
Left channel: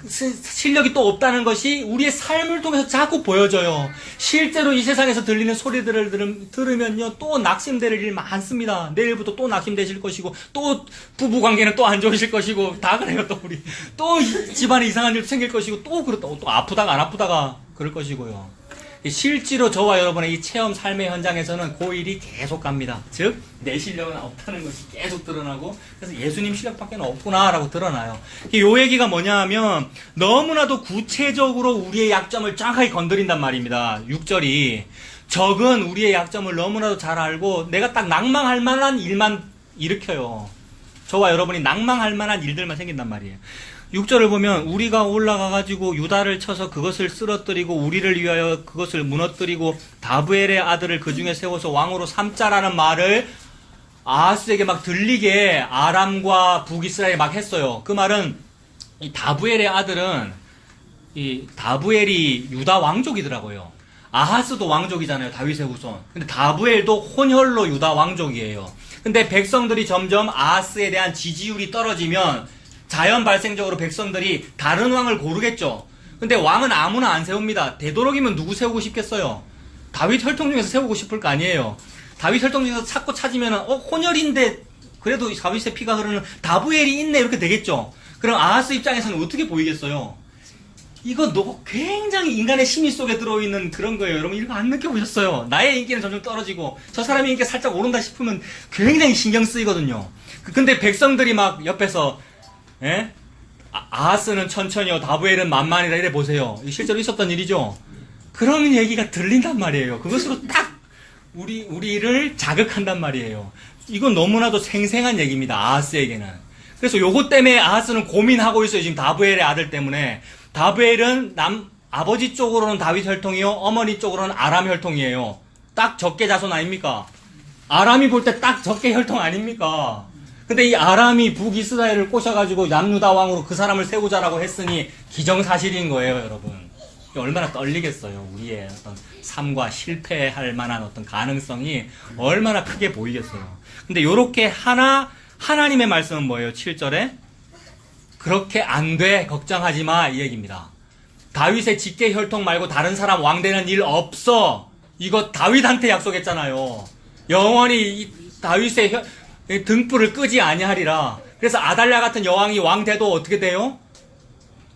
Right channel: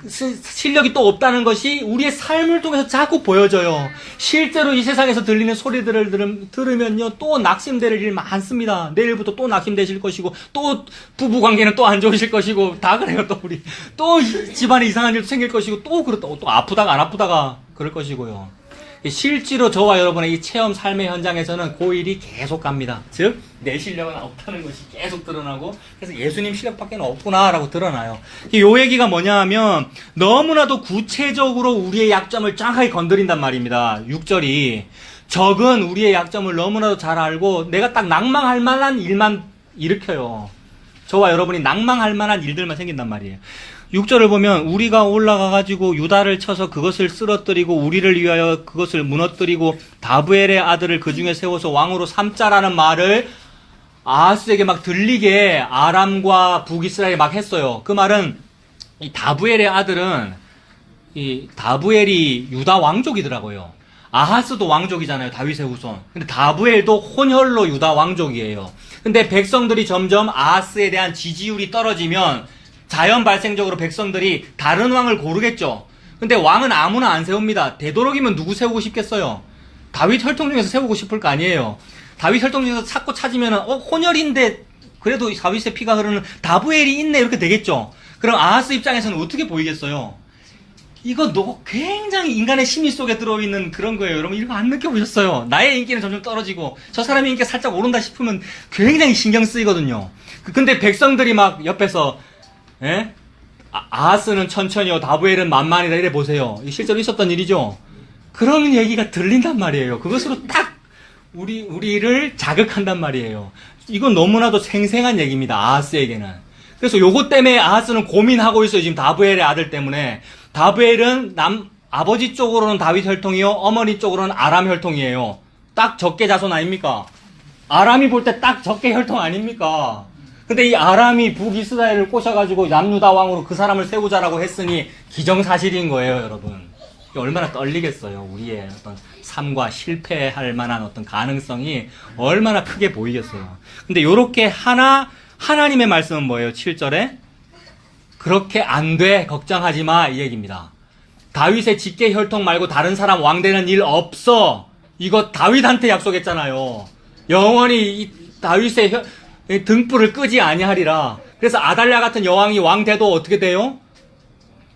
실력이 또 없다는 것이 우리의 삶을 통해서 자꾸 보여져요. 실제로 이 세상에서 들리는 소리들을 들으면요, 또 낙심될 일 많습니다. 내일부터 또 낙심되실 것이고, 또 부부관계는 또 안 좋으실 것이고, 다 그래요. 또 우리 또 집안에 이상한 일도 생길 것이고, 또 아프다가 안 아프다가 그럴 것이고요. 실제로 저와 여러분의 이 체험 삶의 현장에서는 그 일이 계속 갑니다. 즉, 내 실력은 없다는 것이 계속 드러나고, 그래서 예수님 실력밖에 없구나라고 드러나요. 요 얘기가 뭐냐 하면, 너무나도 구체적으로 우리의 약점을 정확하게 건드린단 말입니다. 6절이. 적은 우리의 약점을 너무나도 잘 알고, 내가 딱 낭망할 만한 일만 일으켜요. 저와 여러분이 낭망할 만한 일들만 생긴단 말이에요. 6절을 보면 우리가 올라가가지고 유다를 쳐서 그것을 쓰러뜨리고 우리를 위하여 그것을 무너뜨리고 다부엘의 아들을 그 중에 세워서 왕으로 삼자라는 말을 아하스에게 막 들리게 아람과 북이스라엘이 막 했어요. 그 말은 이 다부엘의 아들은 이 다부엘이 유다 왕족이더라고요. 아하스도 왕족이잖아요. 다윗의 후손. 근데 다부엘도 혼혈로 유다 왕족이에요. 근데 백성들이 점점 아하스에 대한 지지율이 떨어지면 자연 발생적으로 백성들이 다른 왕을 고르겠죠. 근데 왕은 아무나 안 세웁니다. 되도록이면 누구 세우고 싶겠어요? 다윗 혈통 중에서 세우고 싶을 거 아니에요. 다윗 혈통 중에서 찾고 찾으면 혼혈인데 그래도 다윗의 피가 흐르는 다부엘이 있네 이렇게 되겠죠. 그럼 아하스 입장에서는 어떻게 보이겠어요? 이거 굉장히 인간의 심리 속에 들어있는 그런 거예요. 여러분 이거 안 느껴보셨어요? 나의 인기는 점점 떨어지고 저 사람의 인기가 살짝 오른다 싶으면 굉장히 신경 쓰이거든요. 근데 백성들이 막 옆에서 예? 아하스는 천천히요, 다부엘은 만만이다, 이래 보세요. 실제로 있었던 일이죠? 그런 얘기가 들린단 말이에요. 그것으로 딱, 우리를 자극한단 말이에요. 이건 너무나도 생생한 얘기입니다, 아하스에게는. 그래서 요것 때문에 아하스는 고민하고 있어요, 지금 다부엘의 아들 때문에. 다부엘은 아버지 쪽으로는 다윗 혈통이요, 어머니 쪽으로는 아람 혈통이에요. 딱 적게 자손 아닙니까? 아람이 볼 때 딱 적게 혈통 아닙니까? 근데 이 아람이 북이스라엘을 꼬셔가지고 남유다 왕으로 그 사람을 세우자라고 했으니 기정사실인 거예요, 여러분. 얼마나 떨리겠어요. 우리의 어떤 삶과 실패할 만한 어떤 가능성이 얼마나 크게 보이겠어요. 근데 요렇게 하나님의 말씀은 뭐예요? 7절에 그렇게 안 돼, 걱정하지 마, 이 얘기입니다. 다윗의 직계 혈통 말고 다른 사람 왕 되는 일 없어. 이거 다윗한테 약속했잖아요. 영원히 이 다윗의 등불을 끄지 아니하리라. 그래서 아달랴 같은 여왕이 왕 돼도 어떻게 돼요?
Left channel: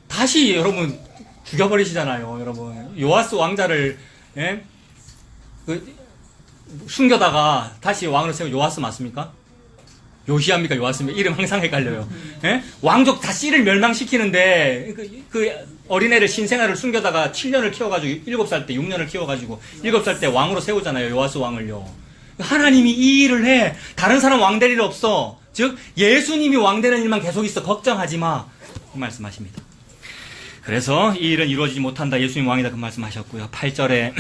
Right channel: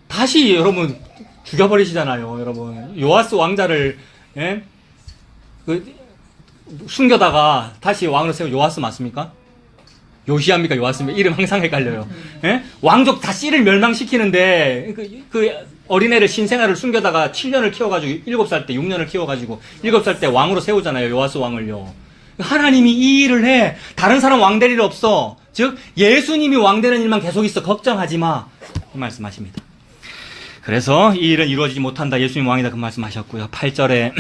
다시 여러분 죽여버리시잖아요. 여러분 요아스 왕자를 숨겨다가 다시 왕으로 세운 요아스 맞습니까? 요시아입니까? 요아스입니까? 이름 항상 헷갈려요. 왕족 다 씨를 멸망시키는데 그 어린애를 신생아를 숨겨다가 7년을 키워가지고 7살 때 6년을 키워가지고 7살 때 왕으로 세우잖아요. 요아스 왕을요. 하나님이 이 일을 해. 다른 사람 왕 될 일 없어. 즉 예수님이 왕 되는 일만 계속 있어. 걱정하지 마. 그 말씀하십니다. 그래서 이 일은 이루어지지 못한다. 예수님 왕이다. 그 말씀하셨고요. 8절에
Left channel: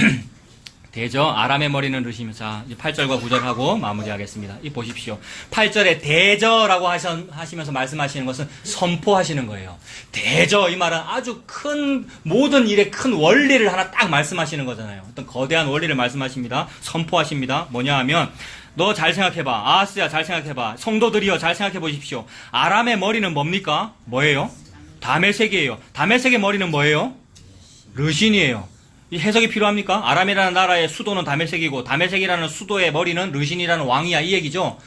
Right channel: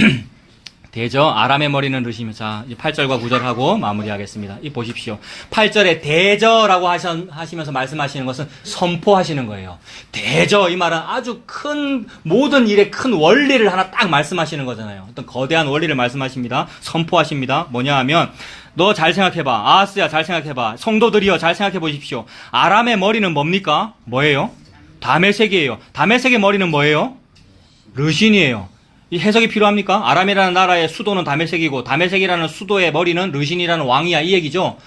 대저 아람의 머리는 르시며. 자, 8절과 9절하고 마무리하겠습니다. 이 보십시오. 8절에 대저라고 하시면서 말씀하시는 것은 선포하시는 거예요. 대저, 이 말은 아주 큰, 모든 일의 큰 원리를 하나 딱 말씀하시는 거잖아요. 어떤 거대한 원리를 말씀하십니다. 선포하십니다. 뭐냐 하면, 너 잘 생각해봐. 아하스야, 잘 생각해봐. 성도들이여, 잘 생각해 보십시오. 아람의 머리는 뭡니까? 뭐예요? 다메섹이에요. 다메섹의 머리는 뭐예요? 르신이에요. 이 해석이 필요합니까? 아람이라는 나라의 수도는 다메섹이고 다메섹이라는 수도의 머리는 르신이라는 왕이야, 이 얘기죠.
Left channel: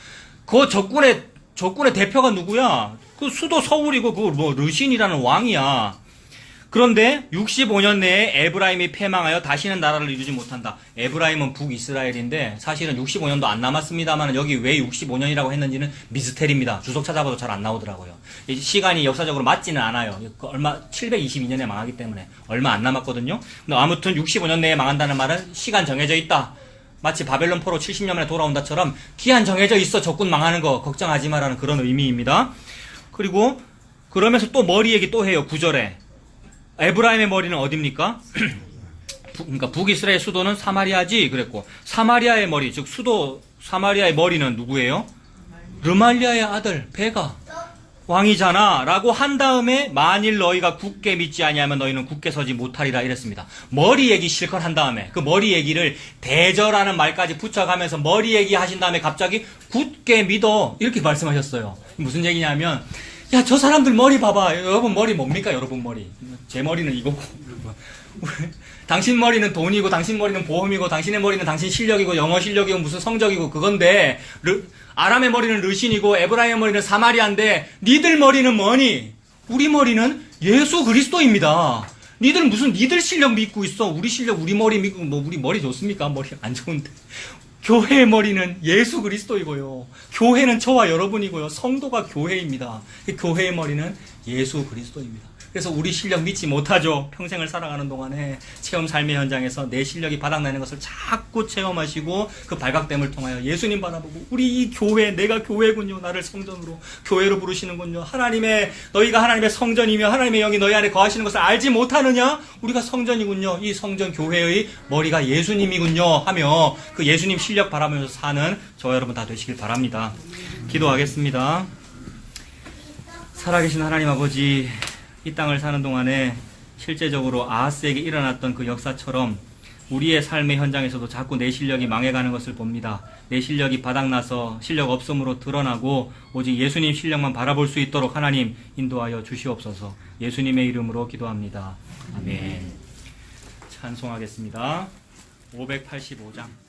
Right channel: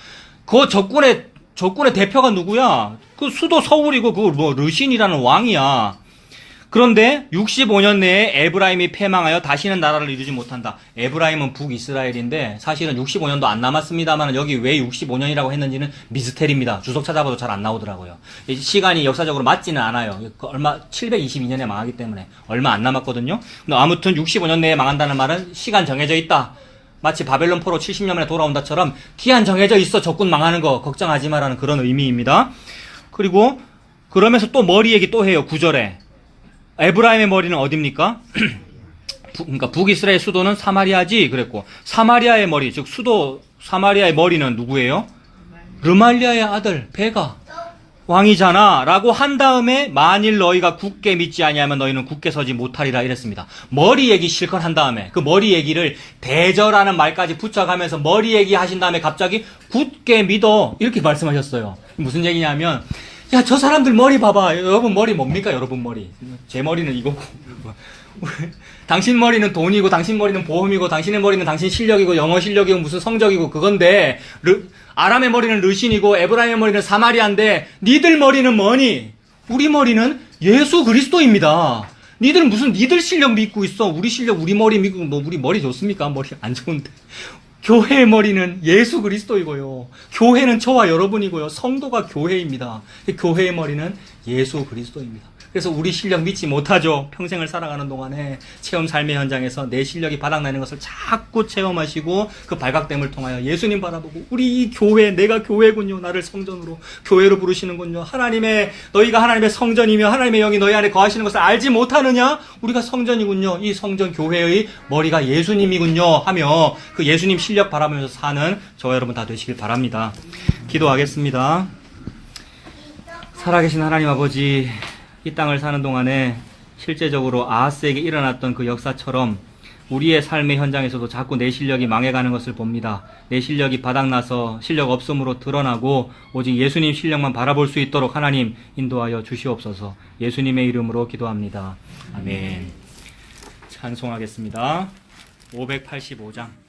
그 적군의 대표가 누구야? 그 수도 서울이고 그 르신이라는 왕이야. 그런데 65년 내에 에브라임이 패망하여 다시는 나라를 이루지 못한다. 에브라임은 북이스라엘인데 사실은 65년도 안 남았습니다만 여기 왜 65년이라고 했는지는 미스테리입니다. 주석 찾아봐도 잘 안 나오더라고요. 시간이 역사적으로 맞지는 않아요. 얼마 722년에 망하기 때문에 얼마 안 남았거든요. 근데 아무튼 65년 내에 망한다는 말은 시간 정해져 있다. 마치 바벨론 포로 70년 만에 돌아온다처럼 기한 정해져 있어. 적군 망하는 거 걱정하지 마라는 그런 의미입니다. 그리고 그러면서 또 머리 얘기 또 해요. 9절에 에브라임의 머리는 어딥니까? 그러니까 북이스라엘 수도는 사마리아지 그랬고, 사마리아의 머리, 즉 수도 사마리아의 머리는 누구예요? 르말리아의 아들 베가 왕이잖아 라고 한 다음에 만일 너희가 굳게 믿지 아니하면 너희는 굳게 서지 못하리라 이랬습니다. 머리 얘기 실컷 한 다음에 그 머리 얘기를 대저라는 말까지 붙여가면서 머리 얘기 하신 다음에 갑자기 굳게 믿어 이렇게 말씀하셨어요. 무슨 얘기냐면, 야, 저 사람들 머리 봐봐. 여러분 머리 뭡니까? 여러분 머리. 제 머리는 이거고. 당신 머리는 돈이고, 당신 머리는 보험이고, 당신의 머리는 당신 실력이고, 영어 실력이고, 무슨 성적이고, 그건데, 아람의 머리는 르신이고, 에브라임의 머리는 사마리아인데, 니들 머리는 뭐니? 우리 머리는 예수 그리스도입니다. 니들 실력 믿고 있어. 우리 실력, 우리 머리 믿고, 뭐, 우리 머리 좋습니까? 머리 안 좋은데. 교회의 머리는 예수 그리스도이고요. 교회는 저와 여러분이고요. 성도가 교회입니다. 교회의 머리는 예수 그리스도입니다. 그래서 우리 실력 믿지 못하죠. 평생을 살아가는 동안에 체험 삶의 현장에서 내 실력이 바닥나는 것을 자꾸 체험하시고 그 발각됨을 통하여 예수님 바라보고 우리 이 교회, 내가 교회군요. 나를 성전으로 교회로 부르시는군요. 너희가 하나님의 성전이며 하나님의 영이 너희 안에 거하시는 것을 알지 못하느냐? 우리가 성전이군요. 이 성전 교회의 머리가 예수님이군요 하며 그 예수님 실력 바라보면서 사는 저와 여러분 다 되시길 바랍니다. 기도하겠습니다. 살아계신 하나님 아버지, 이 땅을 사는 동안에 실제적으로 아하스에게 일어났던 그 역사처럼 우리의 삶의 현장에서도 자꾸 내 실력이 망해가는 것을 봅니다. 내 실력이 바닥나서 실력 없음으로 드러나고 오직 예수님 실력만 바라볼 수 있도록 하나님 인도하여 주시옵소서. 예수님의 이름으로 기도합니다. 아멘. 찬송하겠습니다. 585장.